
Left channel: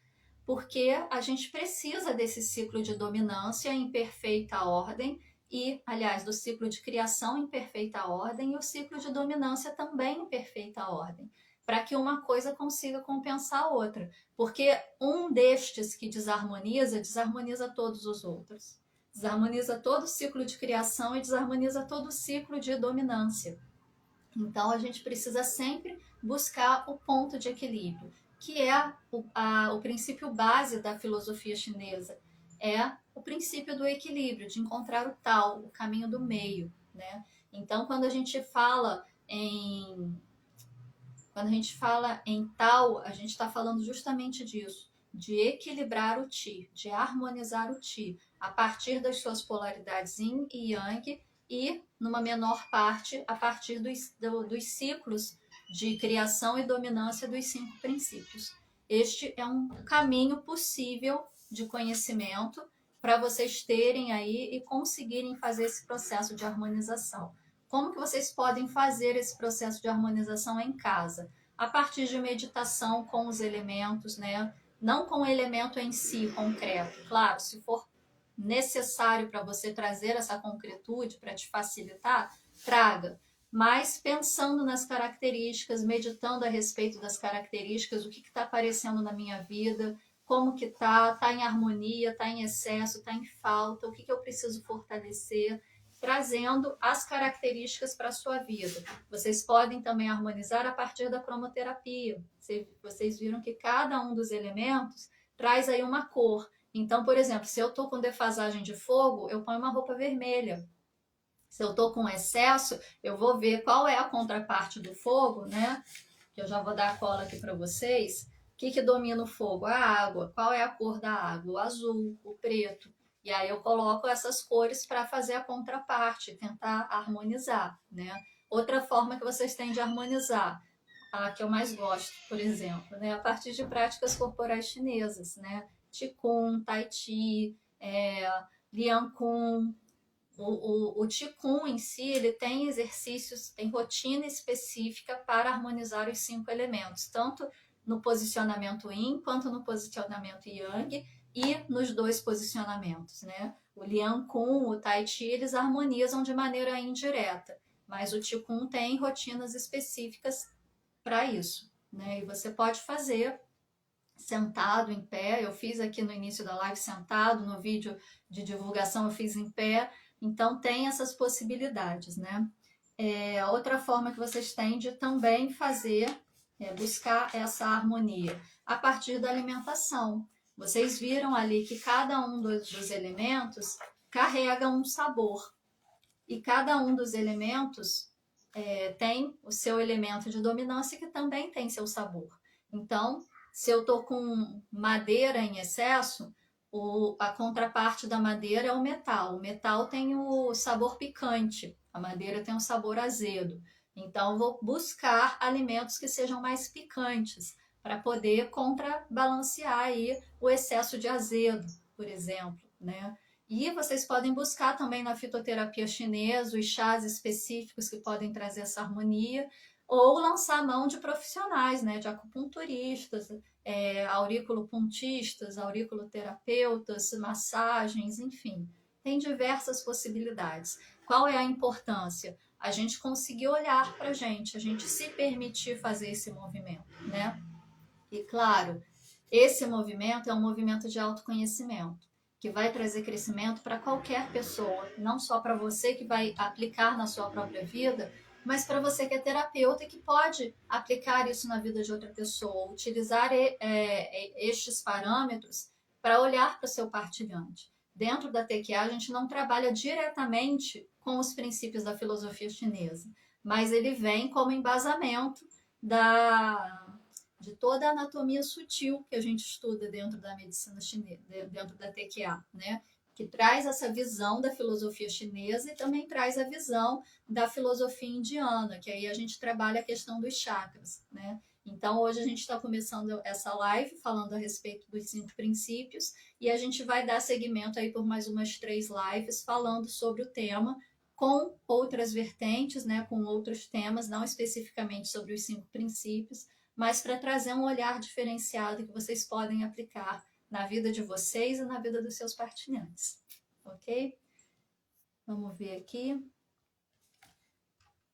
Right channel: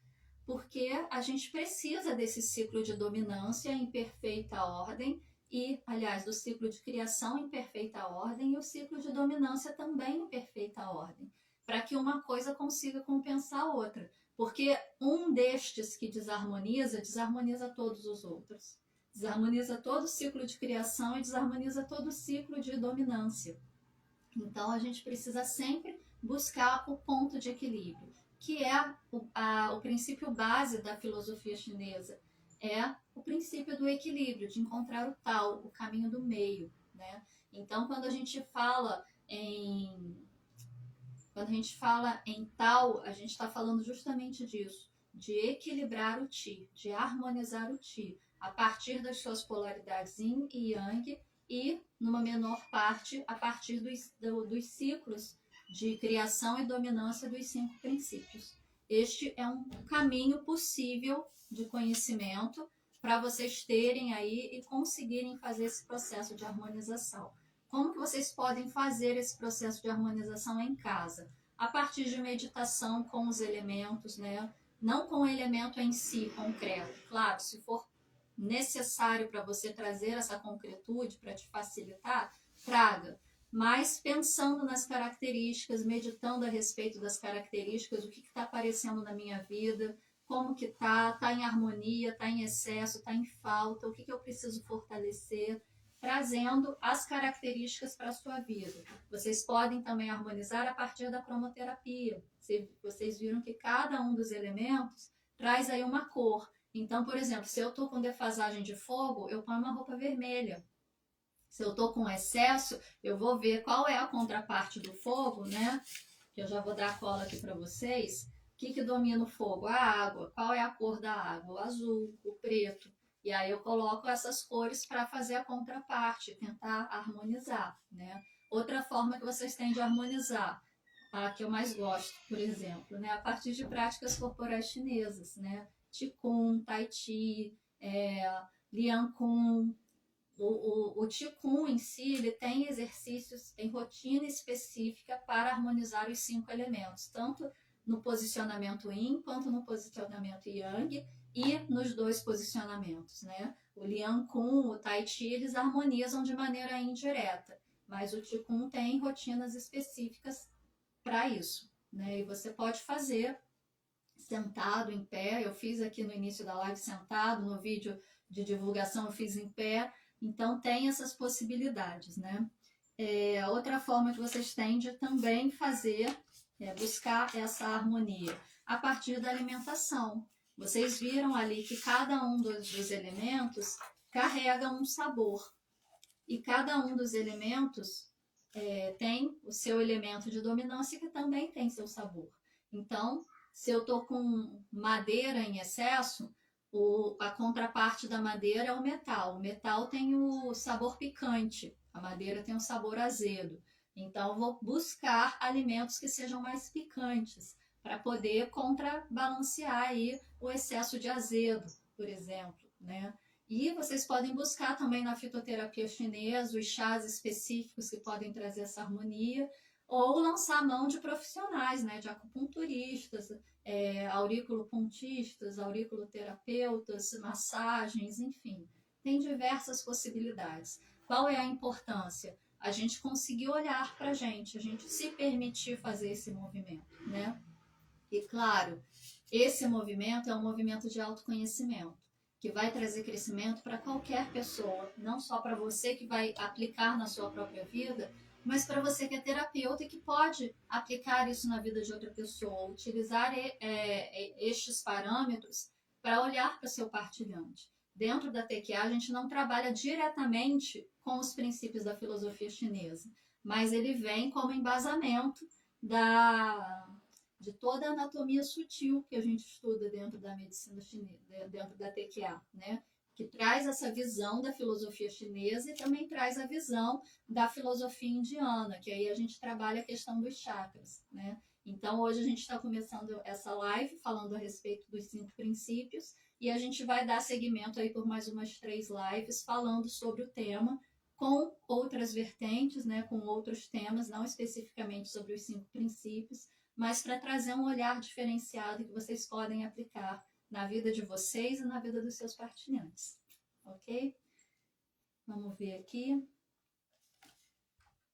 Porque a gente precisa desse ciclo de dominância em perfeita ordem e, aliás, do ciclo de criação em perfeita ordem e o ciclo de dominância também em perfeita ordem, para que uma coisa consiga compensar a outra. Porque um destes que desarmoniza, desarmoniza todos os outros. Desarmoniza todo o ciclo de criação e desarmoniza todo o ciclo de dominância. Então, a gente precisa sempre buscar o ponto de equilíbrio, que é o princípio base da filosofia chinesa, é o princípio do equilíbrio, de encontrar o tal, o caminho do meio, né? Então, quando a gente fala em tal, a gente está falando justamente disso, de equilibrar o Qi, de harmonizar o Qi, a partir das suas polaridades Yin e Yang, e, numa menor parte, a partir dos ciclos de criação e dominância dos 5 princípios. Este é um caminho possível de conhecimento para vocês terem aí e conseguirem fazer esse processo de harmonização. Como que vocês podem fazer esse processo de harmonização em casa? A partir de meditação com os elementos, né? Não com o elemento em si concreto. Claro, se for necessário para você trazer essa concretude para te facilitar, traga. Mas pensando nas características, meditando a respeito das características, o que está aparecendo na minha vida, como que tá em harmonia, tá em excesso, tá em falta, o que eu preciso fortalecer, trazendo as características para a sua vida. Vocês podem também harmonizar a partir da cromoterapia. Vocês viram que cada um dos elementos traz aí uma cor. Então, por exemplo, se eu estou com defasagem de fogo, eu ponho uma roupa vermelha. Se eu estou com excesso, eu vou ver qual é a contraparte do fogo, né? Que eu já vou dar a cola aqui para vocês. O que domina o fogo? A água. Qual é a cor da água? O azul, o preto. E aí eu coloco essas cores para fazer a contraparte, tentar harmonizar, né? Outra forma que vocês têm de harmonizar, a que eu mais gosto, por exemplo, né? A partir de práticas corporais chinesas, né? Qigong, Tai Chi, Liang Kun. O Qigong em si, ele tem exercícios, tem rotina específica para harmonizar os 5 elementos, tanto no posicionamento Yin quanto no posicionamento Yang e nos 2 posicionamentos, né? O Liang Kun, o Tai Chi, eles harmonizam de maneira indireta, mas o Qigong tem rotinas específicas para isso, né? E você pode fazer sentado, em pé. Eu fiz aqui no início da live sentado, no vídeo de divulgação eu fiz em pé. Então tem essas possibilidades, né? Outra forma que vocês têm de também fazer buscar essa harmonia a partir da alimentação. Vocês viram ali que cada um dos elementos carrega um sabor. E cada um dos elementos tem o seu elemento de dominância que também tem seu sabor. Então, se eu estou com madeira em excesso, a contraparte da madeira é o metal. O metal tem o sabor picante, a madeira tem um sabor azedo. Então, eu vou buscar alimentos que sejam mais picantes para poder contrabalancear aí o excesso de azedo, por exemplo, né? E vocês podem buscar também na fitoterapia chinesa os chás específicos que podem trazer essa harmonia, ou lançar mão de profissionais, né, de acupunturistas, auriculopontistas, auriculoterapeutas, massagens, enfim. Tem diversas possibilidades. Qual é a importância? A gente conseguir olhar para a gente se permitir fazer esse movimento, né? E claro, esse movimento é um movimento de autoconhecimento, que vai trazer crescimento para qualquer pessoa, não só para você que vai aplicar na sua própria vida, mas para você que é terapeuta e que pode aplicar isso na vida de outra pessoa, utilizar estes parâmetros para olhar para o seu partilhante. Dentro da TQA, a gente não trabalha diretamente com os princípios da filosofia chinesa, mas ele vem como embasamento de toda a anatomia sutil que a gente estuda dentro da medicina chinesa, dentro da TQA, né? Que traz essa visão da filosofia chinesa e também traz a visão da filosofia indiana, que aí a gente trabalha a questão dos chakras, né? Então, hoje a gente está começando essa live falando a respeito dos 5 princípios e a gente vai dar seguimento aí por mais umas 3 lives falando sobre o tema com outras vertentes, né? Com outros temas, não especificamente sobre os 5 princípios, mas para trazer um olhar diferenciado que vocês podem aplicar na vida de vocês e na vida dos seus partilhantes, ok? Vamos ver aqui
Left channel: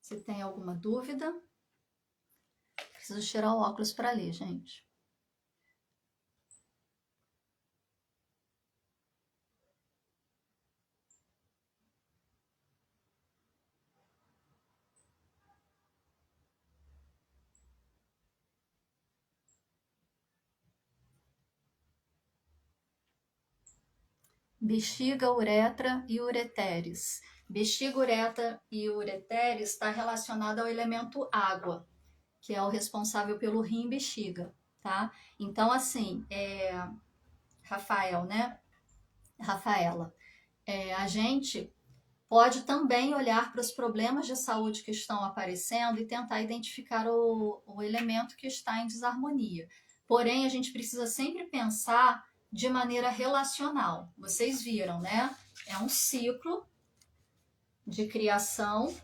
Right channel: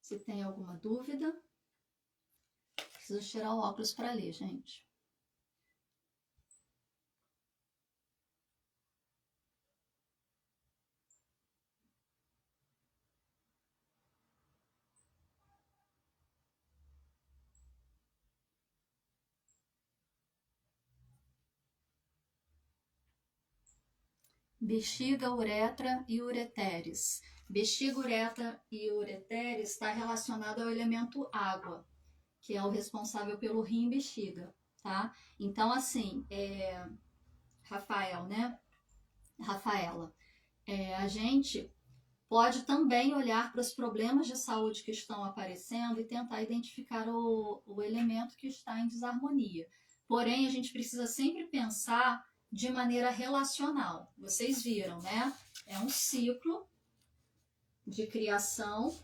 se tem alguma dúvida. Preciso tirar o óculos para ler, gente. Bexiga, uretra e ureteres. Bexiga, uretra e ureteres está relacionado ao elemento água, que é o responsável pelo rim e bexiga, tá? Então, assim, Rafael, né? Rafaela, a gente pode também olhar para os problemas de saúde que estão aparecendo e tentar identificar o elemento que está em desarmonia. Porém, a gente precisa sempre pensar de maneira relacional. Vocês viram, né? É um ciclo de criação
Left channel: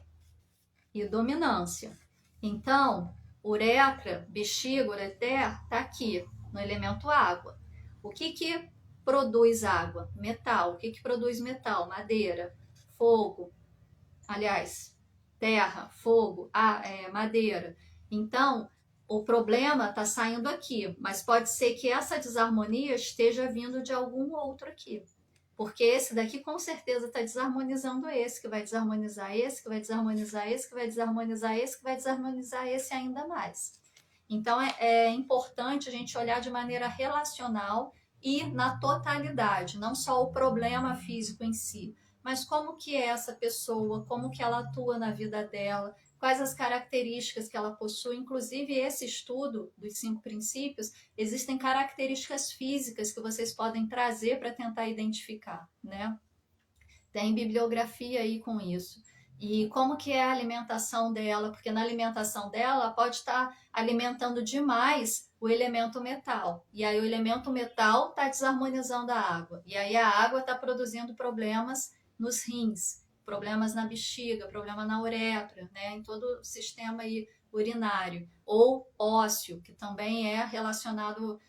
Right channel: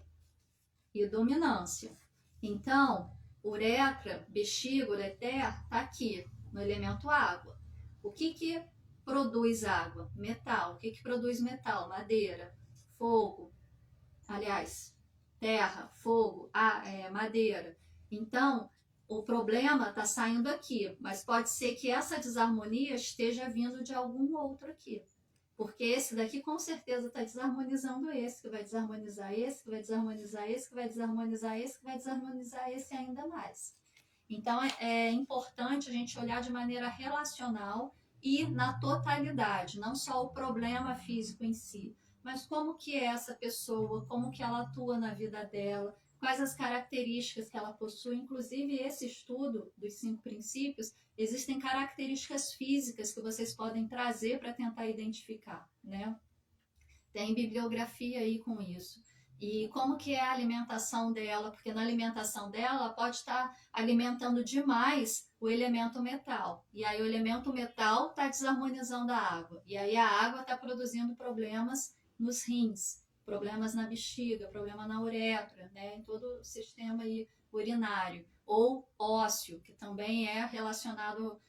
e dominância. Então, uretra, bexiga, ureter, está aqui no elemento água. O que produz água? Metal. O que produz metal? Madeira, fogo, aliás, terra, fogo, madeira. Então, o problema está saindo aqui, mas pode ser que essa desarmonia esteja vindo de algum outro aqui. Porque esse daqui com certeza está desarmonizando esse, que vai desarmonizar esse, que vai desarmonizar esse, que vai desarmonizar esse, que vai desarmonizar esse ainda mais. Então, é importante a gente olhar de maneira relacional e na totalidade, não só o problema físico em si, mas como que é essa pessoa, como que ela atua na vida dela, quais as características que ela possui. Inclusive, esse estudo dos 5 princípios, existem características físicas que vocês podem trazer para tentar identificar, né? Tem bibliografia aí com isso. E como que é a alimentação dela, porque na alimentação dela pode estar alimentando demais o elemento metal. E aí o elemento metal está desarmonizando a água. E aí a água está produzindo problemas nos rins, problemas na bexiga, problema na uretra, né? Em todo o sistema aí urinário. Ou ósseo, que também é relacionado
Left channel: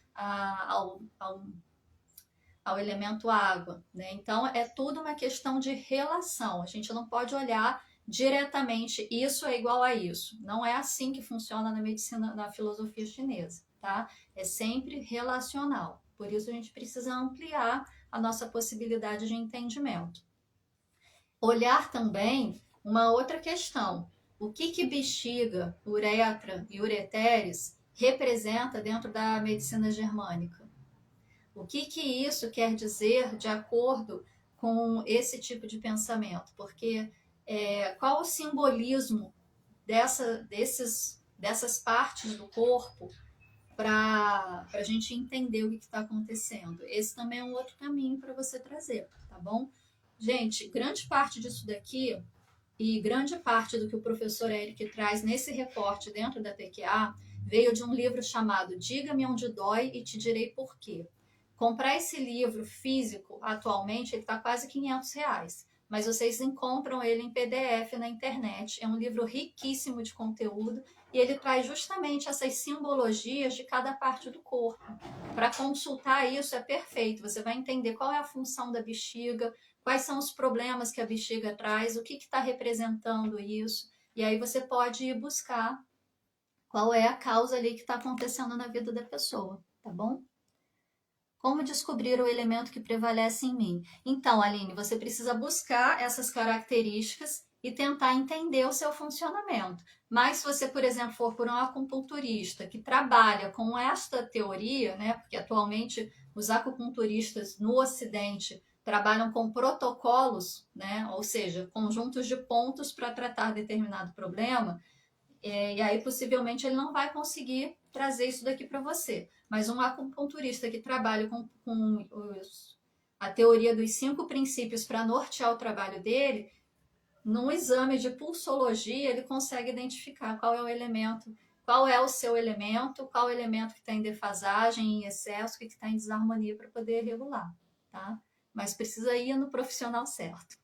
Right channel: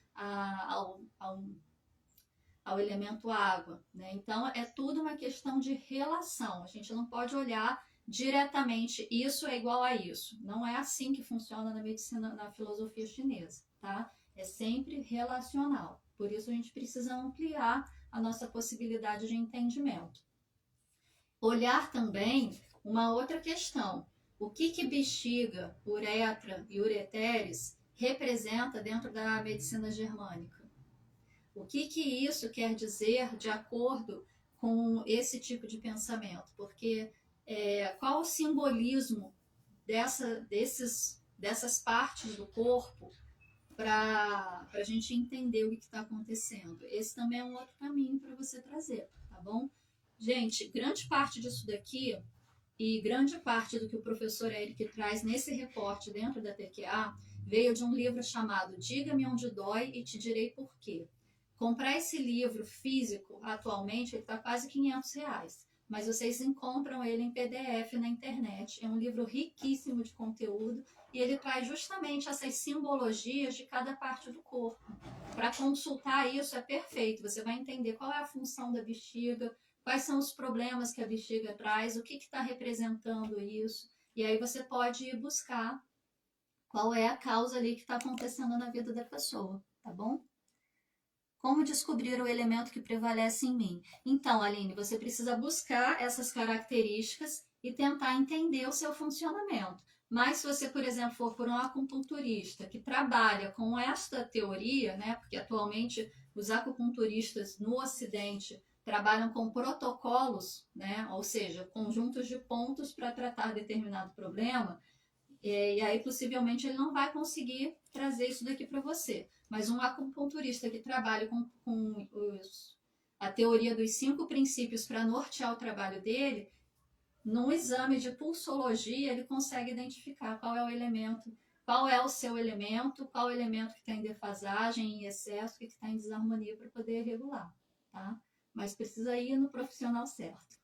ao elemento água, né? Então é tudo uma questão de relação. A gente não pode olhar diretamente isso é igual a isso. Não é assim que funciona na medicina, na filosofia chinesa, tá? É sempre relacional. Por isso a gente precisa ampliar a nossa possibilidade de entendimento. Olhar também uma outra questão. O que bexiga, uretra e ureteres representa dentro da medicina germânica. O que isso quer dizer de acordo com esse tipo de pensamento? Porque qual o simbolismo dessas partes do corpo para a gente entender o que está acontecendo? Esse também é um outro caminho para você trazer, tá bom? Gente, grande parte disso daqui e grande parte do que o professor Eric traz nesse reporte dentro da TQA veio de um livro chamado Diga-me Onde Dói e Te Direi Por Quê. Comprar esse livro físico, atualmente, ele está quase R$ 500, mas vocês encontram ele em PDF na internet. É um livro riquíssimo de conteúdo e ele traz justamente essas simbologias de cada parte do corpo. Para consultar isso é perfeito, você vai entender qual é a função da bexiga, quais são os problemas que a bexiga traz, o que está representando isso, e aí você pode ir buscar qual é a causa ali que está acontecendo na vida da pessoa, tá bom? Como descobrir o elemento que prevalece em mim? Então, Aline, você precisa buscar essas características e tentar entender o seu funcionamento. Mas se você, por exemplo, for por um acupunturista que trabalha com esta teoria, né, porque atualmente os acupunturistas no Ocidente trabalham com protocolos, né, ou seja, conjuntos de pontos para tratar determinado problema, e aí possivelmente ele não vai conseguir trazer isso daqui para você. Mas um acupunturista que trabalha com a teoria dos 5 princípios para nortear o trabalho dele, num exame de pulsologia, ele consegue identificar qual é o elemento, qual é o seu elemento, qual é o elemento que está em defasagem, em excesso, que está em desarmonia para poder regular, tá? Mas precisa ir no profissional certo.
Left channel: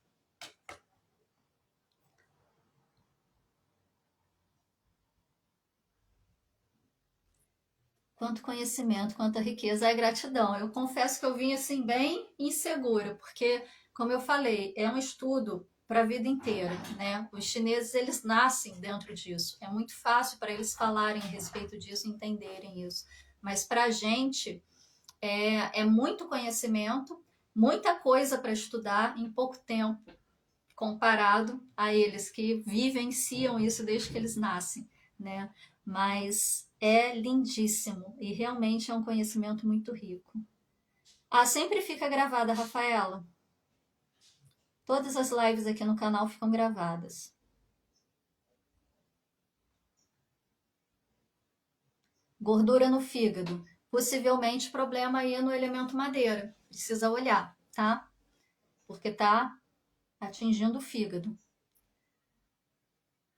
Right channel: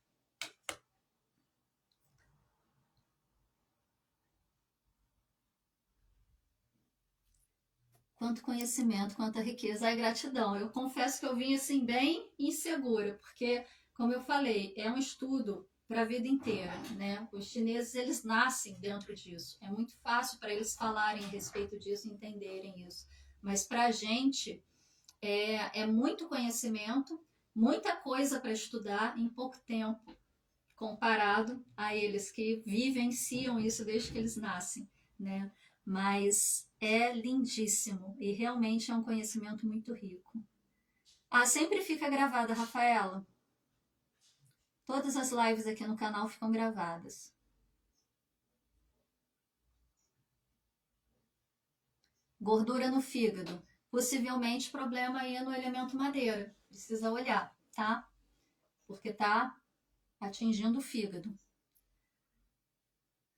Quanto conhecimento, quanta riqueza, é gratidão. Eu confesso que eu vim assim bem insegura, porque, como eu falei, é um estudo para a vida inteira, né? Os chineses, eles nascem dentro disso. É muito fácil para eles falarem a respeito disso, entenderem isso. Mas para a gente é muito conhecimento, muita coisa para estudar em pouco tempo, comparado a eles que vivenciam isso desde que eles nascem, né? Mas é lindíssimo e realmente é um conhecimento muito rico. Ah, sempre fica gravada, Rafaela. Todas as lives aqui no canal ficam gravadas. Gordura no fígado. Possivelmente problema aí no elemento madeira. Precisa olhar, tá? Porque tá atingindo o fígado.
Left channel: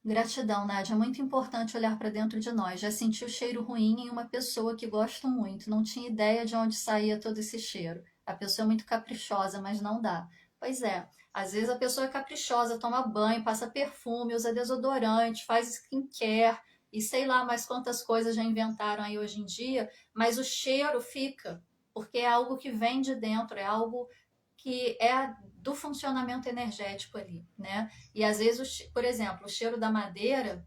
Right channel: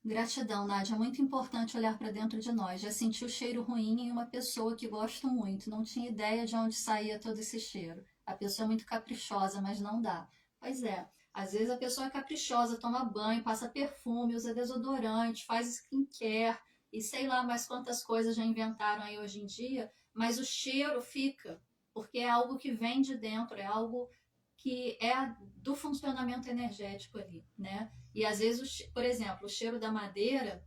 Gratidão, Nádia. É muito importante olhar para dentro de nós. Já senti o cheiro ruim em uma pessoa que gosto muito. Não tinha ideia de onde saía todo esse cheiro. A pessoa é muito caprichosa, mas não dá. Pois é, às vezes a pessoa é caprichosa, toma banho, passa perfume, usa desodorante, faz skincare e sei lá mais quantas coisas já inventaram aí hoje em dia, mas o cheiro fica, porque é algo que vem de dentro, é algo que é do funcionamento energético ali, né? E às vezes, por exemplo, o cheiro da madeira,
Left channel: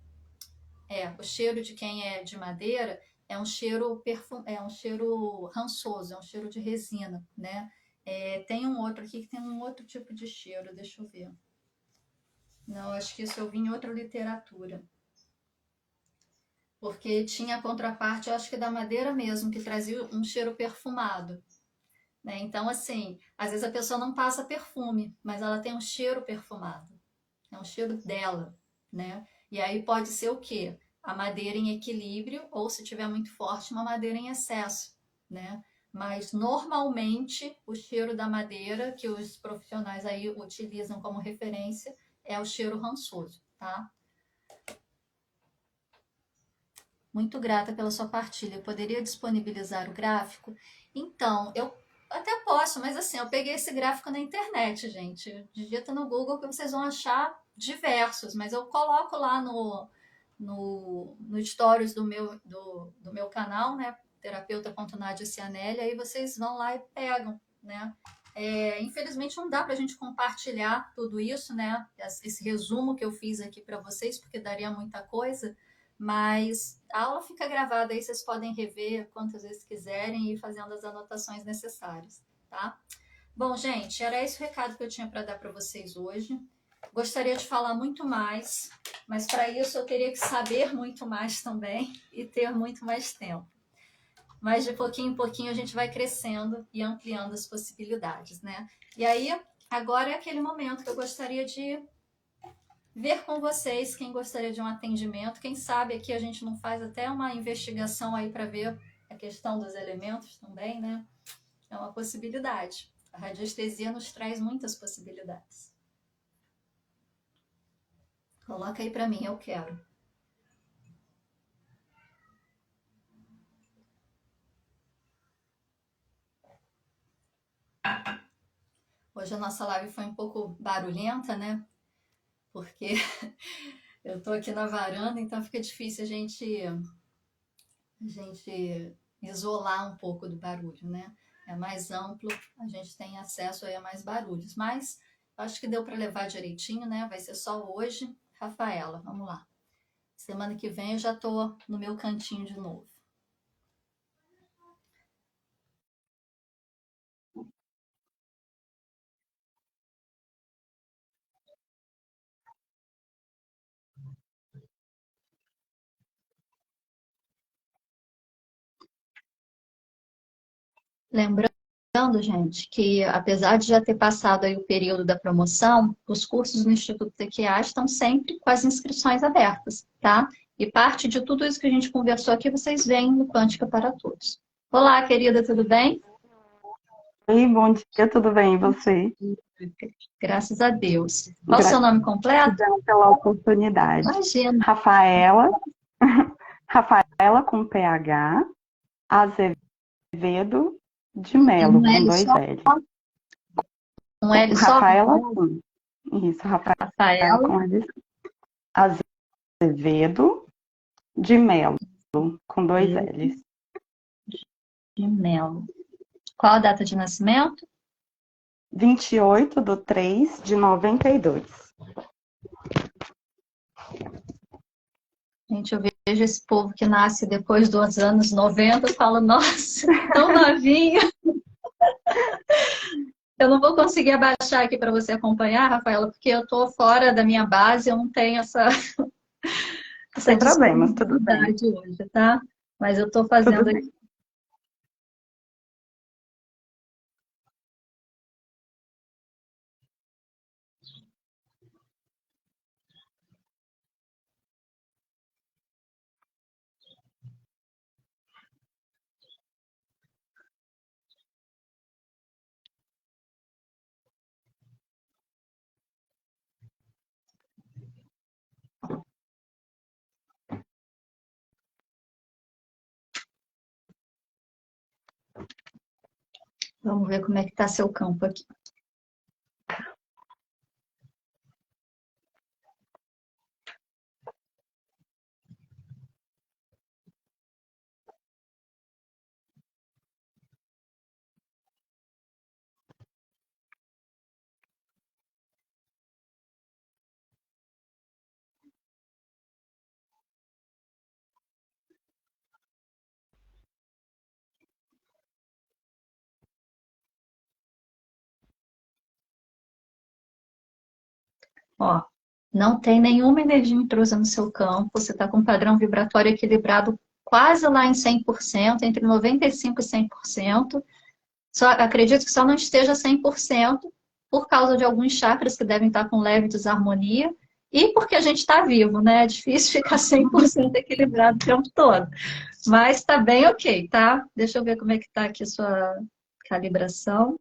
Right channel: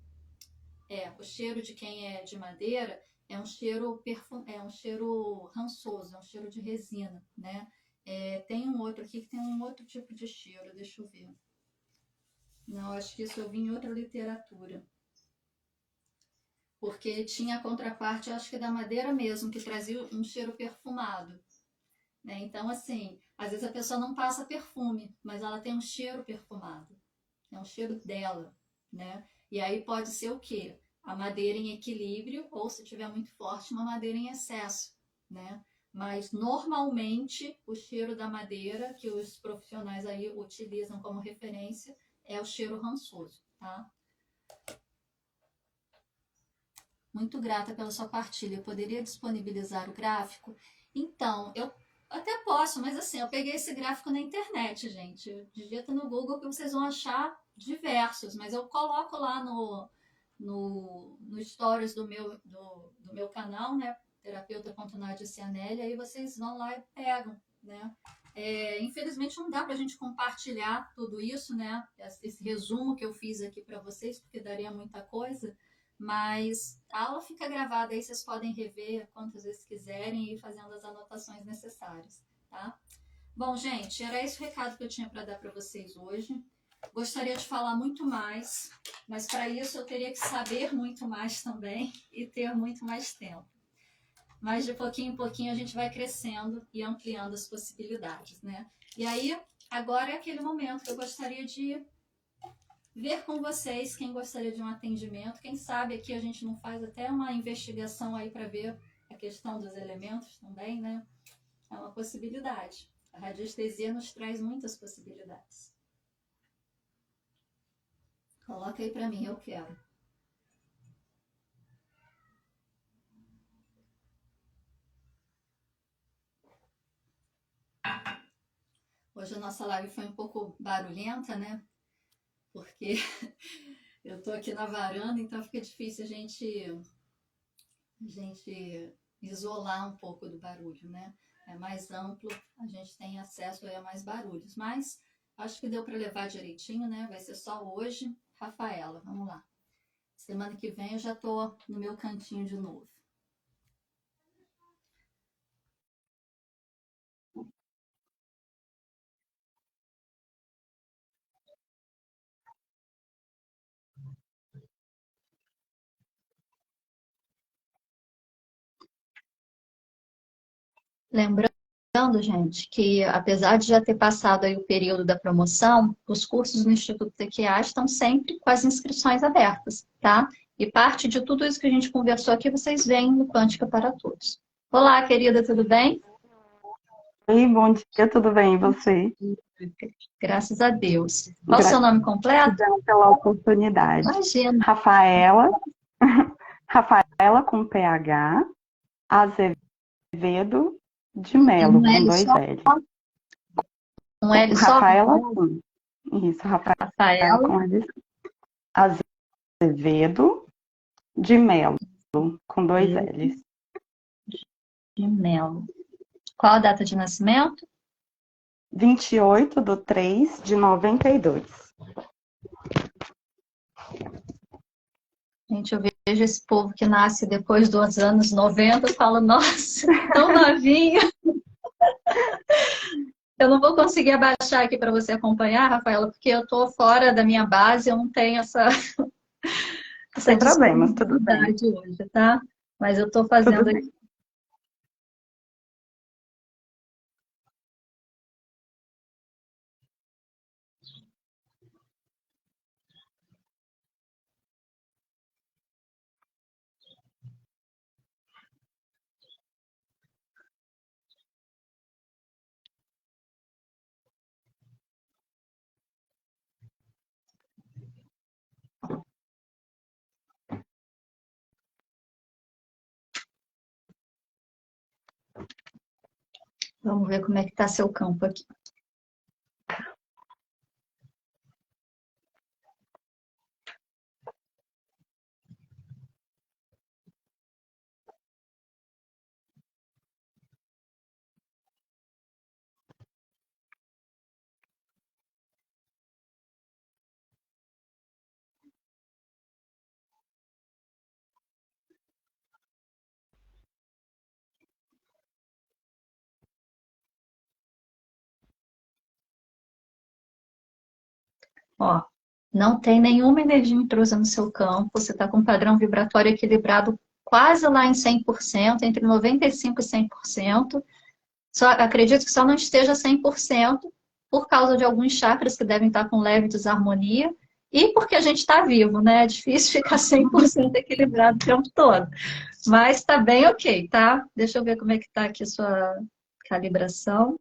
o cheiro de quem é de madeira é um cheiro é um cheiro rançoso, é um cheiro de resina, né? Tem um outro aqui que tem um outro tipo de cheiro, deixa eu ver. Não, acho que isso eu vi em outra literatura. Porque tinha a contraparte, acho que da madeira mesmo, que trazia um cheiro perfumado. Né? Então, assim, às vezes a pessoa não passa perfume, mas ela tem um cheiro perfumado. É um cheiro dela, né? E aí pode ser o quê? A madeira em equilíbrio, ou se tiver muito forte, uma madeira em excesso, né? Mas normalmente o cheiro da madeira que os profissionais aí utilizam como referência é o cheiro rançoso, tá? Muito grata pela sua partilha. Poderia disponibilizar o gráfico? Então, eu até posso, mas assim, eu peguei esse gráfico na internet, gente. Digita no Google que vocês vão achar diversos, mas eu coloco lá no stories do meu canal, né? Terapeuta.nadia Cianelli, aí vocês vão lá e pegam, né? Infelizmente não dá para a gente compartilhar tudo isso, né? Esse resumo que eu fiz aqui para vocês, porque daria muita coisa, mas a aula fica gravada aí, vocês podem rever quantas vezes quiserem e ir fazendo as anotações necessárias, tá? Bom, gente, era esse o recado que eu tinha para dar para vocês hoje. Gostaria de falar muito mais, mas para isso eu teria que saber muito mais também e ter muito mais tempo. Mas de pouquinho em pouquinho a gente vai crescendo e ampliando as possibilidades, né? E aí, agora é aquele momento que eu gostaria de ver com vocês quem gostaria de um atendimento. Quem sabe aqui a gente não faz até uma investigação aí para ver a questão dos elementos também, né? É uma possibilidade. A radiestesia nos traz muitas possibilidades. Coloca aí para mim, eu quero. Hoje a nossa live foi um pouco barulhenta, né? Porque eu tô aqui na varanda, então fica difícil a gente isolar um pouco do barulho, né? É mais amplo, a gente tem acesso aí a mais barulhos. Mas acho que deu para levar direitinho, né? Vai ser só hoje. Rafaela, vamos lá. Semana que vem eu já tô no meu cantinho de novo. Lembrando, gente, que apesar de já ter passado aí o período da promoção, os cursos no Instituto TQA estão sempre com as inscrições abertas, tá? E parte de tudo isso que a gente conversou aqui, vocês veem no Quântica para Todos. Olá, querida, tudo bem? Oi, bom dia, tudo bem? E você? Graças a Deus. Qual o seu nome completo? Gratidão pela oportunidade. Imagina. Rafaela, Rafaela com PH, Azevedo de Um Melo, com L dois só? L. Um L só? Rafaela, sim. Isso, Rafaela Rafaela com L. Azevedo de Melo, com dois L's. de Melo. Qual a data de nascimento? 28/3/92. Gente, eu vejo esse povo que nasce depois dos anos 90, eu falo, nossa, tão novinho. Eu não vou conseguir abaixar aqui para você acompanhar, Rafaela, porque eu estou fora da minha base, eu não tenho essa Sem problemas, tudo bem. disponibilidade hoje, tá? Mas eu estou Tudo fazendo bem. aqui. Vamos ver como é que está seu campo aqui. Ó, não tem nenhuma energia intrusa no seu campo, você está com um padrão vibratório equilibrado quase lá em 100%, entre 95% e 100%. Só, acredito que só não esteja 100% por causa de alguns chakras que devem estar com leve desarmonia e porque a gente está vivo, né? É difícil ficar 100% equilibrado o tempo todo. Mas está bem ok, tá? Deixa eu ver como é que está aqui a sua calibração.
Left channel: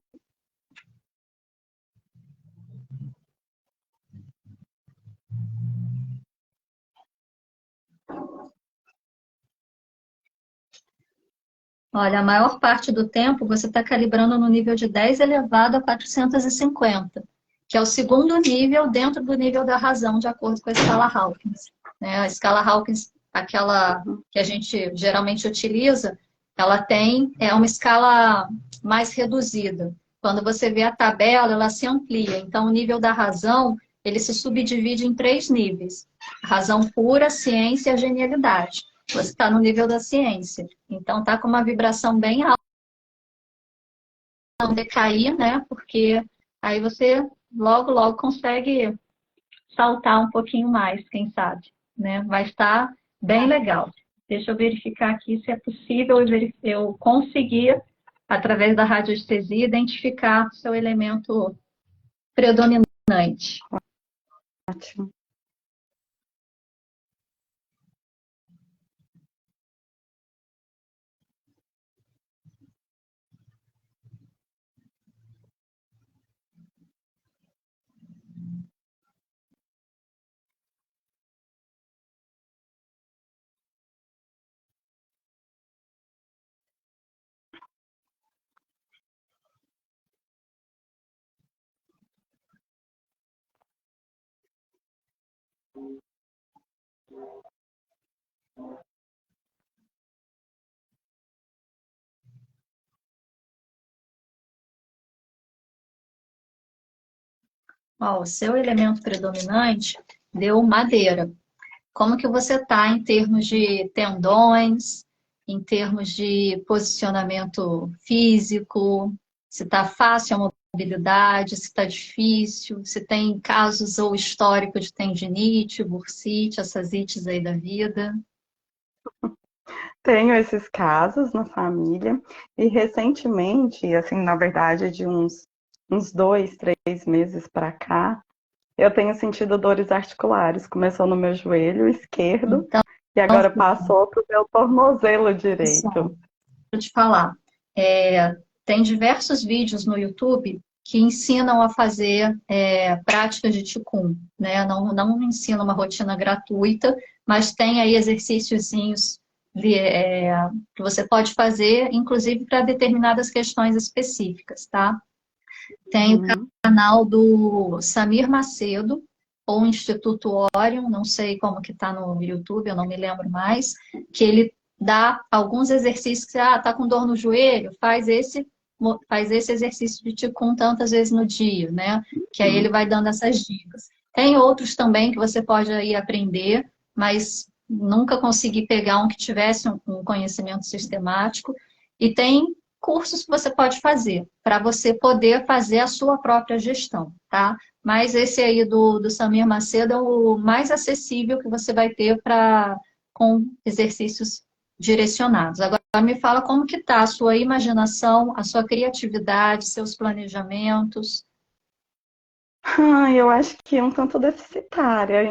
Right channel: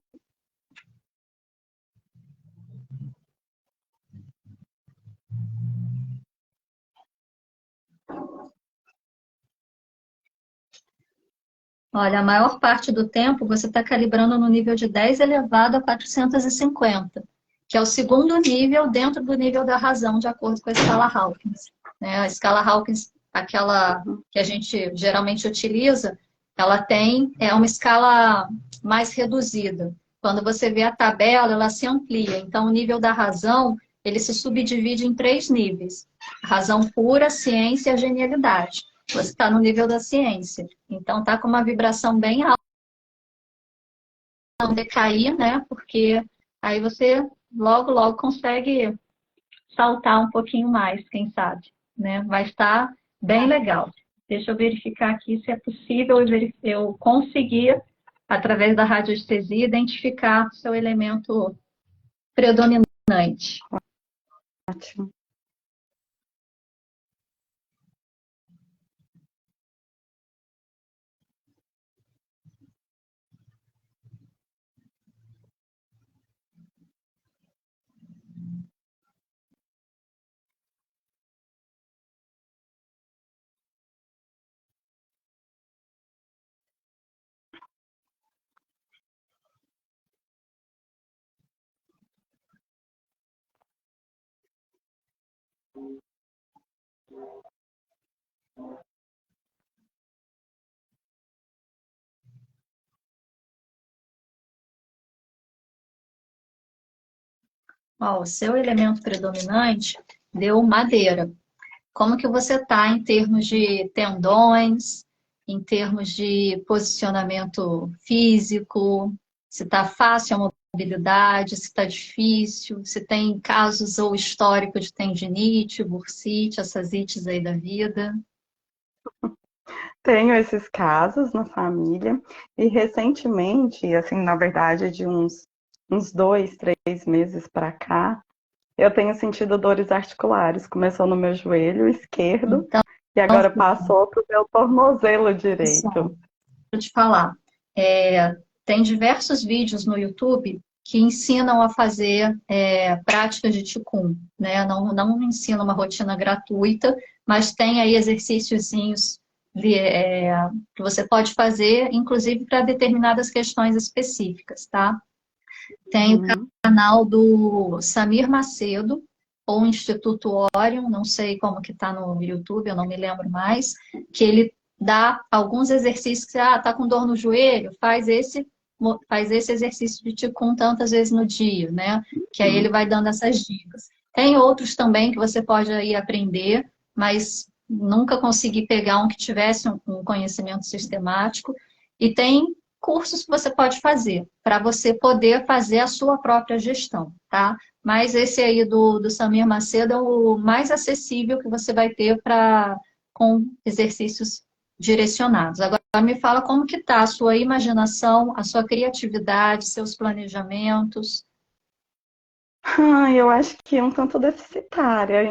Olha, a maior parte do tempo você está calibrando no nível de 10 elevado a 450, que é o segundo nível dentro do nível da razão, de acordo com a escala Hawkins. Né? A escala Hawkins, aquela que a gente geralmente utiliza, ela é uma escala mais reduzida. Quando você vê a tabela, ela se amplia. Então, o nível da razão, ele se subdivide em 3 níveis. Razão pura, ciência e a genialidade. Você está no nível da ciência. Então, está com uma vibração bem alta, não decair, né? Porque aí você logo, logo consegue saltar um pouquinho mais, quem sabe, né? Vai estar bem legal. Deixa eu verificar aqui se é possível eu conseguir, através da radiestesia, identificar o seu elemento predominante. Ótimo. Ó, o seu elemento predominante deu madeira. Como que você está em termos de tendões, em termos de posicionamento físico, se está fácil a mobilidade, se está difícil, se tem casos ou histórico de tendinite, bursite, essas ites aí da vida. Tenho esses casos na família e recentemente, assim, na verdade, de uns 2, 3 meses para cá, eu tenho sentido dores articulares. Começou no meu joelho esquerdo Então, e agora passou para o meu tornozelo direito. deixa eu te falar, tem diversos vídeos no YouTube que ensinam a fazer práticas de Qigong, né? Não ensina uma rotina gratuita, mas tem aí exercíciozinhos que você pode fazer, inclusive para determinadas questões específicas, tá? Tem o canal do Samir Macedo, ou Instituto Orion, não sei como que tá no YouTube, eu não me lembro mais, que ele dá alguns exercícios que, tá com dor no joelho, faz esse exercício de Qigong tantas vezes no dia, né? Que aí ele vai dando essas dicas. Tem outros também que você pode aí aprender, mas nunca consegui pegar um que tivesse um conhecimento sistemático. E tem cursos que você pode fazer para você poder fazer a sua própria gestão, tá? Mas esse aí do Samir Macedo é o mais acessível que você vai ter com exercícios direcionados. Agora me fala como que tá a sua imaginação, a sua criatividade, seus planejamentos. Eu acho que é um tanto deficitária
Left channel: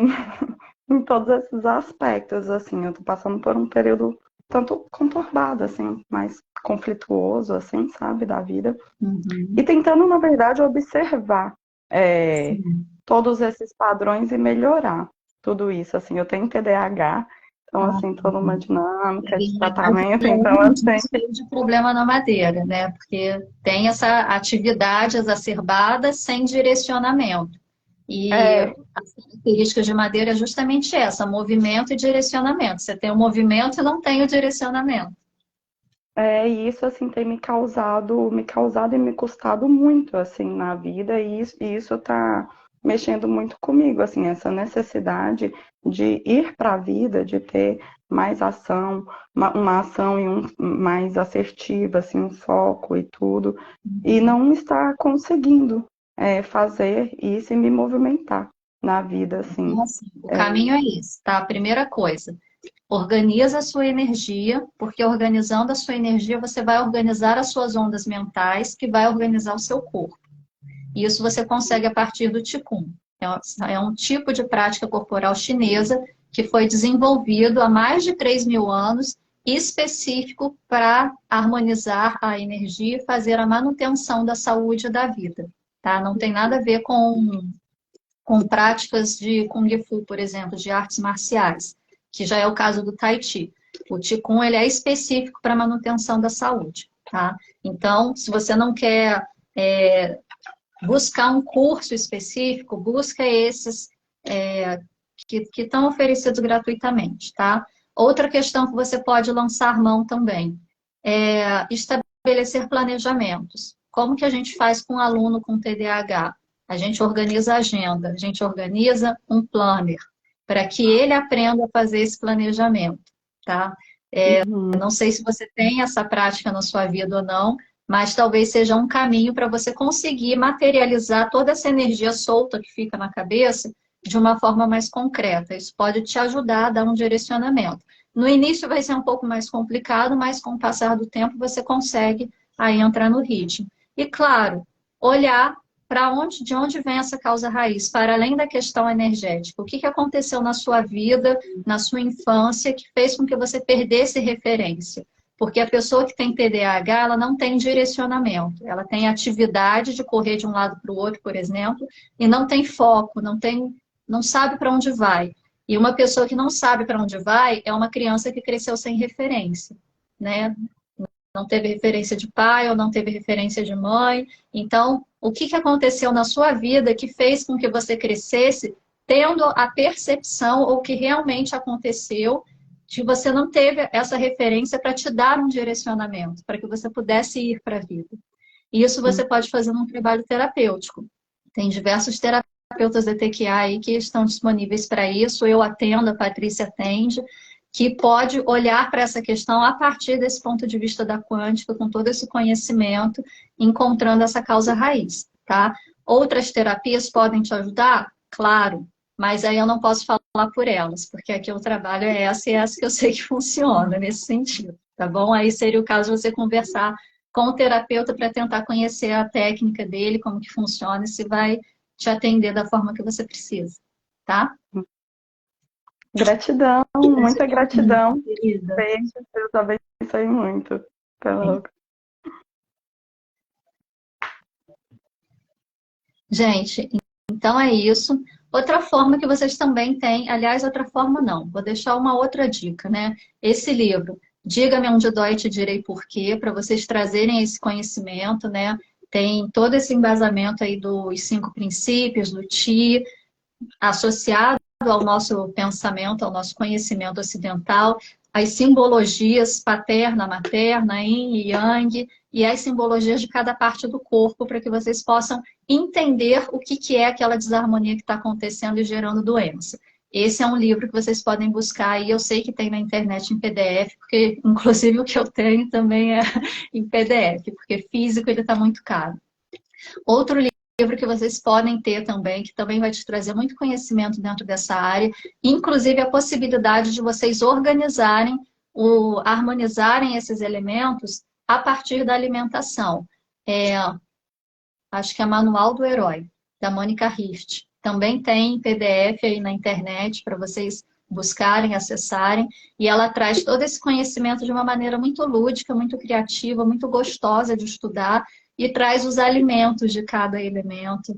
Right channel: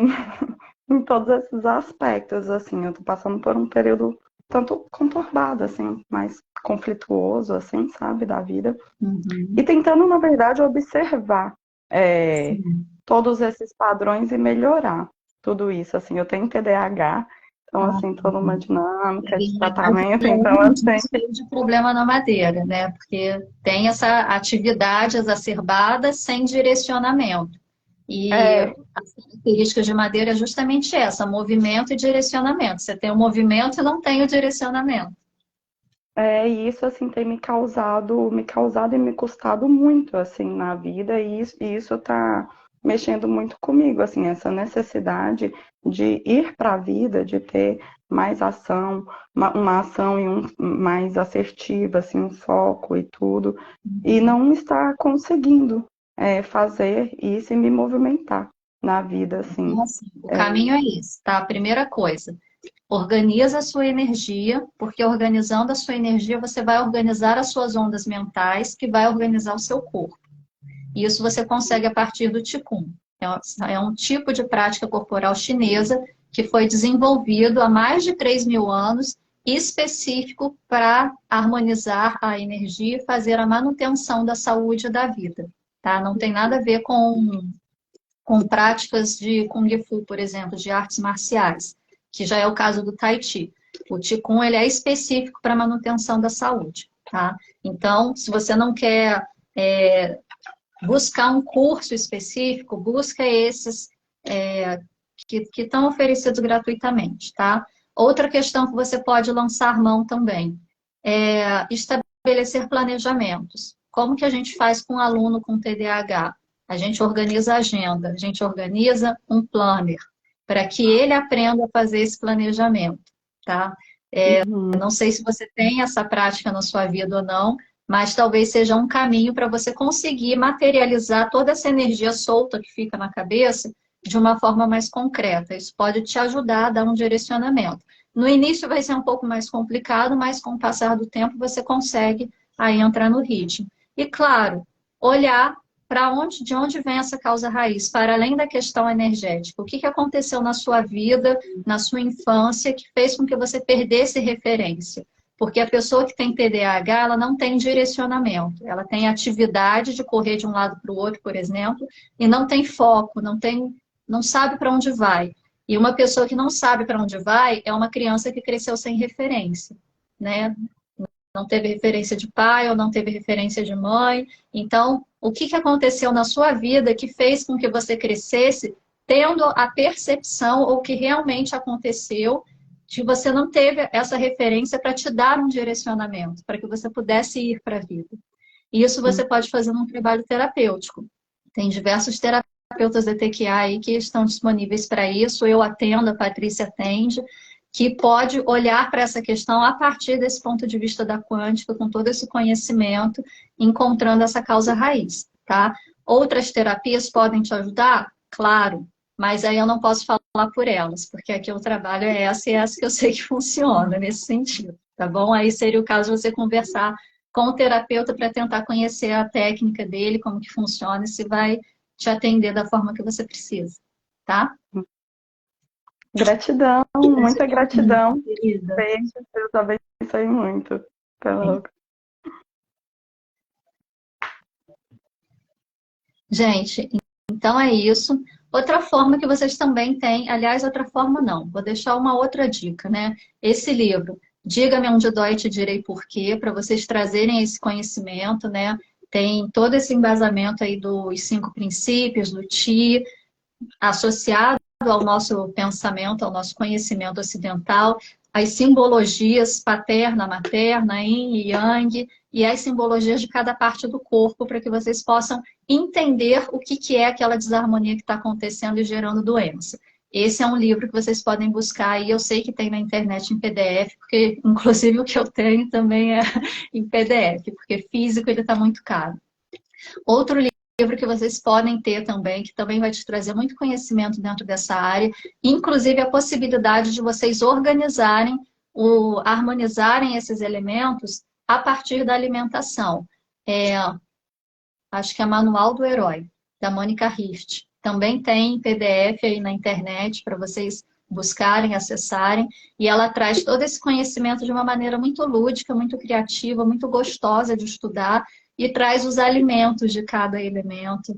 em todos esses aspectos, assim. Eu tô passando por um período tanto conturbado, assim, mais conflituoso, assim, sabe, da vida. Uhum. E tentando, na verdade, observar Sim. todos esses padrões e melhorar tudo isso, assim. Eu tenho TDAH, então, assim, toda uma dinâmica de tratamento, então, assim... de problema na madeira, né? Porque tem essa atividade exacerbada sem direcionamento. E É, as características de madeira é justamente essa, movimento e direcionamento. Você tem o movimento e não tem o direcionamento. e isso, assim, tem me causado e me custado muito, assim, na vida, e isso tá mexendo muito comigo, assim, essa necessidade de ir para a vida, de ter mais ação, uma ação mais assertiva, assim, um foco e tudo, e não estar conseguindo fazer isso e me movimentar na vida, assim. Então, assim, o caminho é esse, tá? A primeira coisa, organiza a sua energia, porque organizando a sua energia, você vai organizar as suas ondas mentais, que vai organizar o seu corpo. E isso você consegue a partir do Qigong. É um tipo de prática corporal chinesa que foi desenvolvido há mais de 3.000 anos, específico para harmonizar a energia e fazer a manutenção da saúde e da vida. Tá? Não tem nada a ver com práticas de Kung Fu, por exemplo, de artes marciais, que já é o caso do Tai Chi. O Qigong ele é específico para manutenção da saúde. Tá? Então, se você não quer buscar um curso específico, busca esses que estão oferecidos gratuitamente, tá? Outra questão que você pode lançar mão também é estabelecer planejamentos. Como que a gente faz com um aluno com TDAH? A gente organiza a agenda, a gente organiza um planner para que ele aprenda a fazer esse planejamento, tá? Não sei se você tem essa prática na sua vida ou não, mas talvez seja um caminho para você conseguir materializar toda essa energia solta que fica na cabeça de uma forma mais concreta. Isso pode te ajudar a dar um direcionamento. No início vai ser um pouco mais complicado, mas com o passar do tempo você consegue aí entrar no ritmo. E claro, olhar para onde, de onde vem essa causa raiz, para além da questão energética. O que que aconteceu na sua vida, na sua infância, que fez com que você perdesse referência? Porque a pessoa que tem TDAH, ela não tem direcionamento. Ela tem atividade de correr de um lado para o outro, por exemplo, e não tem foco, não sabe para onde vai. E uma pessoa que não sabe para onde vai é uma criança que cresceu sem referência, né? Não teve referência de pai ou não teve referência de mãe. Então, o que que aconteceu na sua vida que fez com que você crescesse tendo a percepção ou que realmente aconteceu de você não teve essa referência para te dar um direcionamento, para que você pudesse ir para a vida. E isso você pode fazer num trabalho terapêutico. Tem diversos terapeutas de TQA aí que estão disponíveis para isso. Eu atendo, a Patrícia atende, que pode olhar para essa questão a partir desse ponto de vista da quântica, com todo esse conhecimento, encontrando essa causa raiz, tá? Outras terapias podem te ajudar? Claro, mas aí eu não posso falar por elas, porque aqui o trabalho é essa e essa que eu sei que funciona nesse sentido, tá bom? Aí seria o caso de você conversar com o terapeuta para tentar conhecer a técnica dele, como que funciona e se vai te atender da forma que você precisa, tá? Gratidão, muita gratidão. Querida. Beijo, Deus abençoe muito. Até logo. Gente, então é isso. Outra forma que vocês também têm, aliás, outra forma não, vou deixar uma outra dica, né? Esse livro, Diga-me onde dói, te direi por quê, para vocês trazerem esse conhecimento, né? Tem todo esse embasamento aí dos 5 princípios, do Ti, associado ao nosso pensamento, ao nosso conhecimento ocidental, as simbologias paterna, materna, yin e yang, e as simbologias de cada parte do corpo, para que vocês possam entender o que é aquela desarmonia que está acontecendo e gerando doença. Esse é um livro que vocês podem buscar e eu sei que tem na internet em PDF, porque inclusive o que eu tenho também é em PDF, porque físico ele está muito caro. Outro livro que vocês podem ter também, que também vai te trazer muito conhecimento dentro dessa área, inclusive a possibilidade de vocês organizarem, harmonizarem esses elementos a partir da alimentação. Acho que é Manual do Herói, da Mônica Richt. Também tem PDF aí na internet para vocês buscarem, acessarem, e ela traz todo esse conhecimento de uma maneira muito lúdica, muito criativa, muito gostosa de estudar, e traz os alimentos de cada elemento,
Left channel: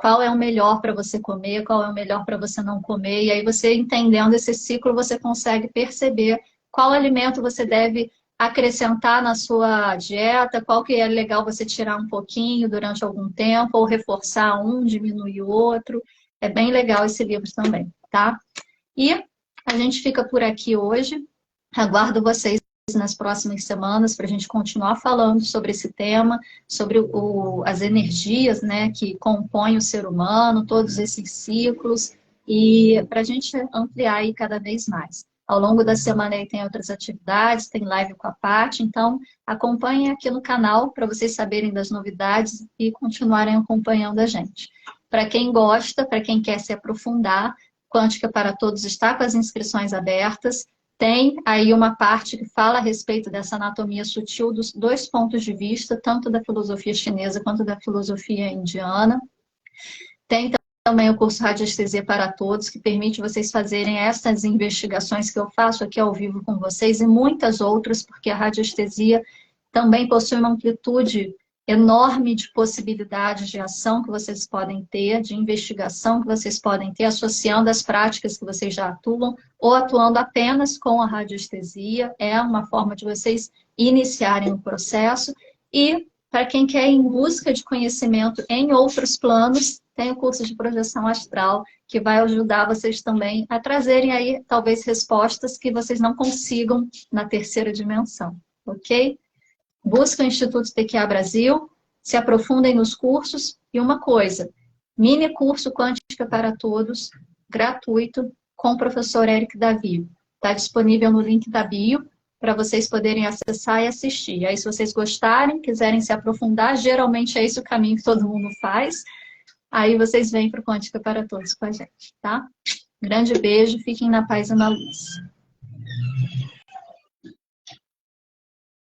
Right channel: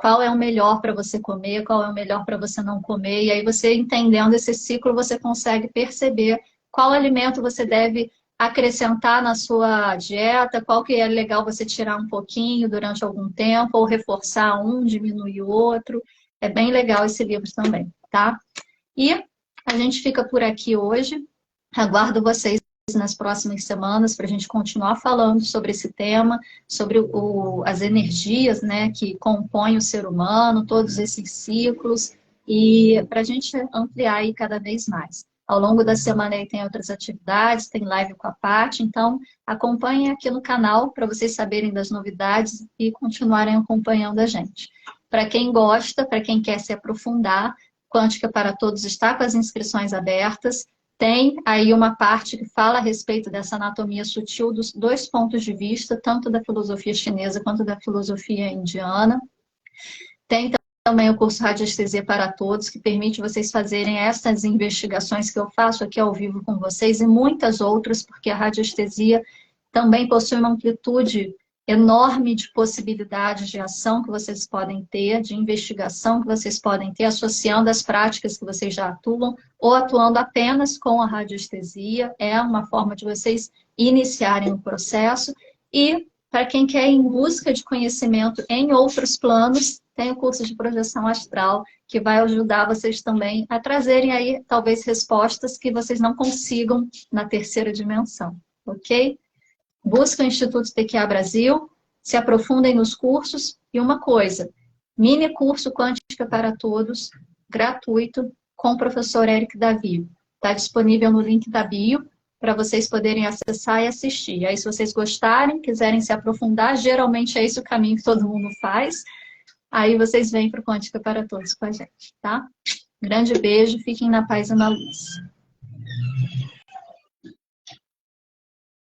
qual é o melhor para você comer, qual é o melhor para você não comer, e aí você entendendo esse ciclo, você consegue perceber qual alimento você deve acrescentar na sua dieta, qual que é legal você tirar um pouquinho durante algum tempo, ou reforçar um, diminuir o outro. É bem legal esse livro também, tá? E a gente fica por aqui hoje. Aguardo vocês nas próximas semanas para a gente continuar falando sobre esse tema, sobre as energias, né, que compõem o ser humano, todos esses ciclos, e para a gente ampliar aí cada vez mais. Ao longo da semana aí tem outras atividades, tem live com a Paty, então acompanhem aqui no canal para vocês saberem das novidades e continuarem acompanhando a gente. Para quem gosta, para quem quer se aprofundar, Quântica para Todos está com as inscrições abertas. Tem aí uma parte que fala a respeito dessa anatomia sutil dos 2 pontos de vista, tanto da filosofia chinesa quanto da filosofia indiana. Tem também o curso Radiestesia para Todos, que permite vocês fazerem essas investigações que eu faço aqui ao vivo com vocês e muitas outras, porque a radiestesia também possui uma amplitude enorme de possibilidades de ação que vocês podem ter, de investigação que vocês podem ter, associando as práticas que vocês já atuam, ou atuando apenas com a radiestesia. É uma forma de vocês iniciarem o processo. E, para quem quer ir em busca de conhecimento em outros planos, tem o curso de projeção astral, que vai ajudar vocês também a trazerem aí, talvez, respostas que vocês não consigam na terceira dimensão, ok? Busca o Instituto TQA Brasil, se aprofundem nos cursos. E uma coisa, mini curso Quântica para Todos, gratuito, com o professor Eric Davi. Está disponível no link da bio, para vocês poderem acessar e assistir. Aí, se vocês gostarem, quiserem se aprofundar, geralmente é esse o caminho que todo mundo faz. Aí vocês vêm para o Quântica para Todos com a gente, tá? Grande beijo, fiquem na paz e na luz.